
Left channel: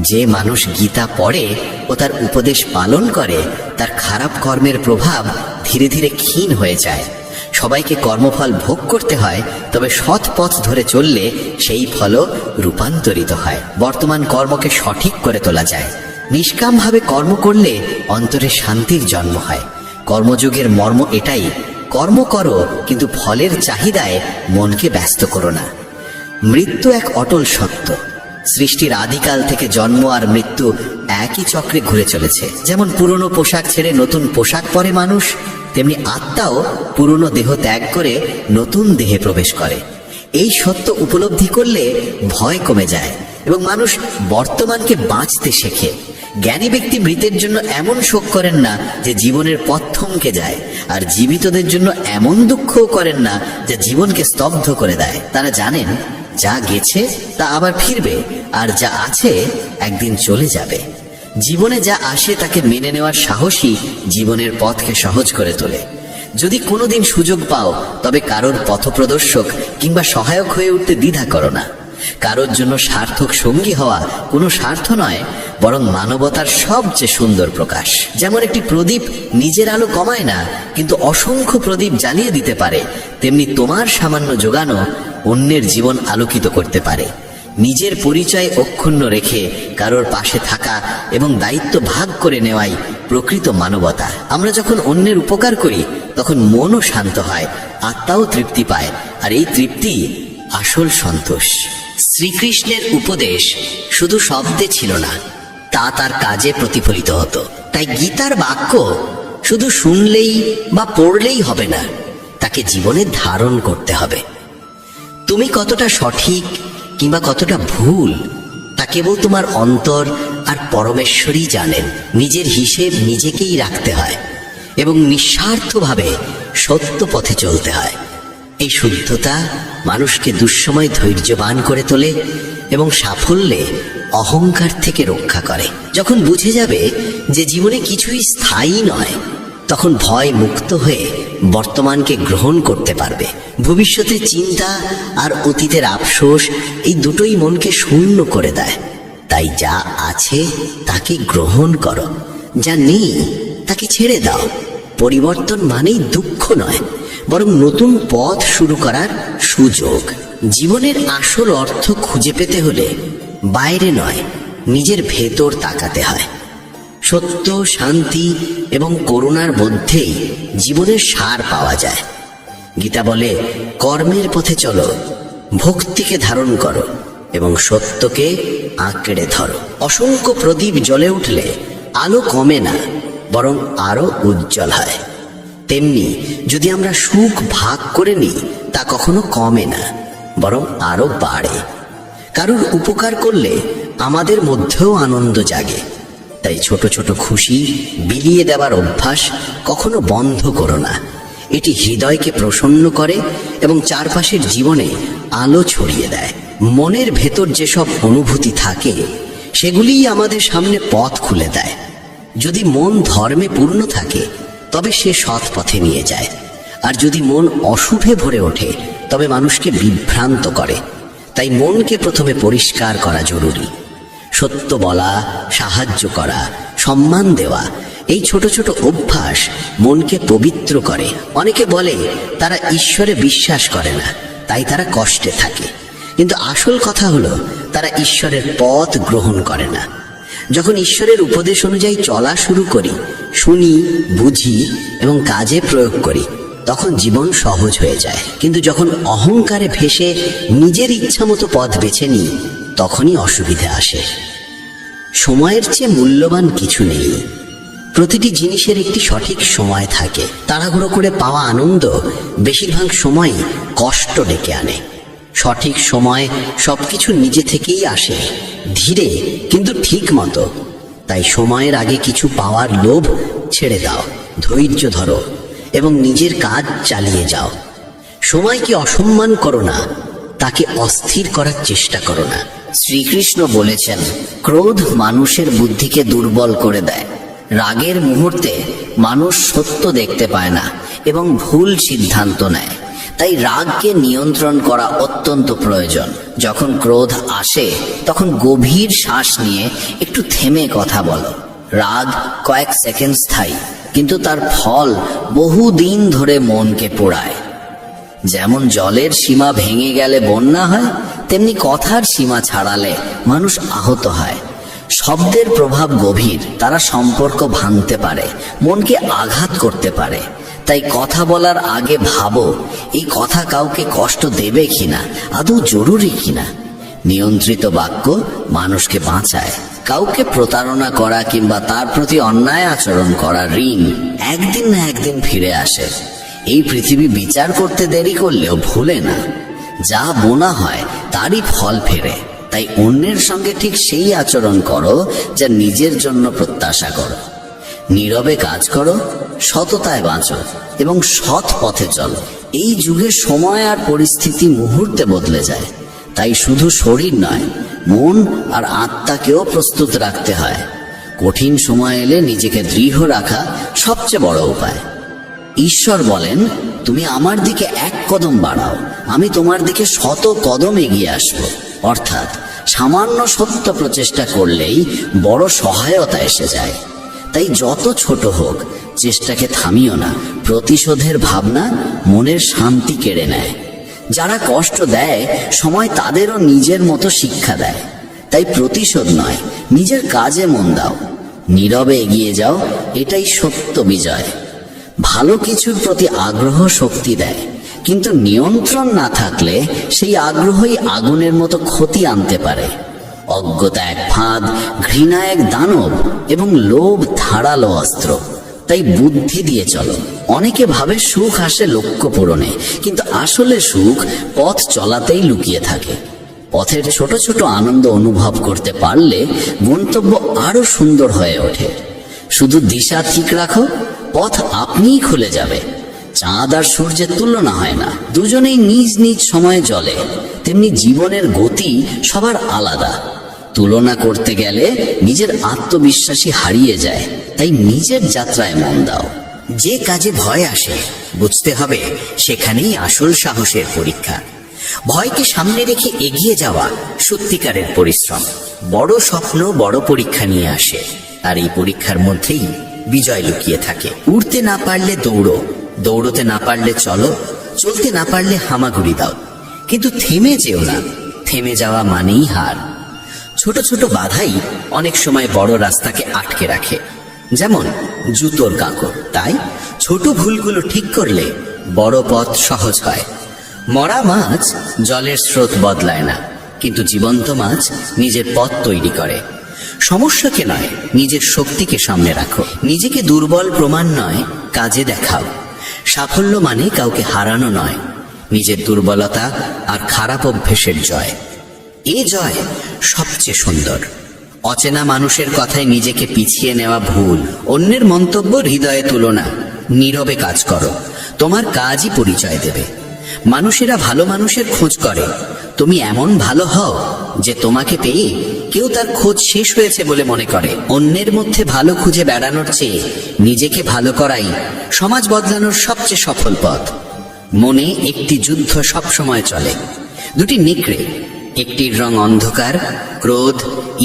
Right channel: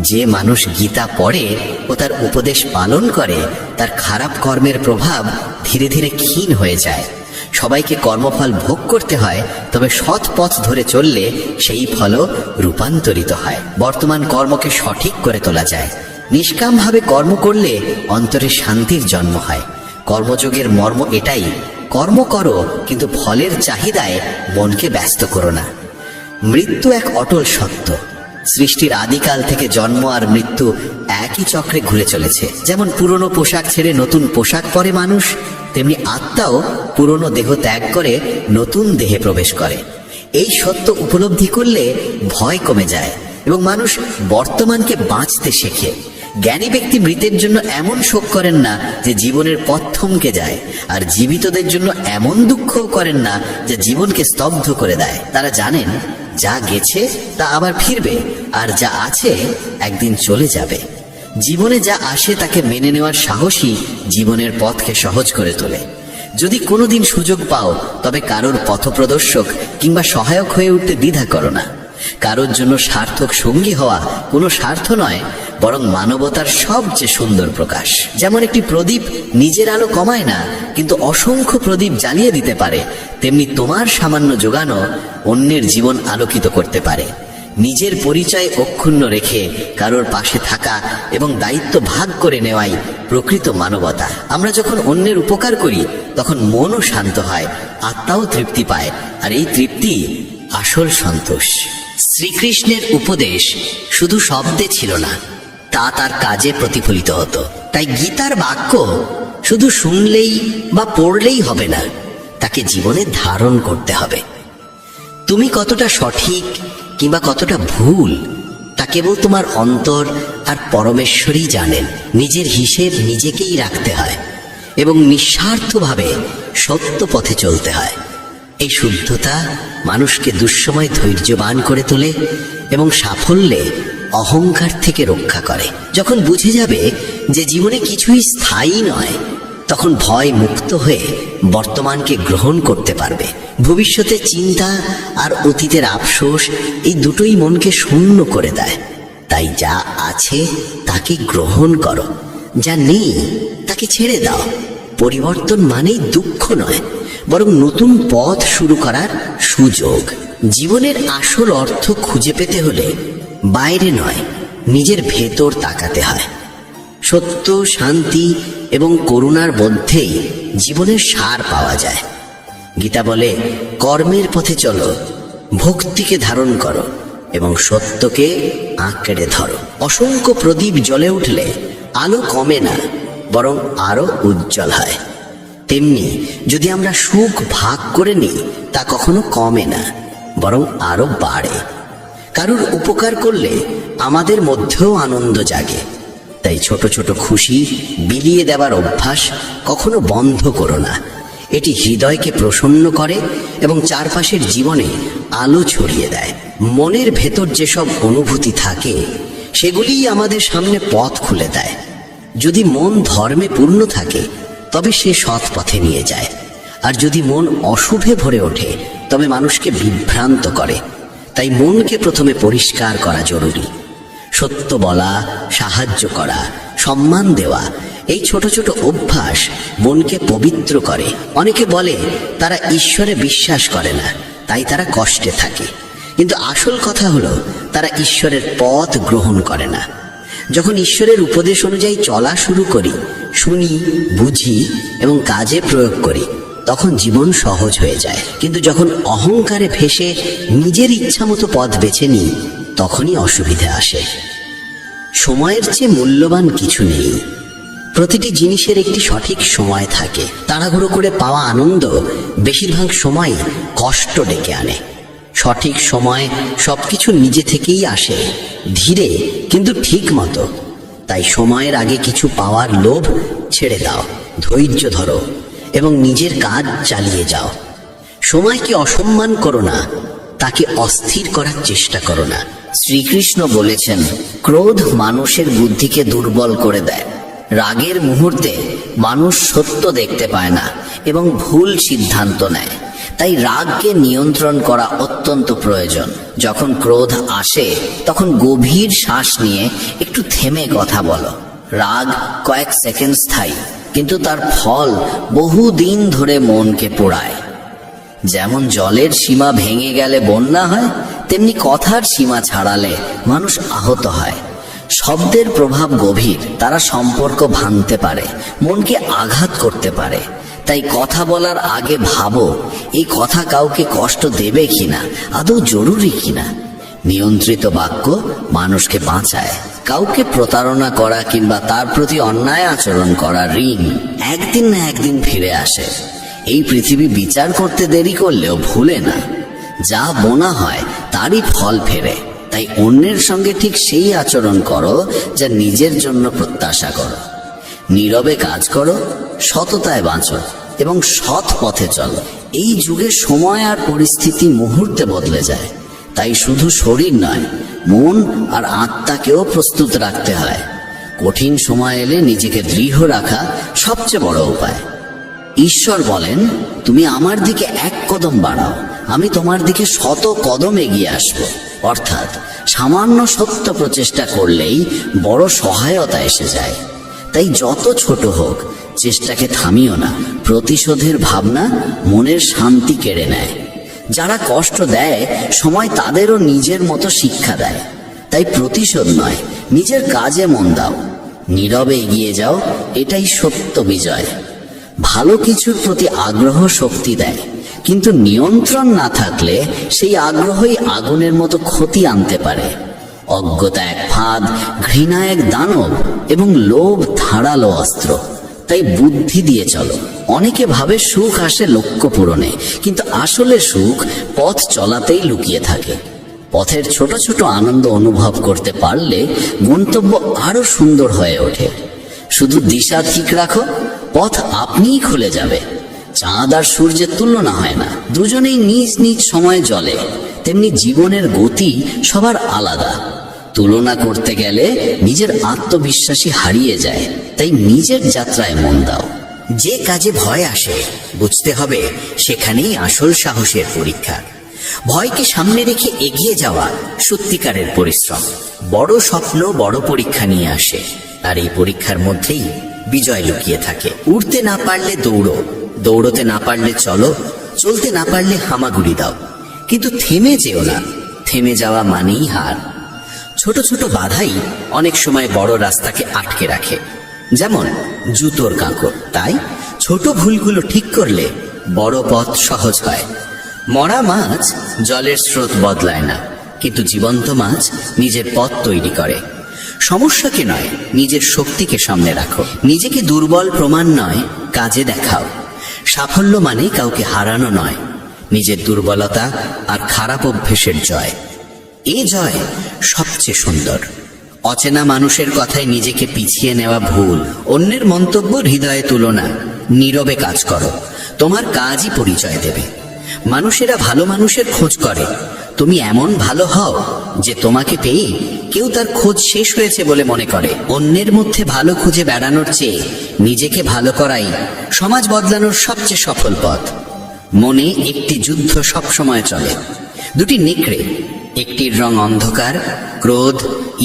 যে মানুষ গীতা পড়ে ও তার উপদেশ পালন করে, তার খারাপ কর্মের প্রভাব ধীরে ধীরে ক্ষীণ হয়ে যায়। সবাইকে কর্মফল ভোগ করতে হয়, তবে সৎ পথ ধরে চললে সেই ফলও রূপান্তরিত হয়। বর্তমান কর্মকে সঠিক করে তোলা যায়। নিষ্কামভাবে কর্ম করলে অন্তরে শান্তির জন্ম হয়। কর্মযোগের মর্ম এটাই, কর্ম করো কিন্তু ফলের চাহিদায় মনকে ব্যস্ত করো না। মৃত্যু এক অটল সত্য। সৃষ্টির আদিকাল থেকে জন্ম আর মৃত্যু একই চক্রে ঘুরে চলেছে। যেমন পুরনো পোশাক ছেড়ে নতুন পোশাক পরে মানুষ, তেমনি আত্মাও পুরনো দেহ ত্যাগ করে নতুন দেহে প্রবেশ করে। এই সত্য উপলব্ধি করলে ভয় কমে যায় এবং মানুষ বর্তমানকে বাঁচতে শেখে। জ্ঞানী ব্যক্তি মৃতের জন্য এমন শোক করেন না যে জীবনের পথ থমকে যায়, আর জীবিতদের জন্য এমন দুঃখও করেন না যে জীবনকে স্তব্ধ করে দেয়। তারা জানেন যা গেছে তা আবার ফিরবে, আর যা আছে একদিন চলে যাবে। জীবনে যা আসে তাকে মেনে নেওয়ার সাহসী জীবনের পথকে সহজ করে তোলে। যদি কোনোদিন সুযোগ পাও, তবে কারোর পথপ্রদর্শক কিংবা সহায়ক হয়ে উঠতে দ্বিধা করো না। কারোর জন্য সার্থক সঙ্গী হওয়া কোনো স্বার্থ নয়, বরং মানবতার সবচেয়ে সুন্দর প্রকাশ। যেমন একটি প্রদীপ নিজের আলো কমায় না, কিন্তু অসংখ্য প্রদীপ জ্বালিয়ে দিতে পারে, তেমনি তোমার সামান্য যোগানো অন্যের জীবন আলোকিত করতে পারে। নিজের পরিচয় অক্ষুণ্ণ রেখে কারোর পাশে থাকা এবং দায়িত্ব ভাগ করে নেওয়াই প্রকৃত মানবতা। আমরা যখন অন্যের উপকার করি, তখন মনও শান্ত হয়, আত্মাও তৃপ্তি পায়, আর এই তৃপ্তি আসল সন্তোষ। শ্রীকৃষ্ণের উপদেশ শুধু শব্দে ছিল না, তা তার কাজে প্রতিফলিত হতো। তাই গীতার বাক্য শুধু শুনলেই বা পড়লেই হবে না, তাকে জীবনে ধারণ করতে হবে। তুমি কতটা সঠিক কিংবা কতটা ভুল, তা কেবল তোমার অন্তর আর পরমেশ্বরই জানেন। নিজের হিসেব নিজেকেই রাখতে হয় এবং নিঃস্বার্থভাবে সত্য পথে চলতে হয়। এই শুদ্ধতা মানুষকে দুঃসময় ধৈর্যবান করে তোলে এবং সাফল্যে অহংকার থেকে রক্ষা করে। যখন বুঝে যাবে যে জীবনে কিছুই স্থায়ী নয়, তখন ভয় মুক্ত হয়ে বর্তমানকে গ্রহণ করতে পারবে। ভবিষ্যতের চিন্তা আর অতীতের আফসোস, এই দুটোই মনকে শূন্য করে দেয়। তাই যা আছে তাকে গ্রহণ করো, যা নেই তাকে ছেড়ে দাও। পরিবর্তন মানেই দুঃখ নয়, বরং নতুন পথ শুরু করার সুযোগ। জীবনের আসল অর্থ খুঁজে পেতে হলে বাইরে নয়, নিজের ভেতর তাকাতে হয়। সত্য, শান্তি এবং করুণার মধ্যেই জীবনের সার পাওয়া যায়। গীতা বলে, কর্মের পথে চলো, ভক্তিকে ধারণ করো এবং সত্যকে আঁকড়ে ধরো। অসংখ্য প্রদীপ জ্বলে উঠলে আলো কমে না, বরং আরো উজ্জ্বল হয়। তেমনি যদি আমরা সুখ ভাগ করে নিই, তা কখনো কমে না, বরং আরো বাড়ে। কারোর উপকার করলে আমাদের মধ্যেও আনন্দ জাগে। তাই ছোট ছোট খুশি বিলিয়ে দেওয়ার অভ্যাস কখনো বন্ধ করো না। এটি হৃদয়কে প্রসন্ন করে এবং চারপাশের জীবনে আলো ছড়িয়ে দেয়। মনের ভেতর যেসব অনুভূতি থাকে, সেগুলিই আমাদের সামনে পথ খুলে দেয়। যদি মন ধর্মে পূর্ণ থাকে তবে সে সৎ পথে নিয়ে যায়, আর যদি মন অশুভে ভরে ওঠে তবে মানুষকে বিভ্রান্ত করে। তাই মনকে প্রথমে পরিষ্কার করা জরুরি। সত্য বলা, সাহায্য করা, সম্মান দেওয়া, এই ছোট ছোট অভ্যাস মনকে পবিত্র করে। অনেকে বলে তারা ঈশ্বরে বিশ্বাস করে না, তাই তারা কষ্টে থাকে। কিন্তু আসল কথা হলো তারা ঈশ্বরের পথ গ্রহণ করে না। যখন ঈশ্বরের উপদেশ অনুযায়ী চলা শুরু করি, শুনি, বুঝি এবং কাজে প্রয়োগ করি, তখন জীবন সহজ হয়ে যায়। কিন্তু যখন অহংকারে ভেসে নিজের ইচ্ছা মতো পথ বেছে নিই, তখনই অসুবিধে আসে। সময়ের চেয়ে মূল্যবান কিছু নেই। প্রতিটি জিনিসের একটি সঠিক সময় থাকে। তাড়াহুড়ো করে পাওয়া আনন্দ বেশিরভাগ সময় কষ্ট ডেকে আনে। সঠিক সময় সবকিছু নিজে থেকেই আসে, ধীরে কিন্তু ঠিক মতো। তাই সময়ের আগে কিছু পাওয়ার লোভ ছেড়ে দাও, ধৈর্য ধরো এবং নিজের কাজ চালিয়ে যাও। সময়কে অসম্মান করো না, তাকে অস্থির করার চেষ্টা করো না। শ্রীকৃষ্ণ বলেছেন, ক্রোধ মানুষের বুদ্ধিকে দুর্বল করে দেয়। রাগের মুহূর্তে মানুষ সত্য দেখতে পায় না এবং ভুল সিদ্ধান্ত নেয়। তাই রাগকে নিয়ন্ত্রণ করা অত্যন্ত প্রয়োজন। যখন ক্রোধ আসে তখন গভীর শ্বাস নিয়ে একটু থেমে কথা বলো। রাগ কয়েক সেকেন্ড স্থায়ী, কিন্তু তার ফল বহুদিন ধরে মনকে পোড়ায়। যেমন জলের সীমা ভেঙে গেলে বন্যা হয়, তেমনি কথার সীমা ছাড়ালে মানুষ আহত হয়। শব্দের প্রভাব গভীর, তারা সম্পর্ক ভাঙতে পারে, মনকে আঘাত করতে পারে। তাই কথা বলার আগে ভাবো, এই কথা কাউকে কষ্ট দেবে কিনা, আদৌ জরুরি কিনা। নিয়ন্ত্রিত বাক্য মানুষকে বাঁচায়। কাউকে প্রতারণা করা কিংবা তার প্রতি অন্যায় আচরণ করা ঋণ একদিন না একদিন ফিরে আসে। এই পৃথিবী বিচার করতে দেরি করলেও ভুলে না, যা বোনা হয় তারই ফল ফেরে। তাই অন্যের সঙ্গে ঠিক সেই আচরণ করো যা নিজের জন্য প্রত্যাশা করো। নীরবে কাজ করো, সততায় বাঁচো এবং সৎ পথে চলো। এই যুগে সময় আর পরিস্থিতি মুহূর্তে বদলে যায়। তাই শুধু শরীর নয়, মন আর আত্মাকেও প্রস্তুত রাখতে হয়। কঠিন সময় এলে নিজেকে দৃঢ় রাখা সবচেয়ে বড় উপায়। ঈশ্বর বলেন, তুমি আমার দিকে এক কদম বাড়াও, আমি তোমার দিকে 100 কদম এগিয়ে আসব। অর্থাৎ সামান্য সত্য প্রচেষ্টা করলেই বড় সহায়তা এসে যায়। তাই যত ছোট হোক, চেষ্টাকে থামিও না। প্রতিশোধের ভাবনা মনের শান্তি কেড়ে নেয়। যারা কষ্ট দেয়, সময় তাদেরও নিজের মতো শিক্ষা দেয়। তাই প্রতিশোধ নয়, নিজের কাজে মন দাও, নীরবে এগিয়ে যাও, এটাই সত্য বিজয়। ভালো কিছুর প্রতি আগ্রহ শক্তি দেয়, কিন্তু নিয়ন্ত্রণ না থাকলে সেই আগ্রহই আগুনের মতো ক্ষতি আনতে পারে। অজ্ঞতা এক ফাঁদ, ঘৃণা এক দানব এবং লোভ ধারালো অস্ত্র। তাই বুদ্ধি দিয়ে চলো। অনেকে ভাবে সুখ আসে লক্ষ্য পূরণে, কিন্তু আসলে সুখ পথ চলাতেই লুকিয়ে থাকে। পথের ছোট ছোট আনন্দ অনুভব করতে পারলে গন্তব্য আরো সুন্দর হয়ে ওঠে। শুধু দিশা ঠিক রাখো, পথ আপনিই খুলে যাবে। চাঁদ আর সূর্যের তুলনা হয় না, দুজনেই নিজ নিজ সময়ে চলে। তেমনি জীবনের গতি সবার আলাদা। তুলনা করতে গেলে নিজের আত্মবিশ্বাসী হারিয়ে যায়। তাই নিজের যাত্রায় মন দাও। যে কাজে ভয় আসে, বুঝতে হবে সেখানেই আসল সাহসের পরীক্ষা। ভয়কে সামনে রেখে এগিয়ে যাওয়া সত্যিকারের পরিশ্রম। বড় স্বপ্ন বড় পরীক্ষা নিয়ে আসে, আর এই পরীক্ষার মধ্যেই বিজয় লুকিয়ে থাকে। উড়তে না পারলে দৌড়ো, দৌড়তে না পারলে চলো, চলতে না পারলে হামাগুড়ি দাও, কিন্তু থেমে যেও না। থেমে যাওয়া মানেই হার। ছোট ছোট বাধাই অনেক সময় বড় রাস্তাকে আটকে রাখে, যেমন জুতোর কাঁকড়। তাই ছোট ভুলগুলো ঠিক করলে বড় পথ সহজ হয়। মরা মাছ জলের স্রোত বদলায় না, কিন্তু জীবন্ত মাছ নিজের পথ তৈরি করে। সমস্যাকে নয়, নিজের শক্তিকে সামনে রাখো। নিজেকে দুর্বল প্রমাণ নয়, কাজে দেখাও। সাফল্য মানে কাউকে হারানো নয়, নিজের দুর্বলতা আর খারাপ অভ্যেসের জয়। এই জয় সবচেয়ে সুন্দর। অচেনা মানুষের কথায় নিজেকে পিছিয়ে নেওয়া ভুল। অন্যের মন্তব্য হৃদয়ে তুলো না, নীরবে কাজ করো। তোমার কাজই পরিচয় দেবে। মানুষেরা ভালো মানুষের খোঁজ করে। তুমি এমন ভালো হও যে তোমাকে পেয়ে কেউ তার খোঁজ শেষ হয়েছে বলে মনে করে। অন্যের মধ্যে ভালো খুঁজে বেড়ানোর চেয়ে নিজেকে ভালো করাই সমাজ বদলানোর সবচেয়ে সফল পথ। মনে একটি যুদ্ধ সব সময় চলে। দুটি নেকড়ে, একটির রং অন্ধকার, ক্রোধ,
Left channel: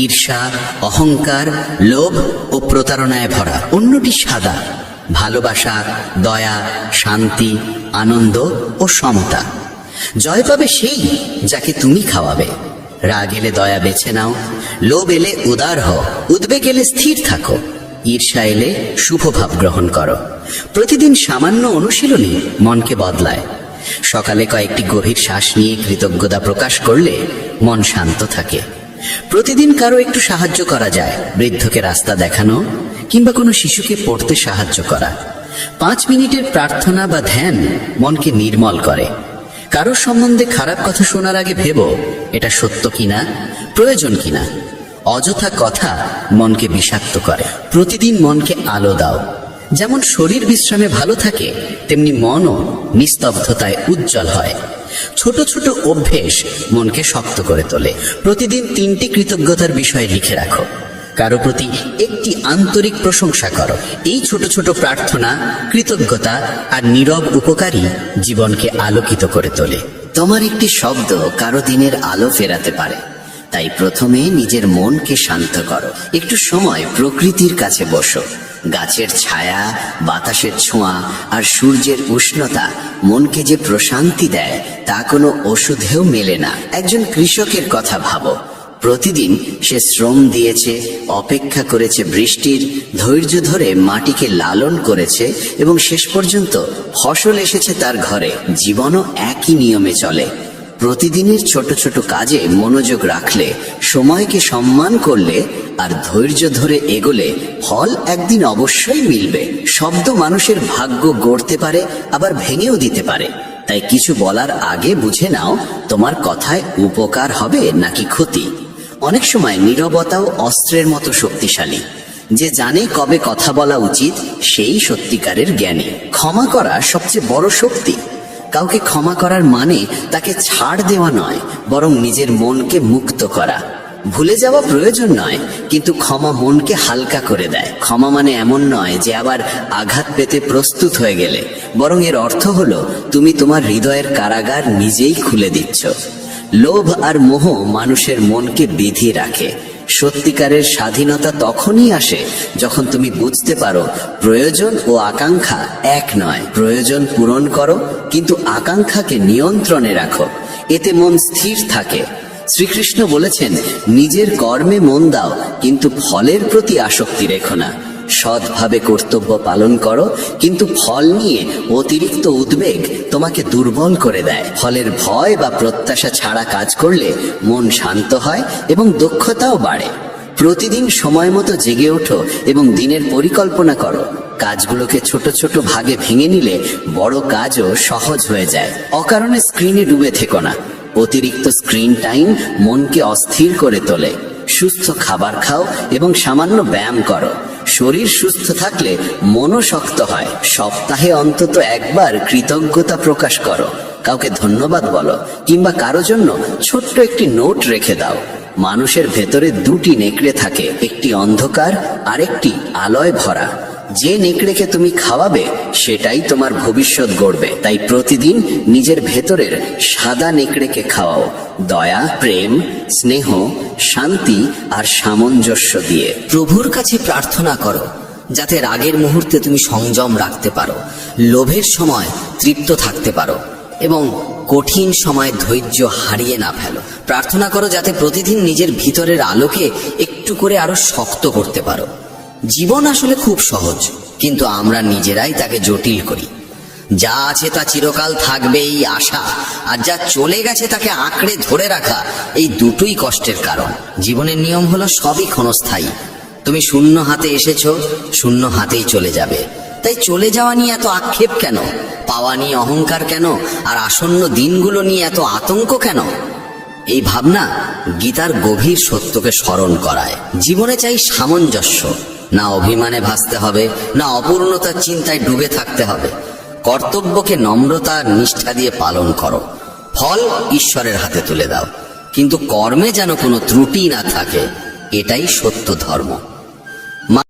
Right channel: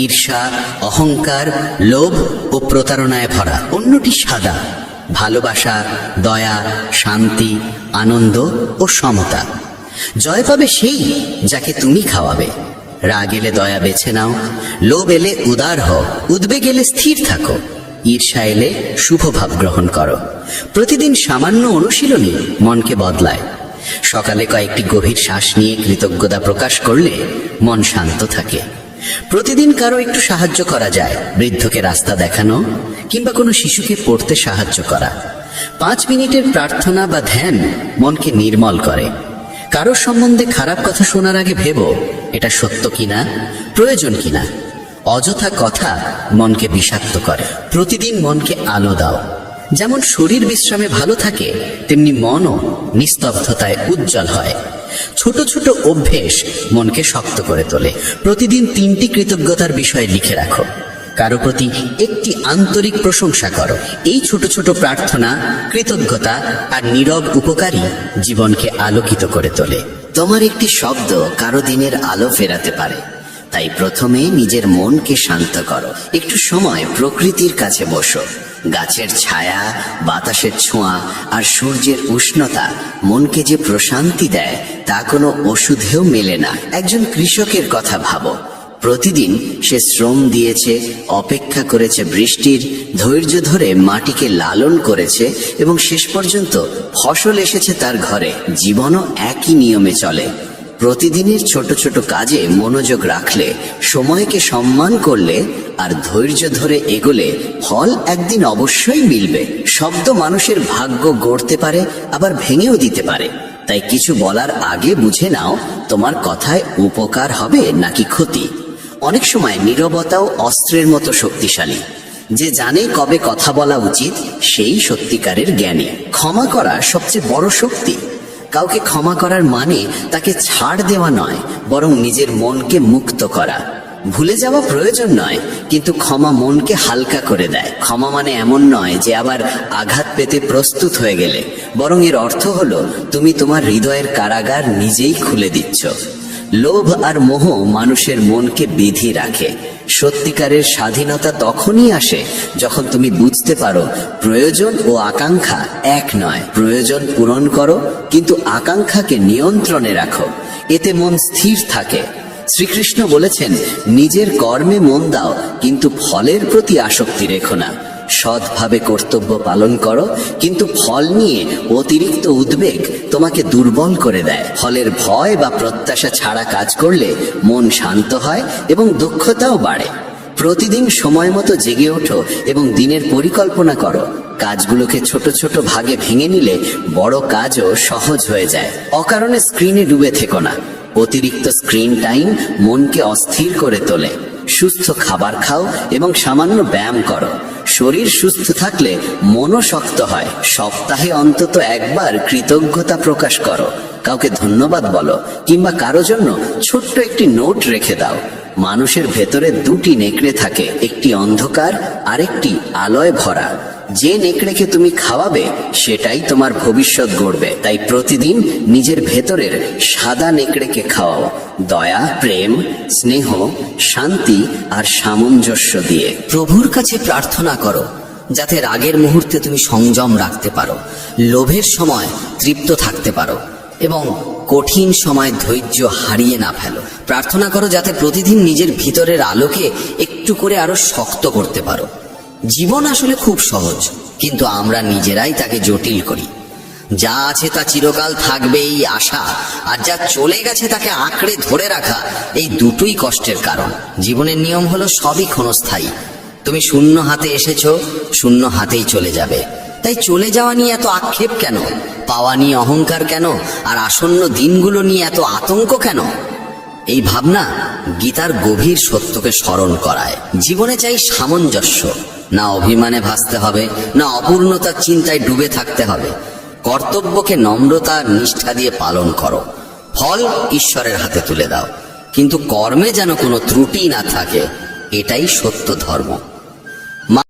ঈর্ষা, অহংকার, লোভ ও প্রতারণায় ভরা। অন্যটি সাদা, ভালোবাসা, দয়া, শান্তি, আনন্দ ও সমতা। জয় পাবে সেই যাকে তুমি খাওয়াবে। রাগ এলে দয়া বেছে নাও, লোভ এলে উদার হও, উদ্বেগ এলে স্থির থাকো, ঈর্ষা এলে শুভ ভাব গ্রহণ করো। প্রতিদিন সামান্য অনুশীলনী মনকে বদলায়। সকালে কয়েকটি গভীর শ্বাস নিয়ে কৃতজ্ঞতা প্রকাশ করলে মন শান্ত থাকে। প্রতিদিন কারো একটু সাহায্য করা যায়, বৃদ্ধকে রাস্তা দেখানো কিংবা কোনো শিশুকে পড়তে সাহায্য করা। 5 মিনিটের প্রার্থনা বা ধ্যান মনকে নির্মল করে। কারো সম্বন্ধে খারাপ কথা শোনার আগে ভেবো এটা সত্য কিনা, প্রয়োজন কিনা। অযথা কথা মনকে বিষাক্ত করে। প্রতিদিন মনকে আলো দাও। যেমন শরীর বিশ্রামে ভালো থাকে, তেমনি মনও নিস্তব্ধতায় উজ্জ্বল হয়। ছোট ছোট অভ্যেস মনকে শক্ত করে তোলে। প্রতিদিন 3টি কৃতজ্ঞতার বিষয় লিখে রাখো। কারো প্রতি একটি আন্তরিক প্রশংসা করো। এই ছোট ছোট প্রার্থনা, কৃতজ্ঞতা আর নীরব উপকারী জীবনকে আলোকিত করে তোলে। তোমার একটি শব্দ কারো দিনের আলো ফেরাতে পারে। তাই প্রথমে নিজের মনকে শান্ত করো। একটু সময় প্রকৃতির কাছে বসো। গাছের ছায়া, বাতাসের ছোঁয়া আর সূর্যের উষ্ণতা মনকে যে প্রশান্তি দেয় তা কোনো ওষুধেও মেলে না। একজন কৃষকের কথা ভাবো। প্রতিদিন সে শ্রম দিয়েছে, অপেক্ষা করেছে বৃষ্টির, ধৈর্য ধরে মাটিকে লালন করেছে এবং শেষ পর্যন্ত ফসল এসেছে তার ঘরে। জীবনও একই নিয়মে চলে। প্রতিদিনের ছোট ছোট কাজে মনোযোগ রাখলে, সময়কে সম্মান করলে আর ধৈর্য ধরে এগোলে ফল একদিন অবশ্যই মিলবে। শব্দ মানুষের ভাগ্য গড়তে পারে, আবার ভেঙেও দিতে পারে। তাই কিছু বলার আগে বুঝে নাও তোমার কথায় উপকার হবে নাকি ক্ষতি। অনেক সময় নীরবতাও অস্ত্রের মতো শক্তিশালী। যে জানে কবে কথা বলা উচিত সেই সত্যিকারের জ্ঞানী। ক্ষমা করা সবচেয়ে বড় শক্তি। কাউকে ক্ষমা করার মানে তাকে ছাড় দেওয়া নয়, বরং নিজের মনকে মুক্ত করা। ভুলে যাওয়া প্রয়োজন নয়, কিন্তু ক্ষমা মনকে হালকা করে দেয়। ক্ষমা মানে এমন নয় যে আবার আঘাত পেতে প্রস্তুত হয়ে গেলে, বরং এর অর্থ হলো তুমি তোমার হৃদয়ের কারাগার নিজেই খুলে দিচ্ছ। লোভ আর মোহ মানুষের মনকে বেঁধে রাখে। সত্যিকারের স্বাধীনতা তখনই আসে যখন তুমি বুঝতে পারো প্রয়োজন ও আকাঙ্ক্ষা এক নয়। প্রয়োজন পূরণ করো, কিন্তু আকাঙ্ক্ষাকে নিয়ন্ত্রণে রাখো। এতে মন স্থির থাকে। শ্রীকৃষ্ণ বলেছেন, নিজের কর্মে মন দাও, কিন্তু ফলের প্রতি আসক্তি রেখো না। সৎভাবে কর্তব্য পালন করো, কিন্তু ফল নিয়ে অতিরিক্ত উদ্বেগ তোমাকে দুর্বল করে দেয়। ফলের ভয় বা প্রত্যাশা ছাড়া কাজ করলে মন শান্ত হয় এবং দক্ষতাও বাড়ে। প্রতিদিন সময় মতো জেগে ওঠো এবং দিনের পরিকল্পনা করো। কাজগুলোকে ছোট ছোট ভাগে ভেঙে নিলে বড় কাজও সহজ হয়ে যায়। অকারণে স্ক্রিনে ডুবে থেকো না। অতিরিক্ত স্ক্রিন টাইম মনকে অস্থির করে তোলে। সুস্থ খাবার খাও এবং সামান্য ব্যায়াম করো। শরীর সুস্থ থাকলে মনও শক্ত হয়। সপ্তাহে অন্তত একবার কৃতজ্ঞতা প্রকাশ করো। কাউকে ধন্যবাদ বলো কিংবা কারো জন্য ছোট্ট একটি নোট রেখে দাও। মানুষের ভেতরে 2টি নেকড়ে থাকে, একটি অন্ধকার আর একটি আলোয় ভরা। যে নেকড়েকে তুমি খাওয়াবে সেটাই তোমার ভবিষ্যৎ গড়বে। তাই প্রতিদিন নিজের ভেতরের সাদা নেকড়েকে খাওয়াও, দয়া, প্রেম, স্নেহ, শান্তি আর সামঞ্জস্য দিয়ে। প্রভুর কাছে প্রার্থনা করো যাতে রাগের মুহূর্তে তুমি সংযম রাখতে পারো, লোভের সময় তৃপ্ত থাকতে পারো এবং কঠিন সময় ধৈর্য হারিয়ে না ফেলো। প্রার্থনা করো যাতে প্রতিদিন নিজের ভিতরের আলোকে একটু করে আরো শক্ত করতে পারো। জীবন আসলে খুব সহজ, কিন্তু আমরা নিজেরাই তাকে জটিল করি। যা আছে তা চিরকাল থাকবে এই আশা, আর যা চলে গেছে তাকে আঁকড়ে ধরে রাখা, এই দুটোই কষ্টের কারণ। জীবনের নিয়ম হলো সবই ক্ষণস্থায়ী। তুমি শূন্য হাতে এসেছো, শূন্য হাতেই চলে যাবে। তাই চলে যাওয়া নিয়ে এত আক্ষেপ কেন? পাওয়া নিয়ে অহংকার কেন? আর আসন্ন দিনগুলো নিয়ে এত আতঙ্ক কেন? এই ভাবনা গীতার গভীর সত্যকে স্মরণ করায়। জীবনে চাই সামঞ্জস্য। না অভিমানে ভাসতে হবে, না অপূর্ণতার চিন্তায় ডুবে থাকতে হবে। কর্তব্যকে নম্রতা আর নিষ্ঠা দিয়ে পালন করো, ফল ঈশ্বরের হাতে তুলে দাও, কিন্তু কর্মে যেন কোনো ত্রুটি না থাকে, এটাই সত্য ধর্ম।